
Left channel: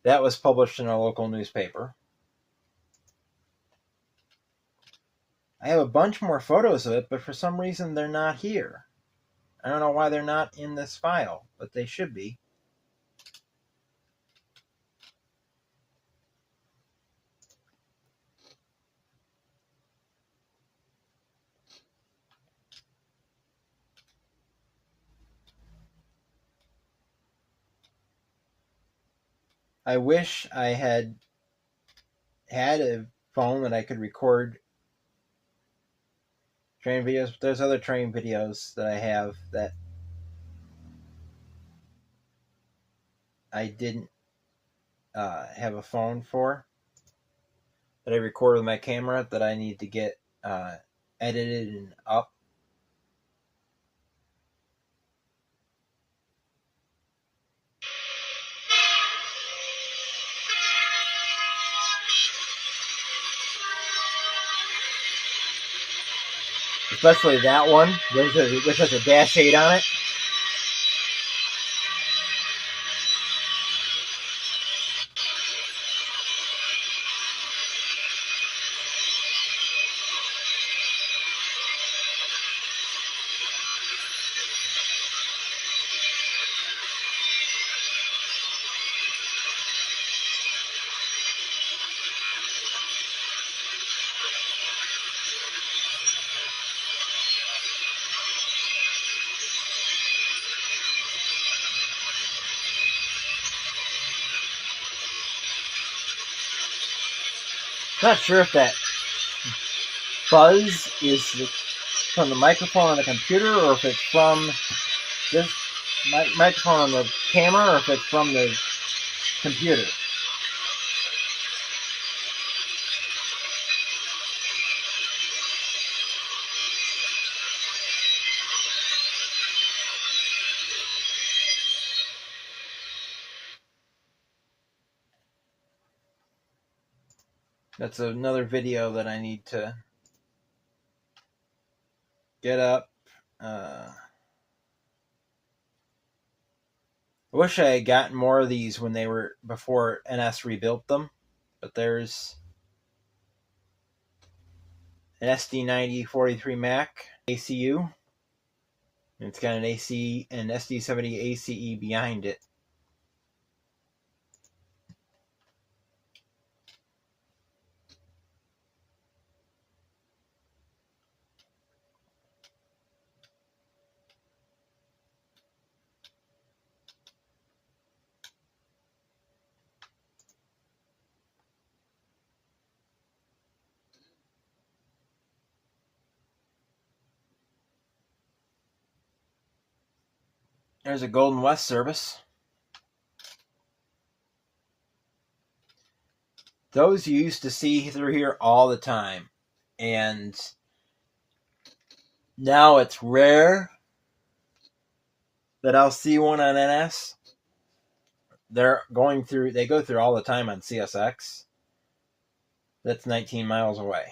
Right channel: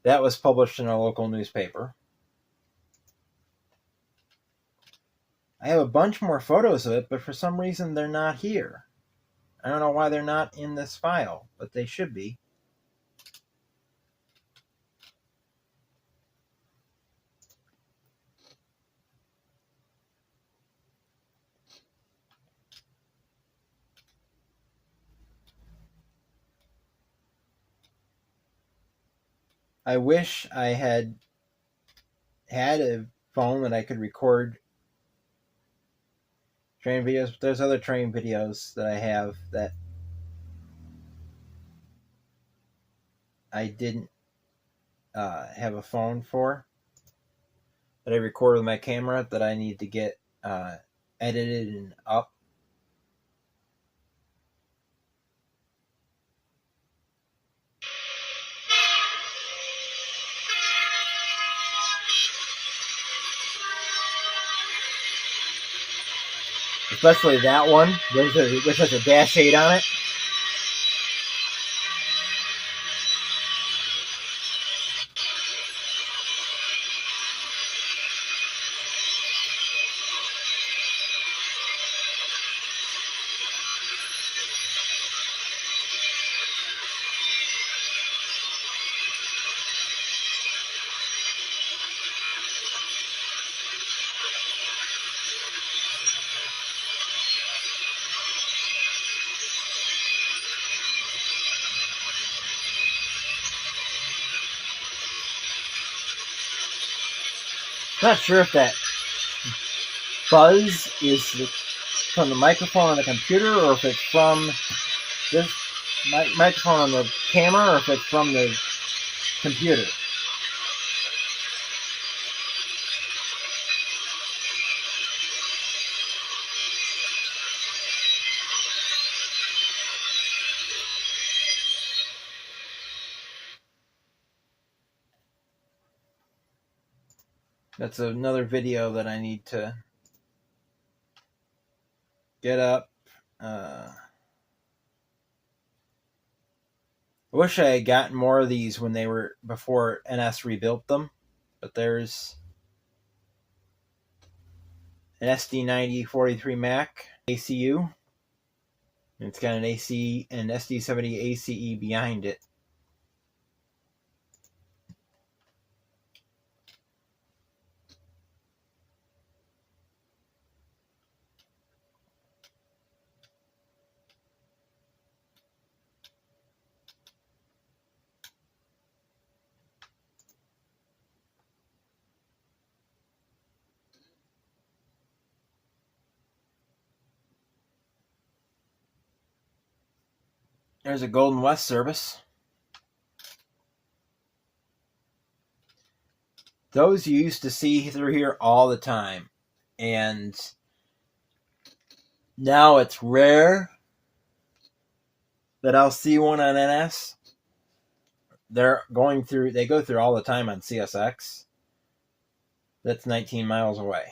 that was published in a local newspaper. I have a bunch more photos of it, but for some reason they're not here. I don't know why they're not in this file, but they should be. I wish I had a phone that I could record train videos, but there's other train videos that I have that I didn't have a phone for, that I record with my camera, that I need to get edited and up. Especially that one, which has a dash 8 on it. Not sure if that buzz is from the microphone on the computer, or if it's from this microphone on the camera, or if it's from the computer. That's another video that I need to get up. I wish I had gotten more of these when they were before NS rebuilt them, but there's an SD9043 Mac ACU, and it's got an SD70 ACE behind it. There's a Golden West service. Those you used to see through here all the time. And now it's rare that I'll see one on NS. They go through all the time on CSX. That's 19 miles away.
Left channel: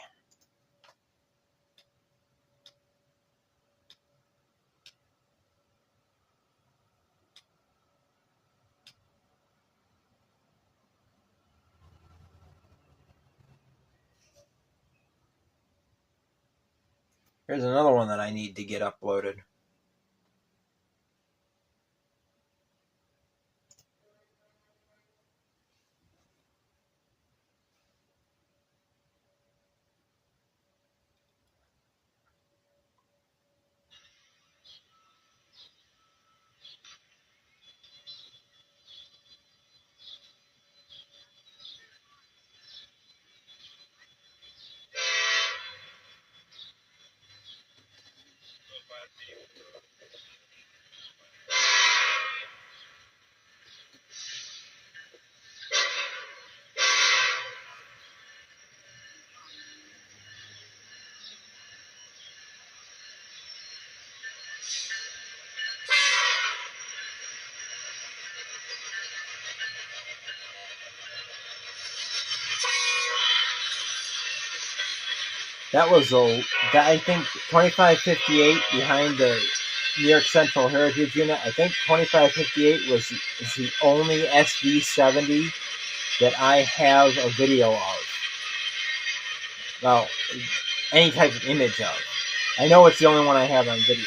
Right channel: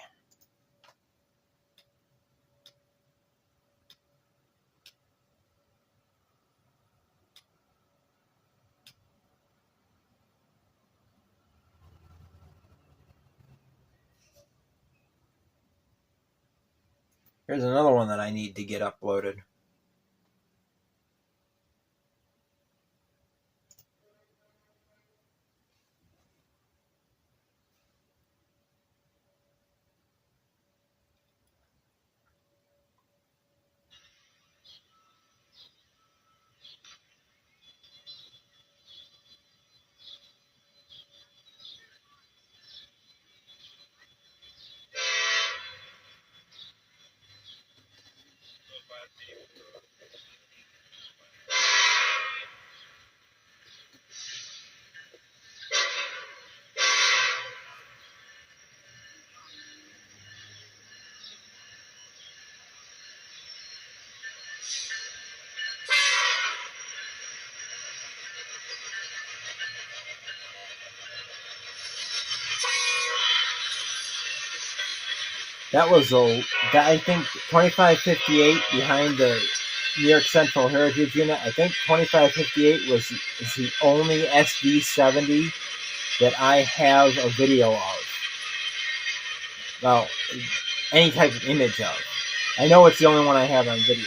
Here's another one that I need to get uploaded. That was I think 2558 behind the New York Central Heritage Unit. I think 2558 is the only SD70 that I have a video of. Well, any type of image of. I know it's the only one I have on video.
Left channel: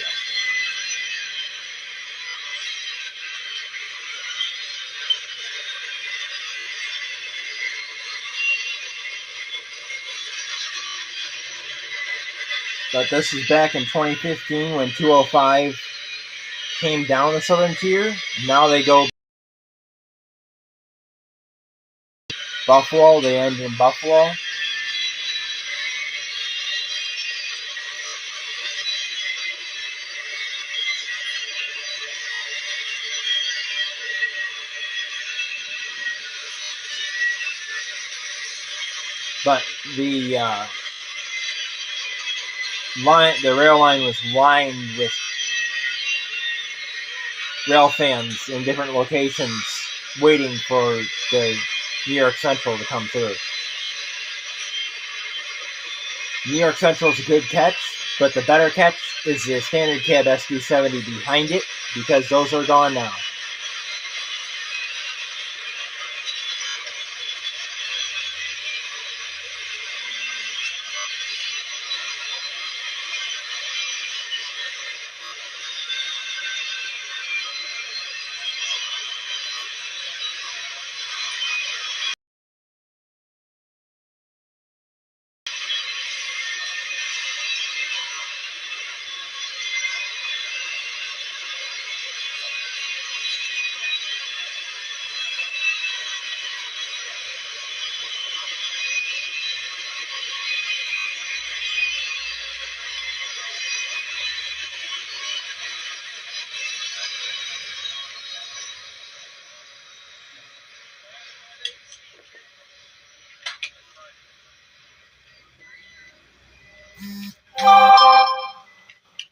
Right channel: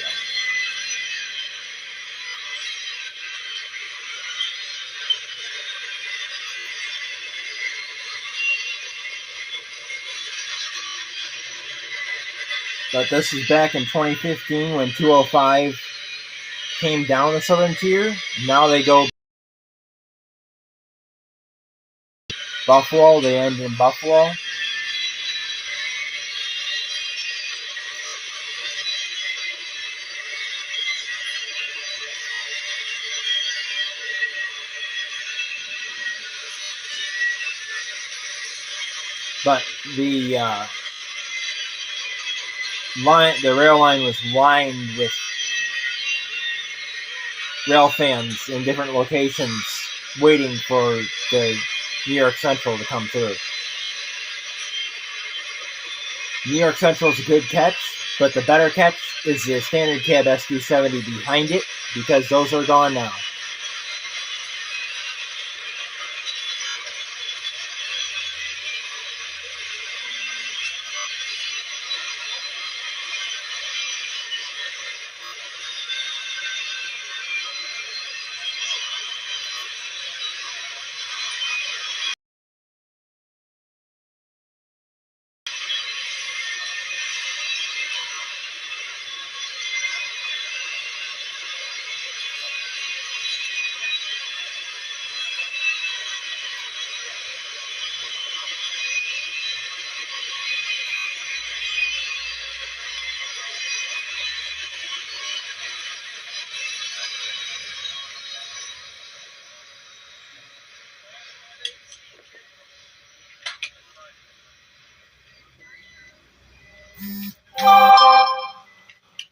But this is back in 2015 when 205 came down the southern tier. Now they go Buffalo. They end in Buffalo. But the rail line was lined with rail fans in different locations waiting for the New York Central to come through. New York Central is a good catch, but the better catch is the standard cab SD70 behind it, because those are gone now.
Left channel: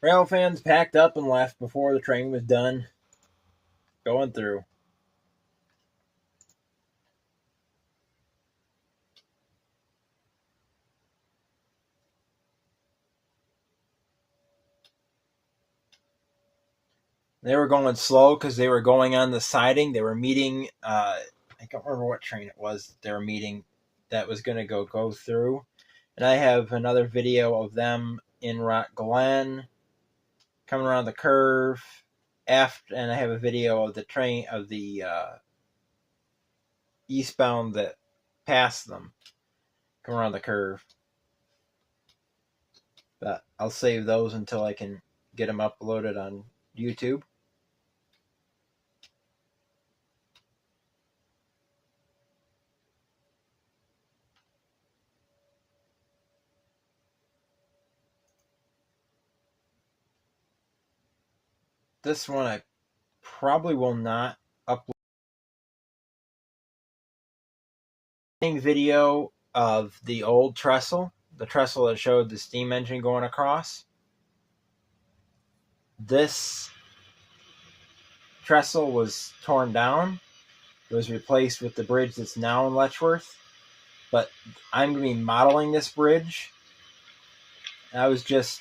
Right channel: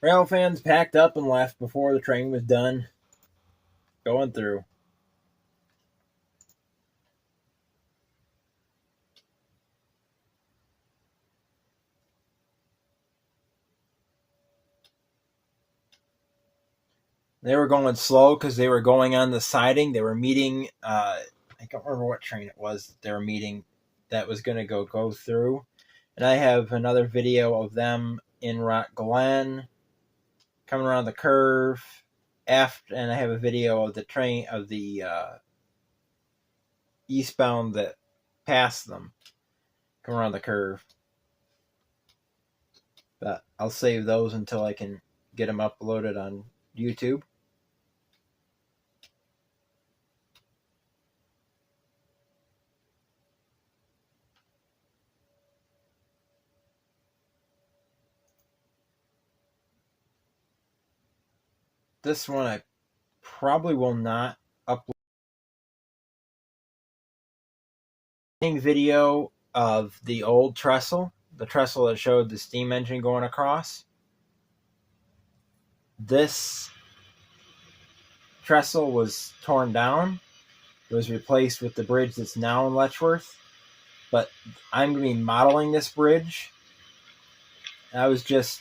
Rail fans packed up and left before the train was done going through. They were going slow because they were going on the siding. They were meeting, I can't remember what train it was they were meeting that was going to go through. And I have another video of them in Rock Glen coming around the curve and I have a video of the train of the eastbound that passed them coming around the curve. But I'll save those until I can get them uploaded on YouTube. This one I probably will not upload. Video of the old trestle, the trestle that showed the steam engine going across. This trestle was torn down. It was replaced with the bridge that's now in Letchworth. But I'm going to be modeling this bridge. I was just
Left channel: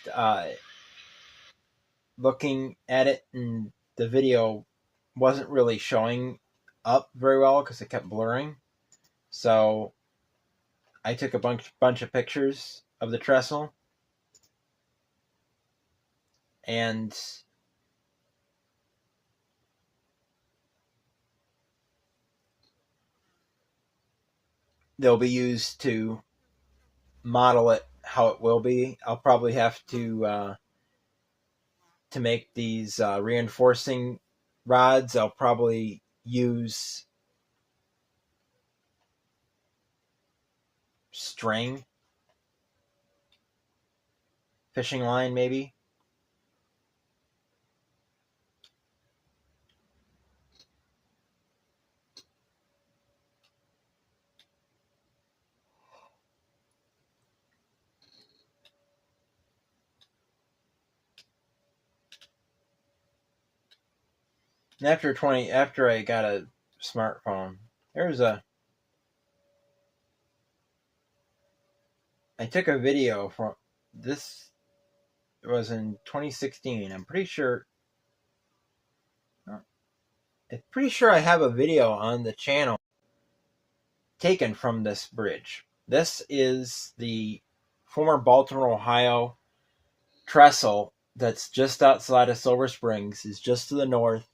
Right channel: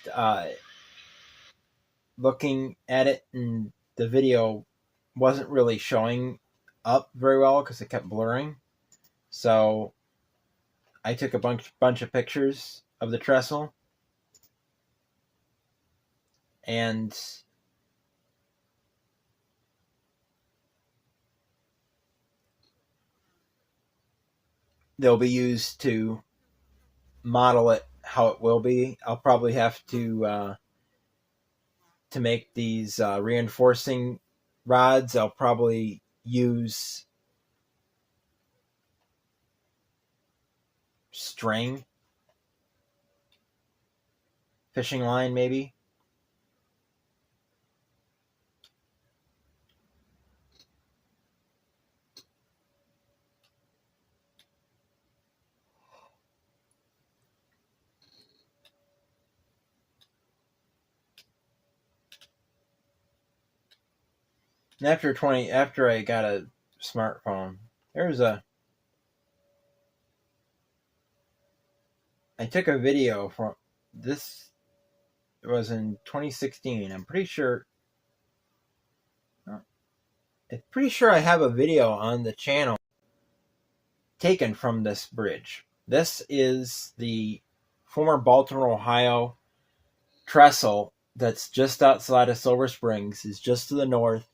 looking at it, and the video wasn't really showing up very well because it kept blurring. So I took a bunch of pictures of the trestle. and they'll be used to model it how it will be. I'll probably have to make these reinforcing rods. I'll probably use string, fishing line maybe. And after I got a smartphone, I took a video from this. It was in 2016. I'm pretty sure I have a video on the channel taken from this bridge. This is the former Baltimore, Ohio trestle that's just outside of Silver Springs. It's just to the north.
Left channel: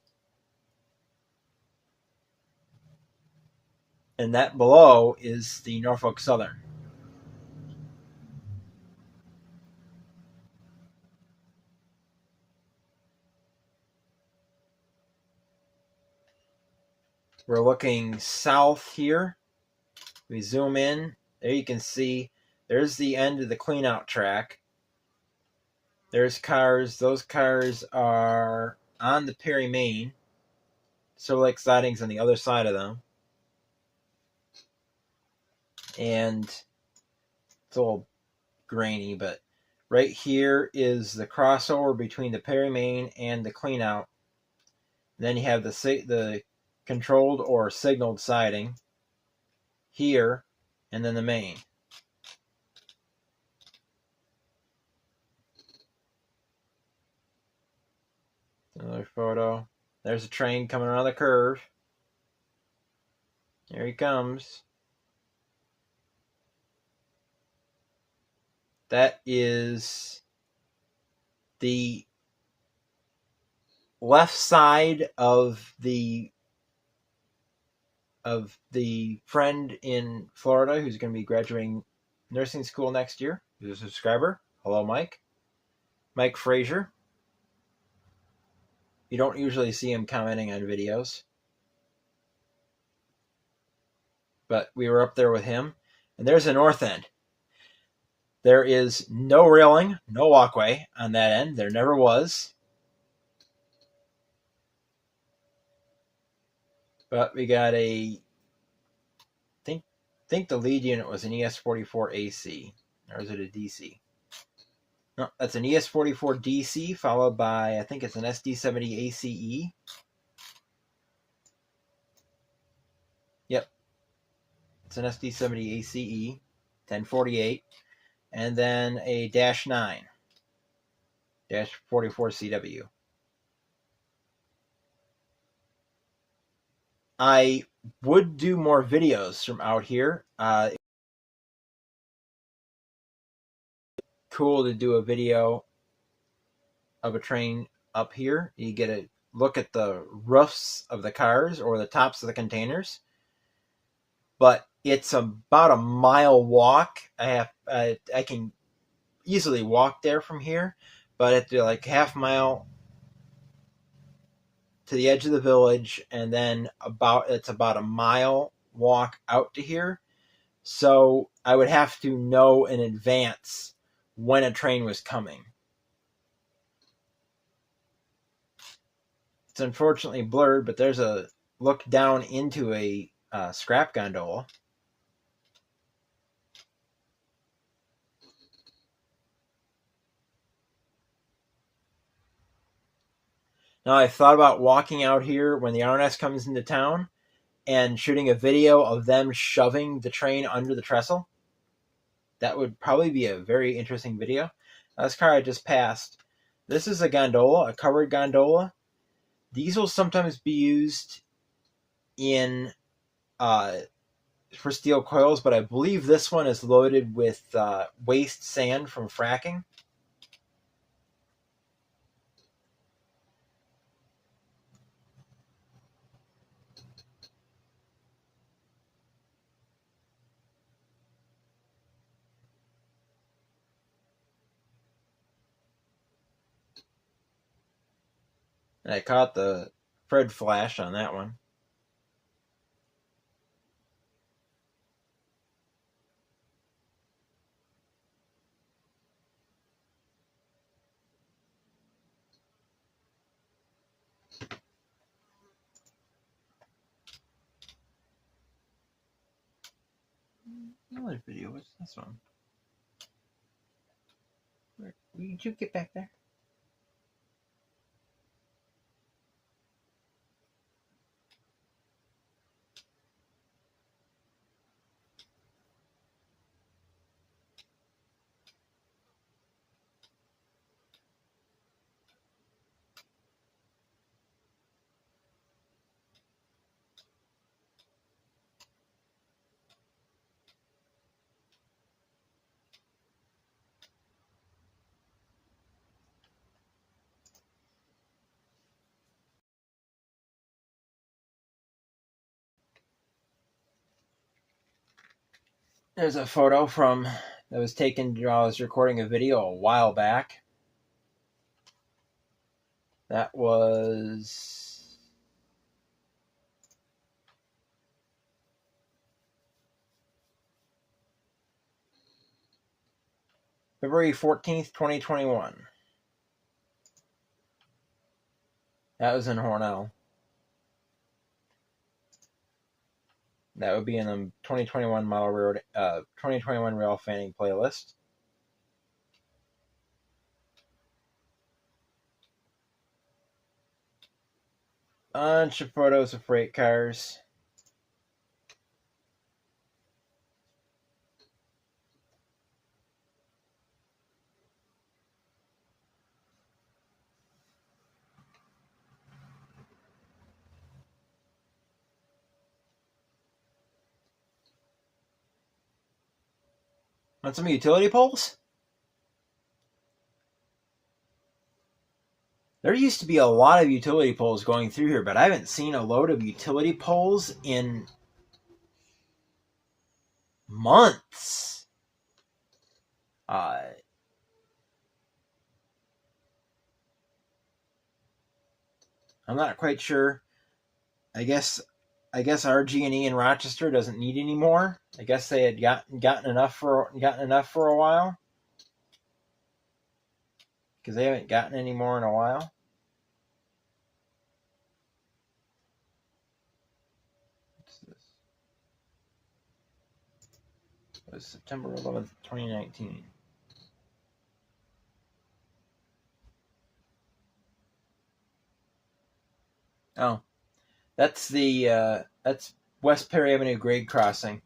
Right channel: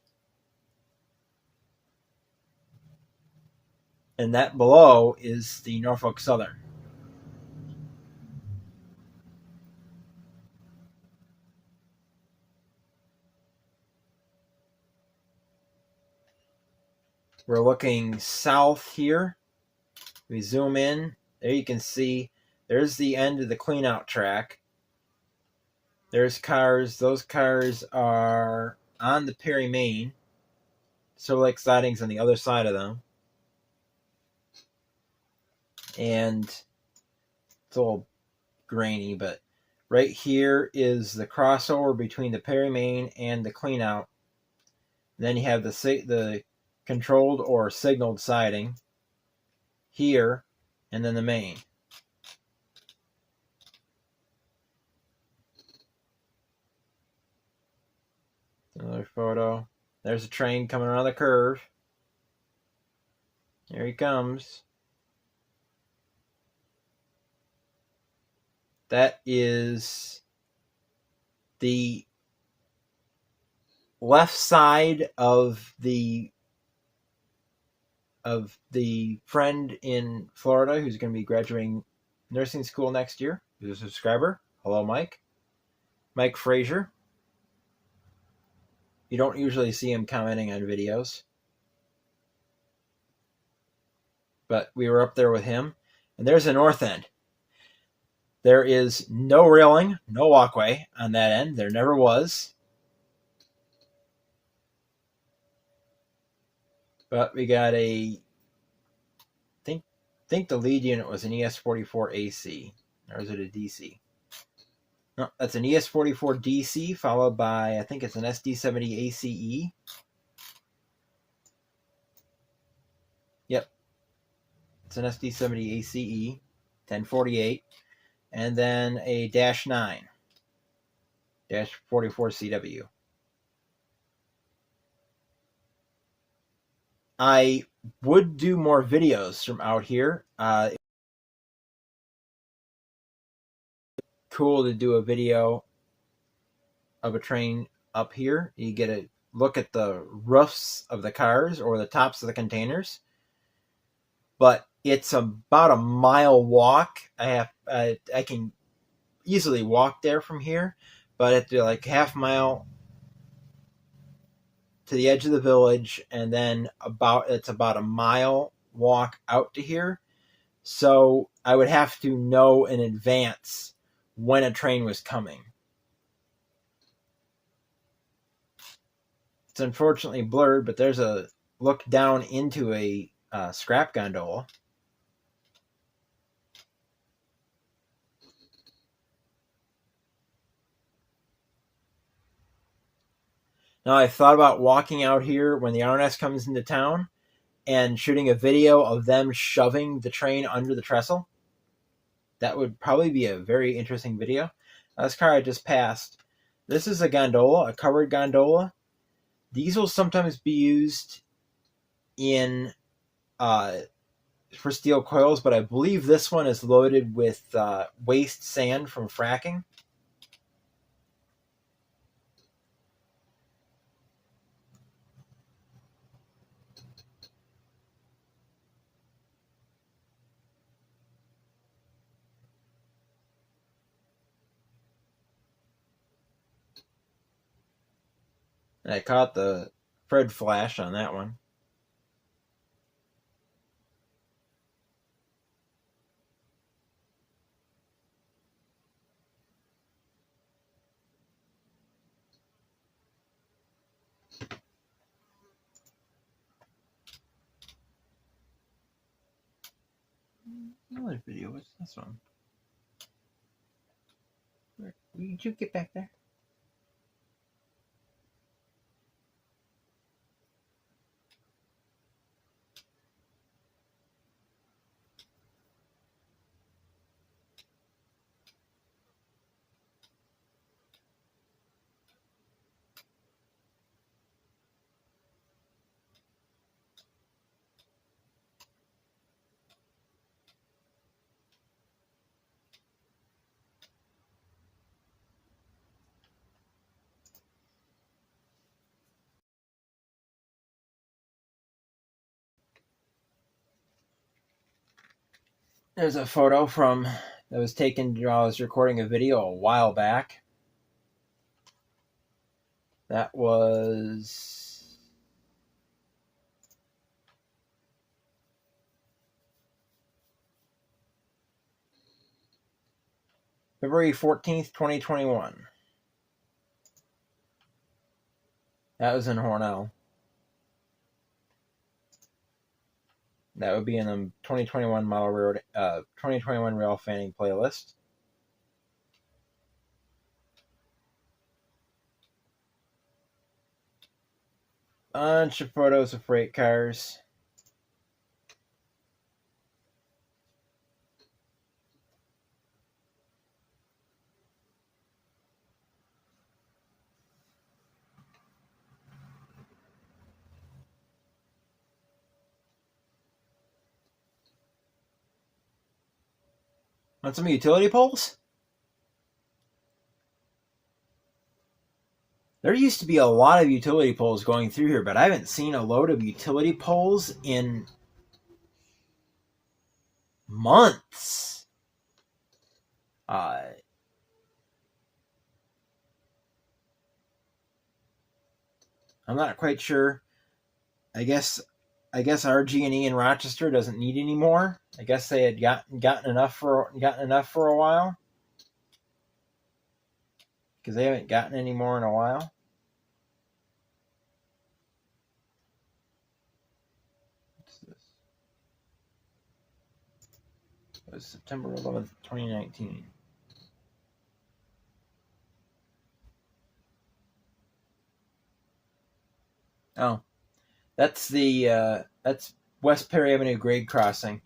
And that below is the Norfolk Southern. We're looking south here. We zoom in. There you can see there's the end of the clean-out track. There's cars. Those cars are on the Perry Main. Silver Lake sidings on the other side of them. And it's a little grainy, but right here is the crossover between the Perry Main and the clean-out. Then you have the controlled or signaled siding here, and then the main. Another photo. There's a train coming around the curve. Here he comes. That is the left side of the friend in Florida who's going to be graduating nursing school next year. Who's a subscriber. Hello, Mike. Mike Frazier. You don't usually see him commenting on videos, but we were up there with him. And there's the north end. There is no railing, no walkway on that end. There never was. But we got I think the lead unit was an ES44 AC. Or is it a DC? No, that's an ES44 DC followed by, I think it's an SD70 ACE. Yep. It's an SD70 ACE, 1048. And then a -9, -44 CW. I would do more videos from out here. Cool to do a video of a train up here. You get a look at the roofs of the cars or the tops of the containers. But it's about a mile walk. I can easily walk there from here, but it's like half mile to the edge of the village, and then it's about a mile walk out to here. So I would have to know in advance when a train was coming. It's unfortunately blurred, but there's a look down into a scrap gondola. Now, I thought about walking out here when the RNS comes into town and shooting a video of them shoving the train under the trestle. That would probably be a very interesting video. Now, this car I just passed, this is a gondola, a covered gondola. These will sometimes be used for steel coils, but I believe this one is loaded with waste sand from fracking. I caught the Fred flash on that one. Another video. What's this one? Where did you get back there? There's a photo that was taken while I was recording a video a while back. That was February 14th, 2021. That was in Hornell. That would be in the 2021 Model Railroad, 2021 Rail Fanning playlist. Bunch of photos of freight cars. Want some utility poles? There used to be a lot of utility poles going through here, but I haven't seen a load of utility poles in months. I'm not quite sure. I guess RG&E in Rochester doesn't need any more. I guess they had gotten enough for a while, because they haven't gotten any more in a while. What's this? It was September 11th, 2019. Oh, that's West Perry Avenue grade crossing,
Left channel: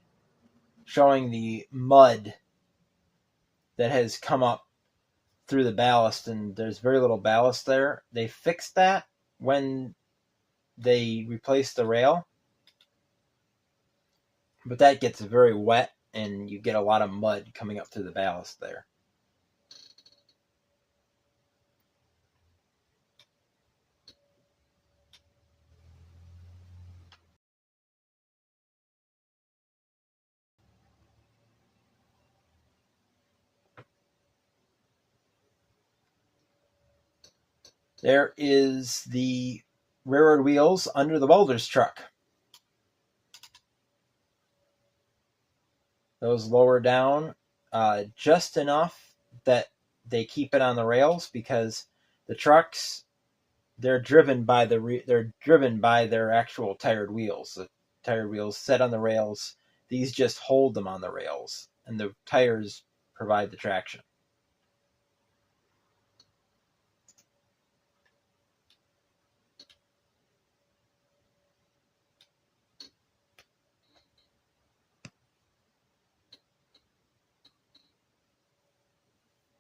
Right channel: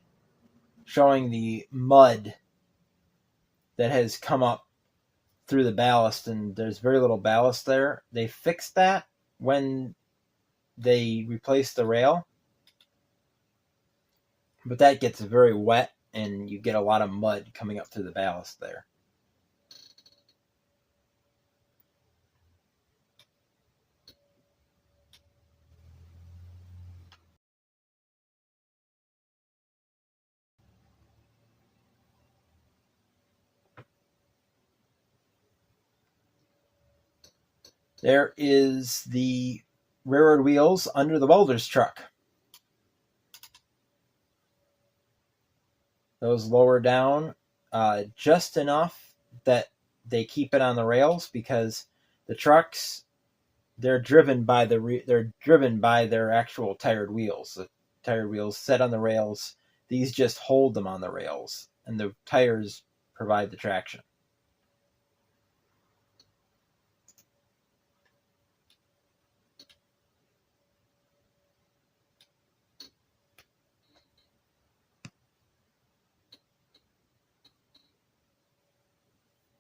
showing the mud that has come up through the ballast, and there's very little ballast there. They fixed that when they replaced the rail, but that gets very wet and you get a lot of mud coming up through the ballast there. There is the railroad wheels under the welder's truck. Those lower down just enough that they keep it on the rails, because the trucks, they're driven by their actual tired wheels. The tired wheels set on the rails. These just hold them on the rails, and the tires provide the traction.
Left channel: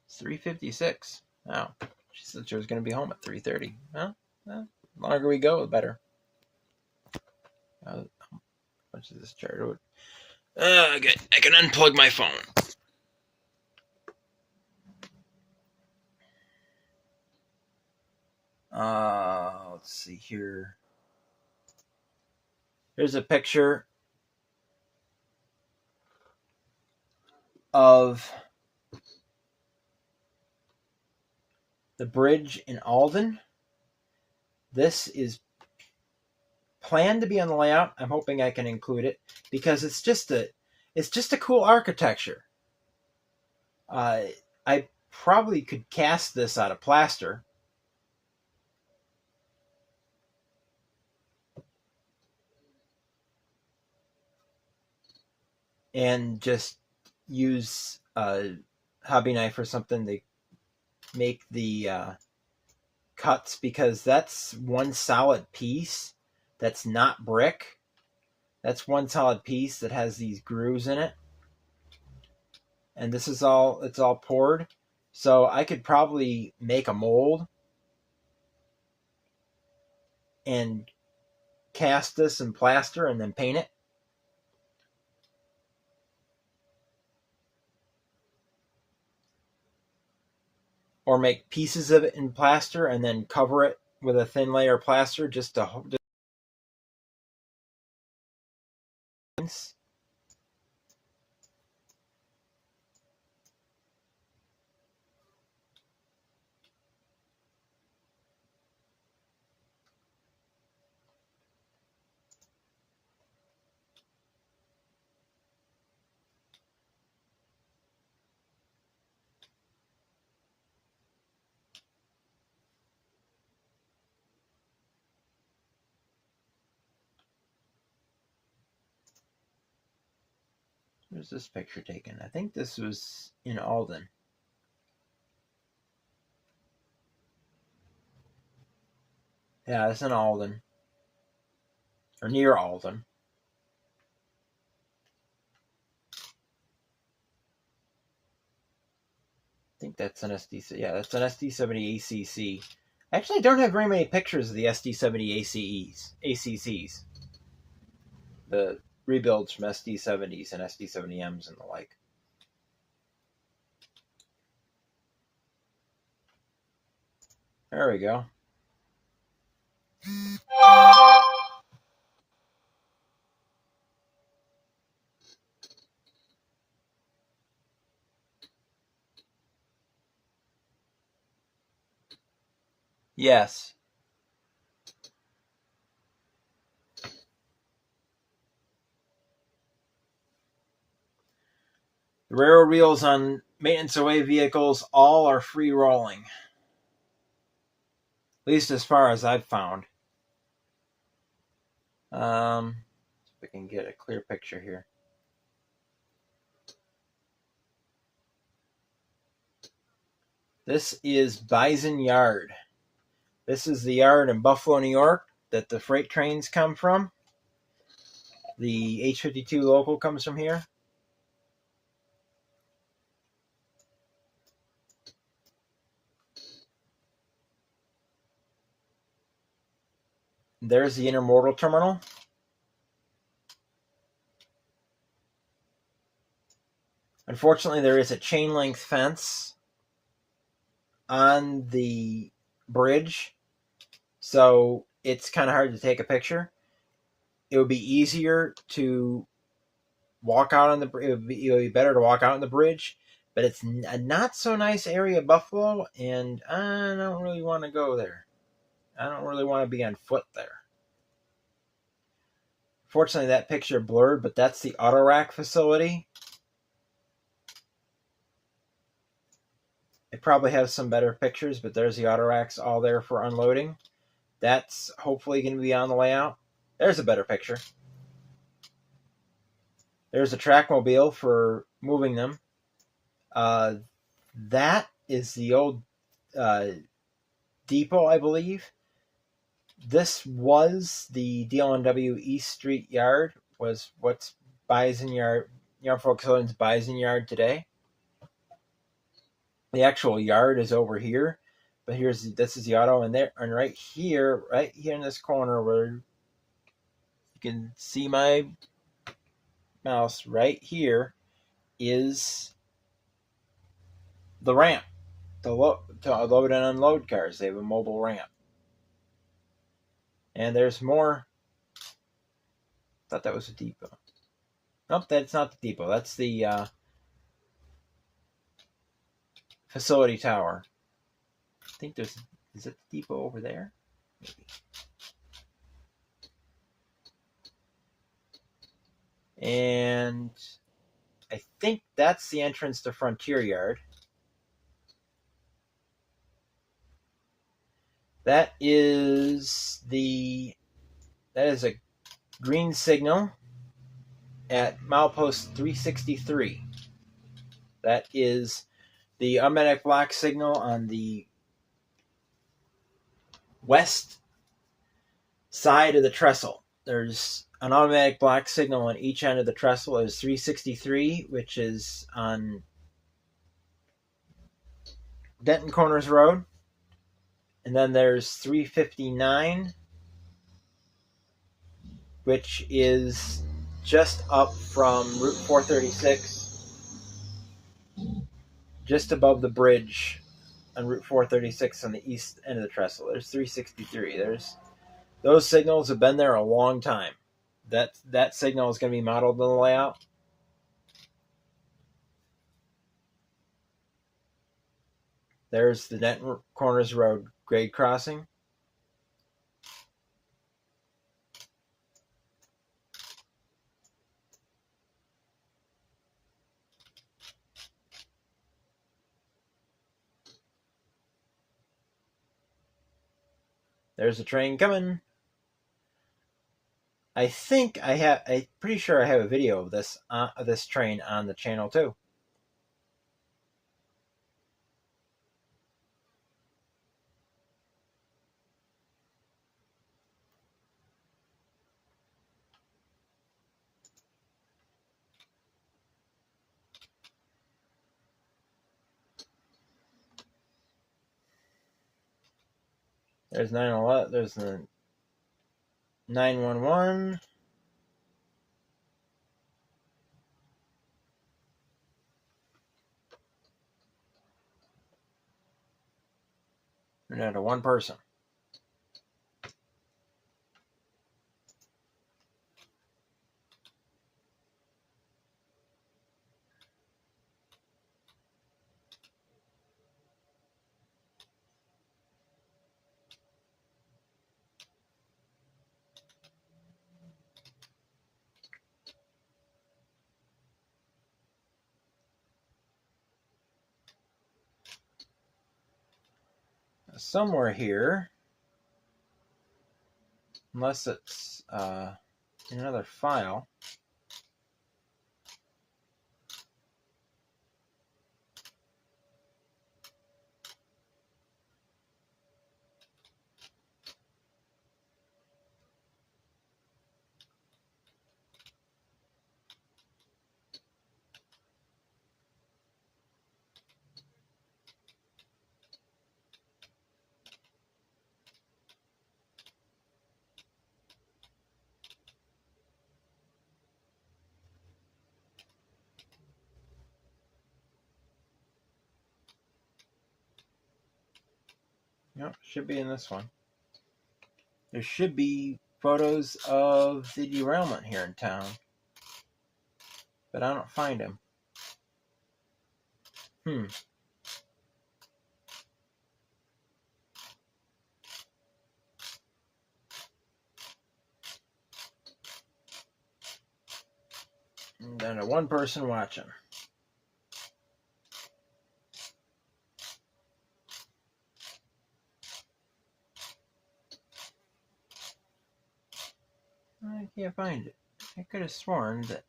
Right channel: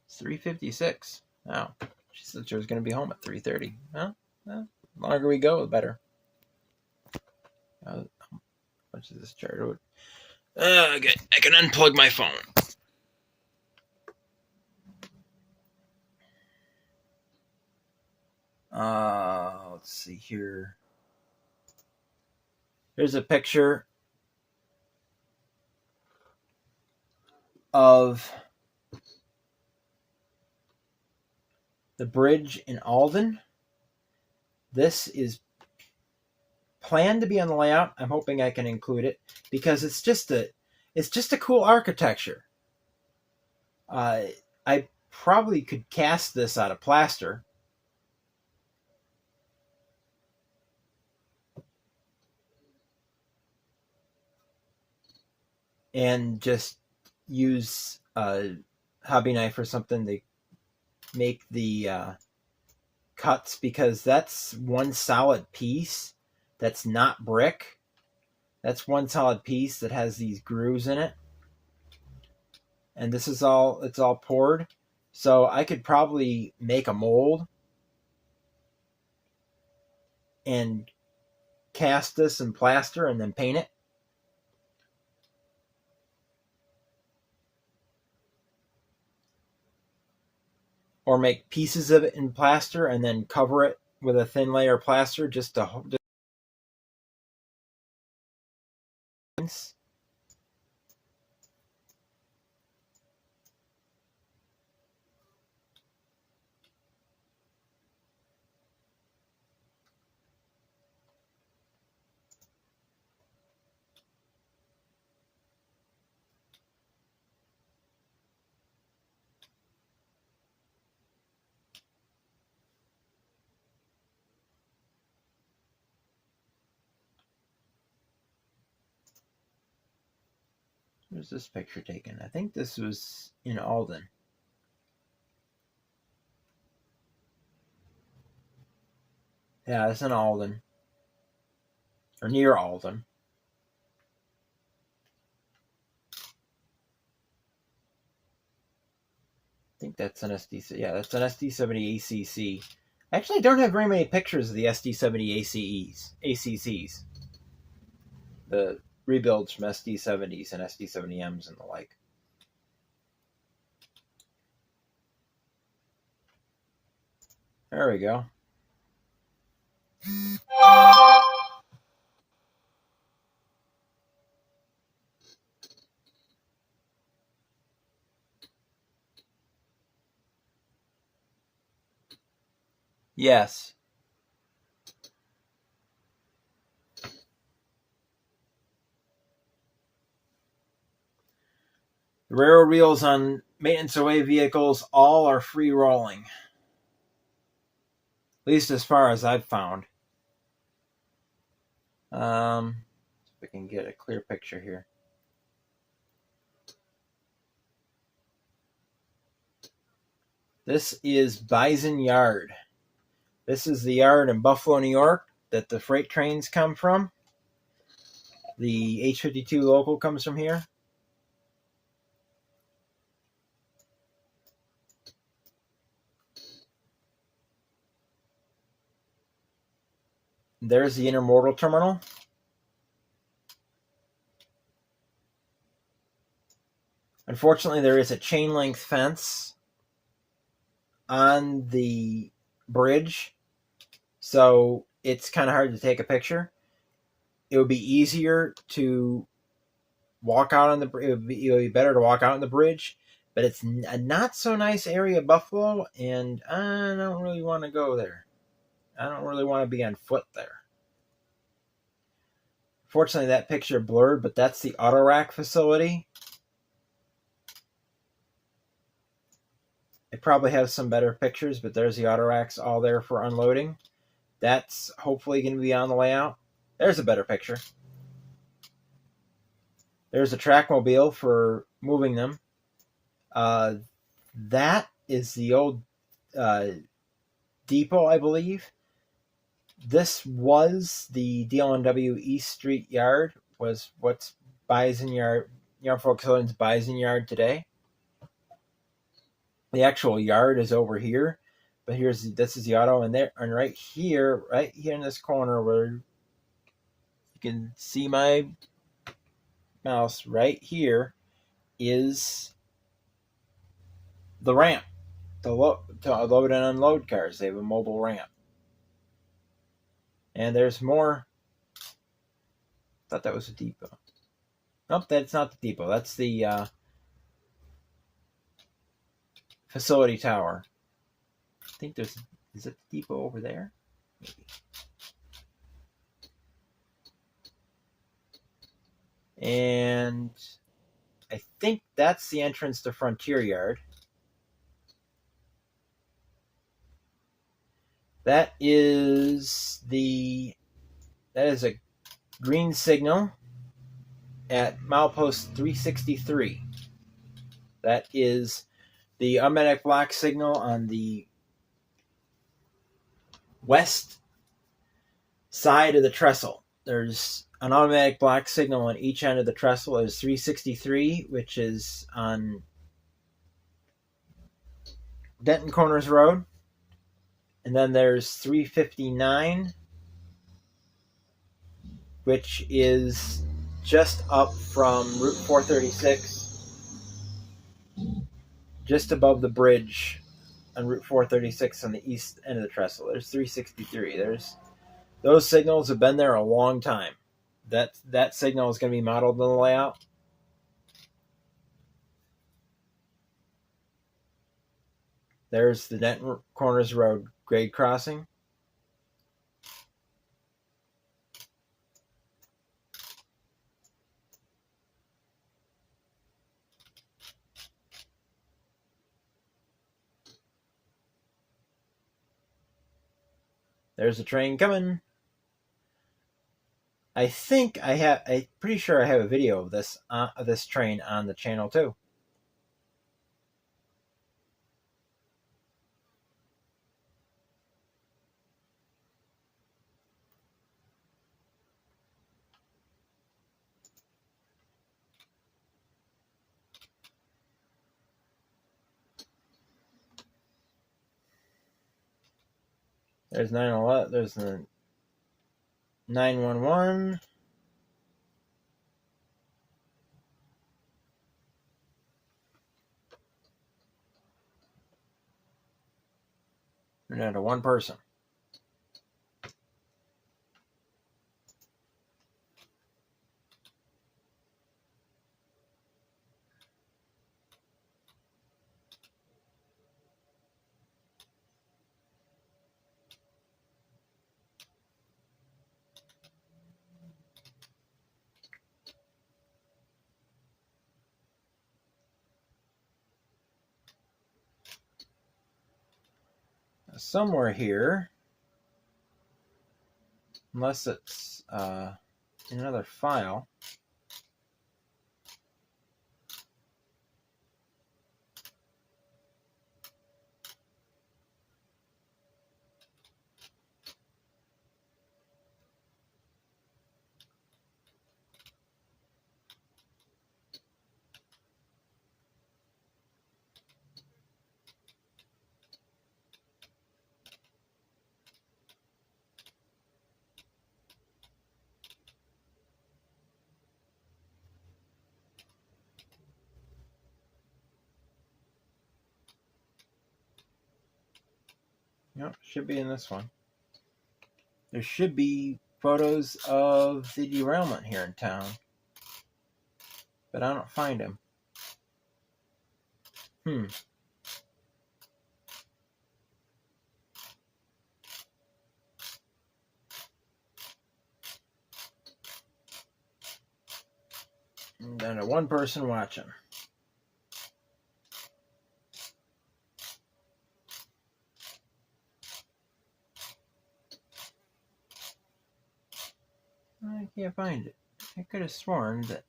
It's 3:56. Oh, she said she was going to be home at 3:30. Well, the longer we go, the better. How much is this charger? I can unplug my phone. Let's see here. Here's a picture of the bridge in Alden. this is planned to be on the layout. I'm hoping I can include it because it's just a cool architecture. I probably could cast this out of plaster. And just use a hobby knife or something to make the cuts, because that's one solid piece that's not brick. That's one solid piece that has these grooves in it. And this is it's all poured. So I could probably make a mold and cast this in plaster and then paint it. Or make pieces of it in plaster and then cover it with a thin layer of plaster just to Where's this picture taken? I think this was in Alden. Yeah, it's in Alden. Or near Alden. I think that's an SD. Yeah, that's an SD70 ACC. Actually, I don't have very many pictures of the SD70 ACCs. The rebuilds from SD70s and SD70Ms and the like. There we go. Yes. The railroad wheels on maintenance away vehicles all are free rolling. At least as far as I've found. See if I can get a clear picture here. This is Bison Yard. This is the yard in Buffalo, New York that the freight trains come from. The H-52 local comes from here. There's the intermodal terminal. Unfortunately, there is a chain link fence on the bridge, so it's kind of hard to take a picture. It would be easier to walk out on the bridge. It would be better to walk out on the bridge, but it's a not so nice area of Buffalo, and I don't really want to go there. I don't really want to be on foot there. Fortunately, that picture blurred, but that's the auto rack facility. It probably has some better pictures, but there's the auto racks all there for unloading. That's hopefully going to be on the layout. There's a better picture. There's a trackmobile for moving them. That is the old depot, I believe. This was the DLNW East Street Yard, was what's Bison Yard, Norfolk Southern's Bison Yard today. The actual yard is over here, but this is the auto, and right here in this corner where you can see my mouse, right here is the ramp to load and unload cars. They have a mobile ramp. And there's more. I thought that was a depot. Nope, that's not the depot. That's the facility tower. I think is it the depot over there? And I think that's the entrance to Frontier Yard. That is a green signal at milepost 363. That is the automatic block signal on the west side of the trestle. There's an automatic block signal on each end of the trestle. There's 363, which is on Denton Corners Road. And then there's 359, which is just up from Route 436, just above the bridge on Route 436 on the east end of the trestle. There's 363. Those signals have been there a long time. That signal is going to be modeled in the layout. There's the Denton Corners Road grade crossing. There's a train coming. I'm pretty sure I have a video of this train on the channel too. There's 911. There's the 911. We're down to one person. Somewhere here, unless it's in another file. Yep, should be in this one. There should be photos of the derailment here in town, but I don't find them. And down to one person watching. I can't find it. I could have sworn that.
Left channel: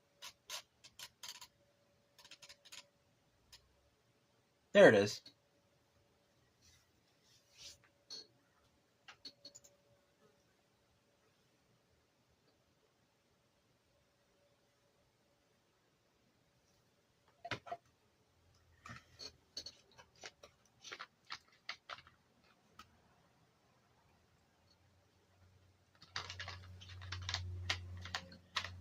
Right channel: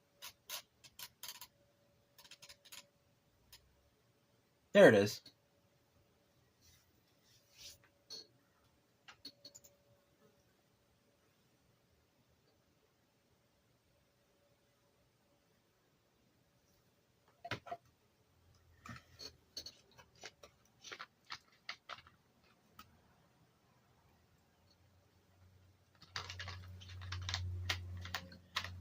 There it is.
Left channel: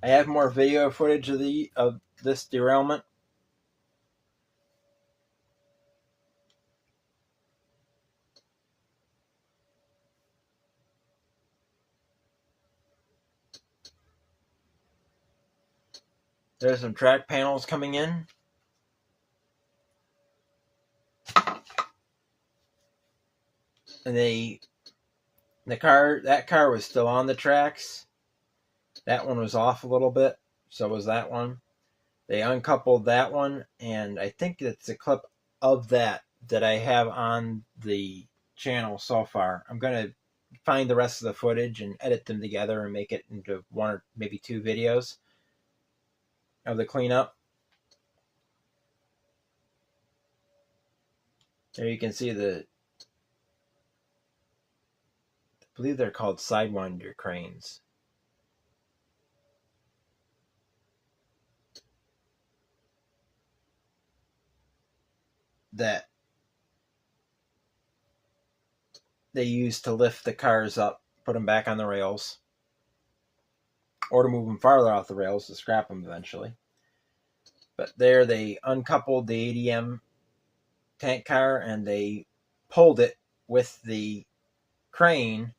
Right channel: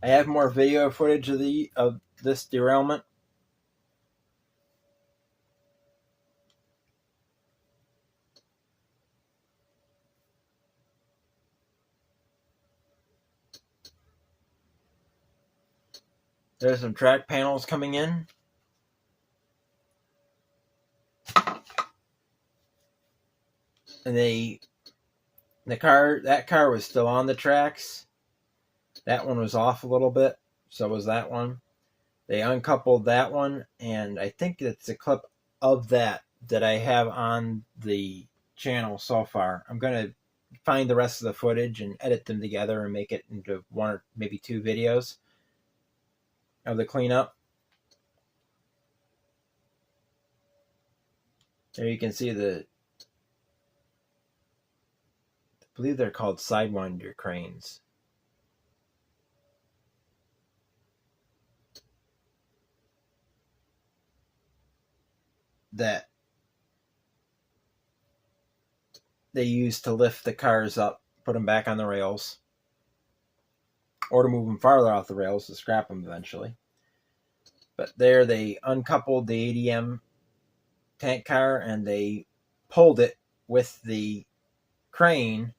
I have more video footage of this derailment. There's some track panels coming in. And they That car was still on the tracks. That one was off a little bit. So was that one. They uncoupled that one, and I think it's a clip of that I have on the channel so far. I'm going to find the rest of the footage and edit them together and make it into one or maybe two videos of the cleanup. There you can see I believe they're called Sidewinder cranes. That they use to lift the cars up, put them back on the rails, or to move them farther off the rails to scrap them eventually. But there they uncoupled the ADM tank car and they pulled it with the crane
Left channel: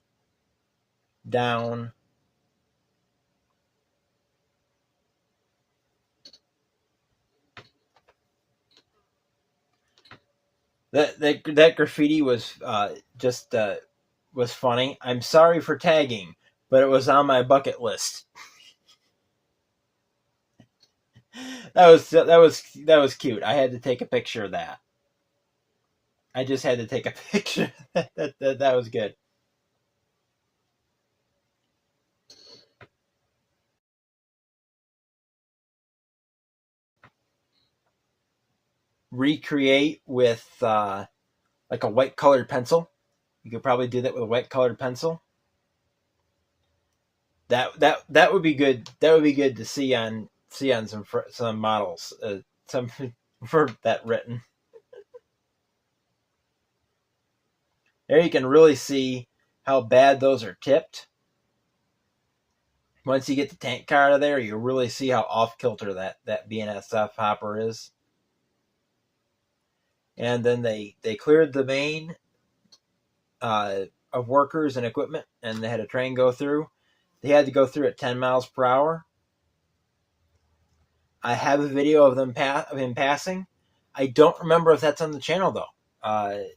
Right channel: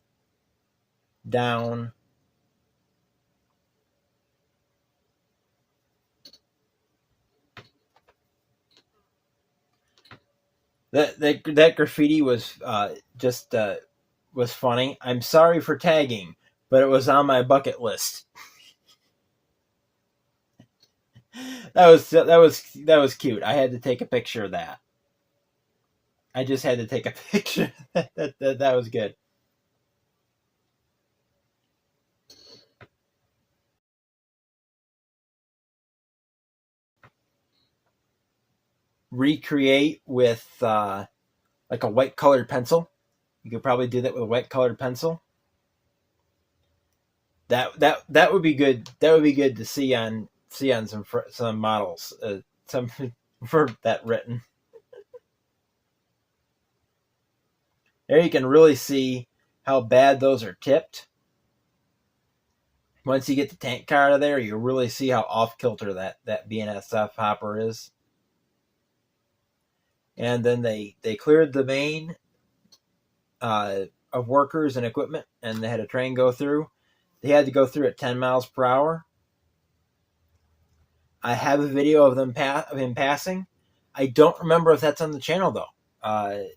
down that graffiti was was funny. I'm sorry for tagging, but it was on my bucket list. that was cute. I had to take a picture of that. I just had to take a picture. That was good. Recreate with like a white colored pencil. You could probably do that with a white colored pencil. That would be good. That would be good to see on some models. Some for that written. There you can really see how bad those are tipped. Once you get the tank car out of there, you really see how off kilter that BNSF hopper is. And then they cleared the main of workers and equipment, and they had a train go through. They had to go through at 10 miles per hour. I have a video of him passing. I don't remember if that's on the channel though. I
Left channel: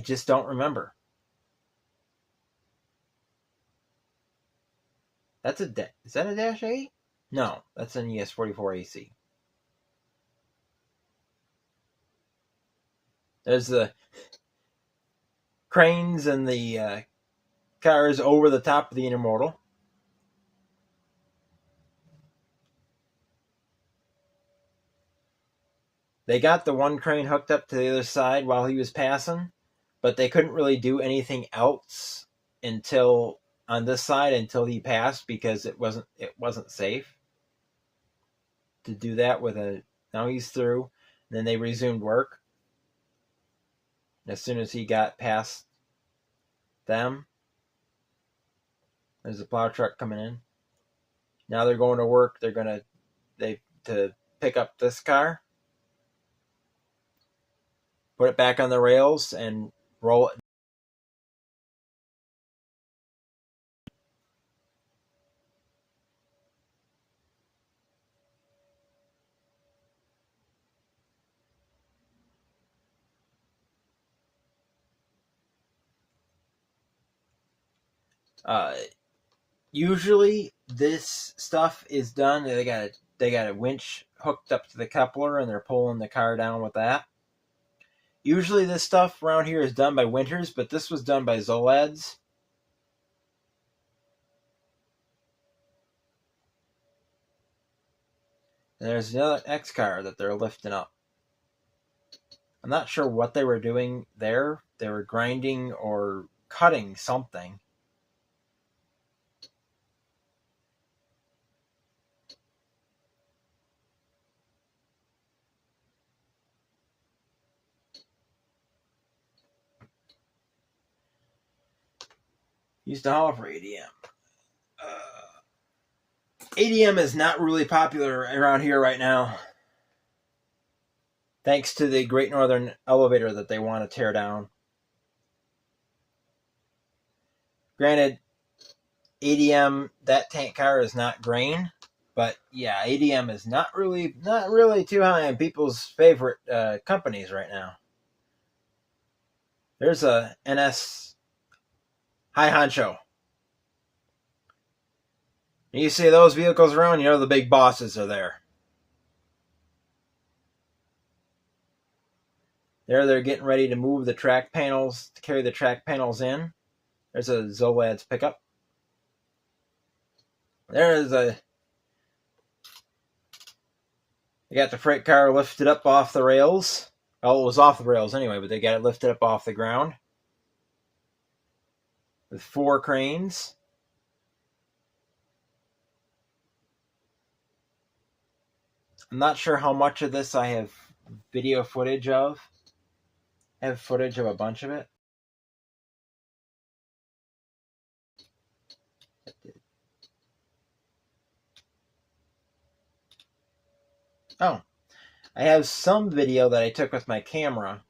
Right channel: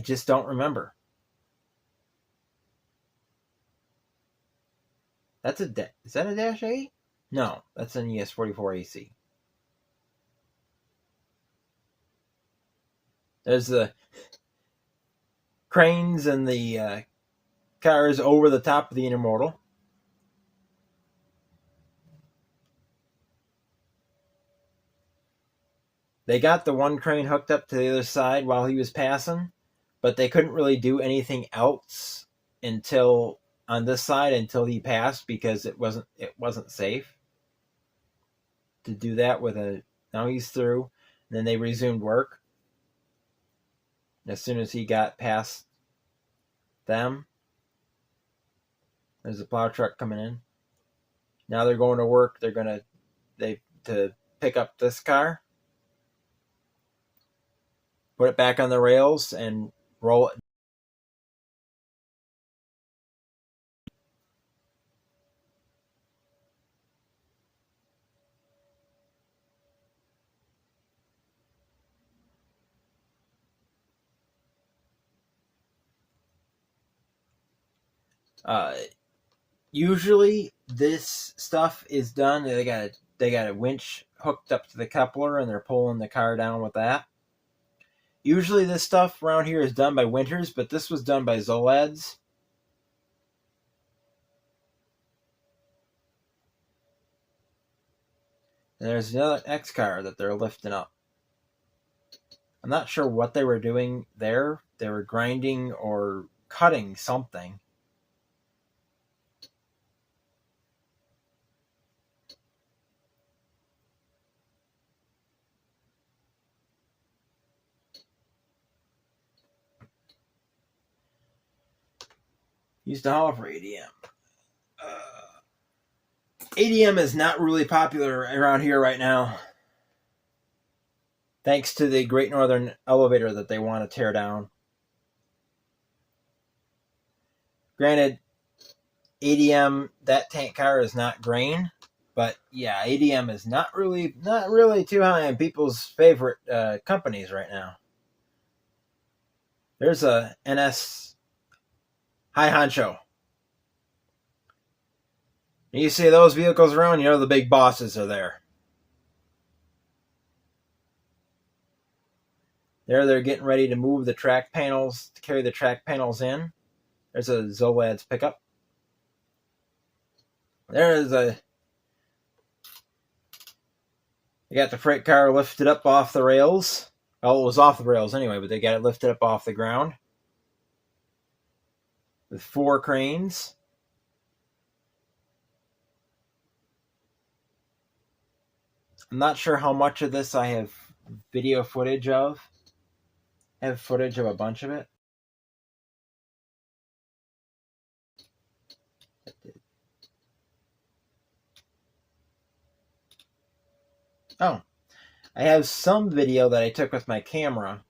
just don't remember. Is that a Dash 8? No, that's an ES44 AC. There's the cranes and the cars over the top of the intermodal. They got the one crane hooked up to the other side while he was passing, but they couldn't really do anything else on this side until he passed because it wasn't safe to do that now he's through. And then they resumed work as soon as he got past them. There's a plow truck coming in. Now they're going to work. To pick up this car, put it back on the rails, and roll it. Usually this stuff is done. They got a winch hooked up to the coupler and they're pulling the car down with that. Usually this stuff around here is done by Winters, but this was done by Zolads. And there's another X car that they're lifting up. I'm not sure what they were doing there. They were grinding or cutting something. Used to haul for ADM. ADM is not really popular around here right now. Thanks to the Great Northern Elevator that they want to tear down. Granted, ADM, that tank car is not grain, but yeah, ADM is not really too high on people's favorite companies right now. There's a NS high honcho. You see those vehicles around, you know the big bosses are there. There they're getting ready to move the track panels, to carry the track panels in. There's a Zolad's pickup. There's a... You got the freight car lifted up off the rails. Well, it was off the rails anyway, but they got it lifted up off the ground. With 4 cranes. I'm not sure how much of this I have video footage of. I have footage of a bunch of it. Oh, I have some video that I took with my camera.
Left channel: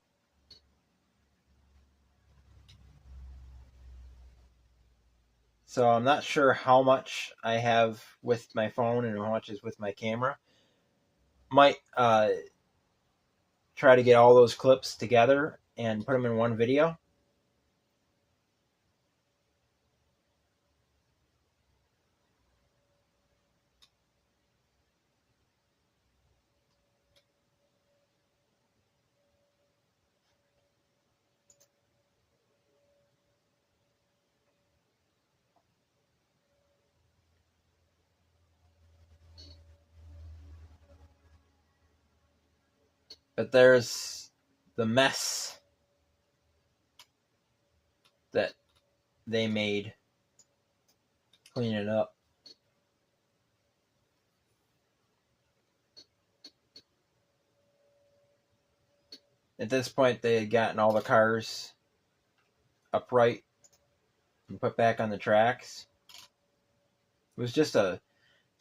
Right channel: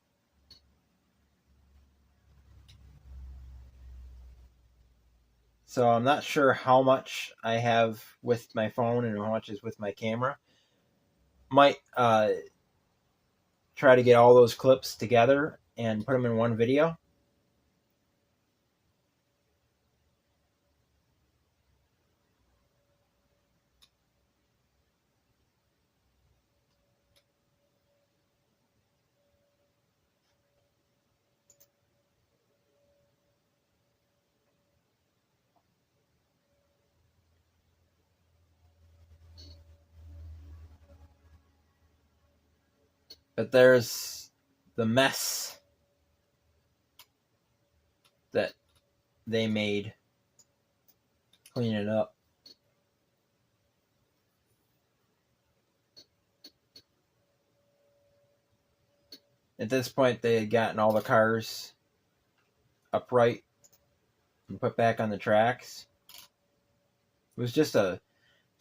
So I'm not sure how much I have with my phone and how much is with my camera. Might try to get all those clips together and put them in one video. But there's the mess that they made cleaning it up. At this point, they had gotten all the cars upright and put back on the tracks. It was just a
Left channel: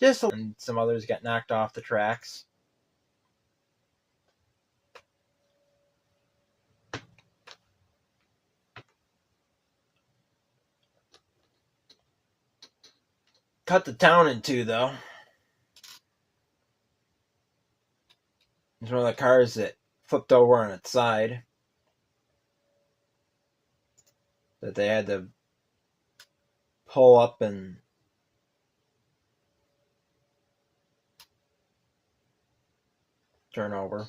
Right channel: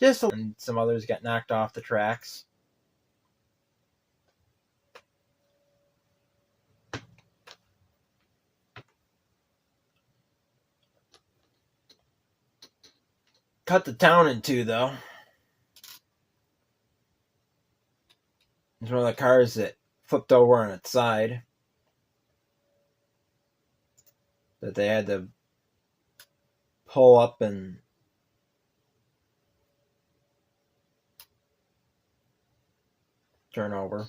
and some others got knocked off the tracks. Cut the town in two, though. There's one of the cars that flipped over on its side that they had to pull up and turn over.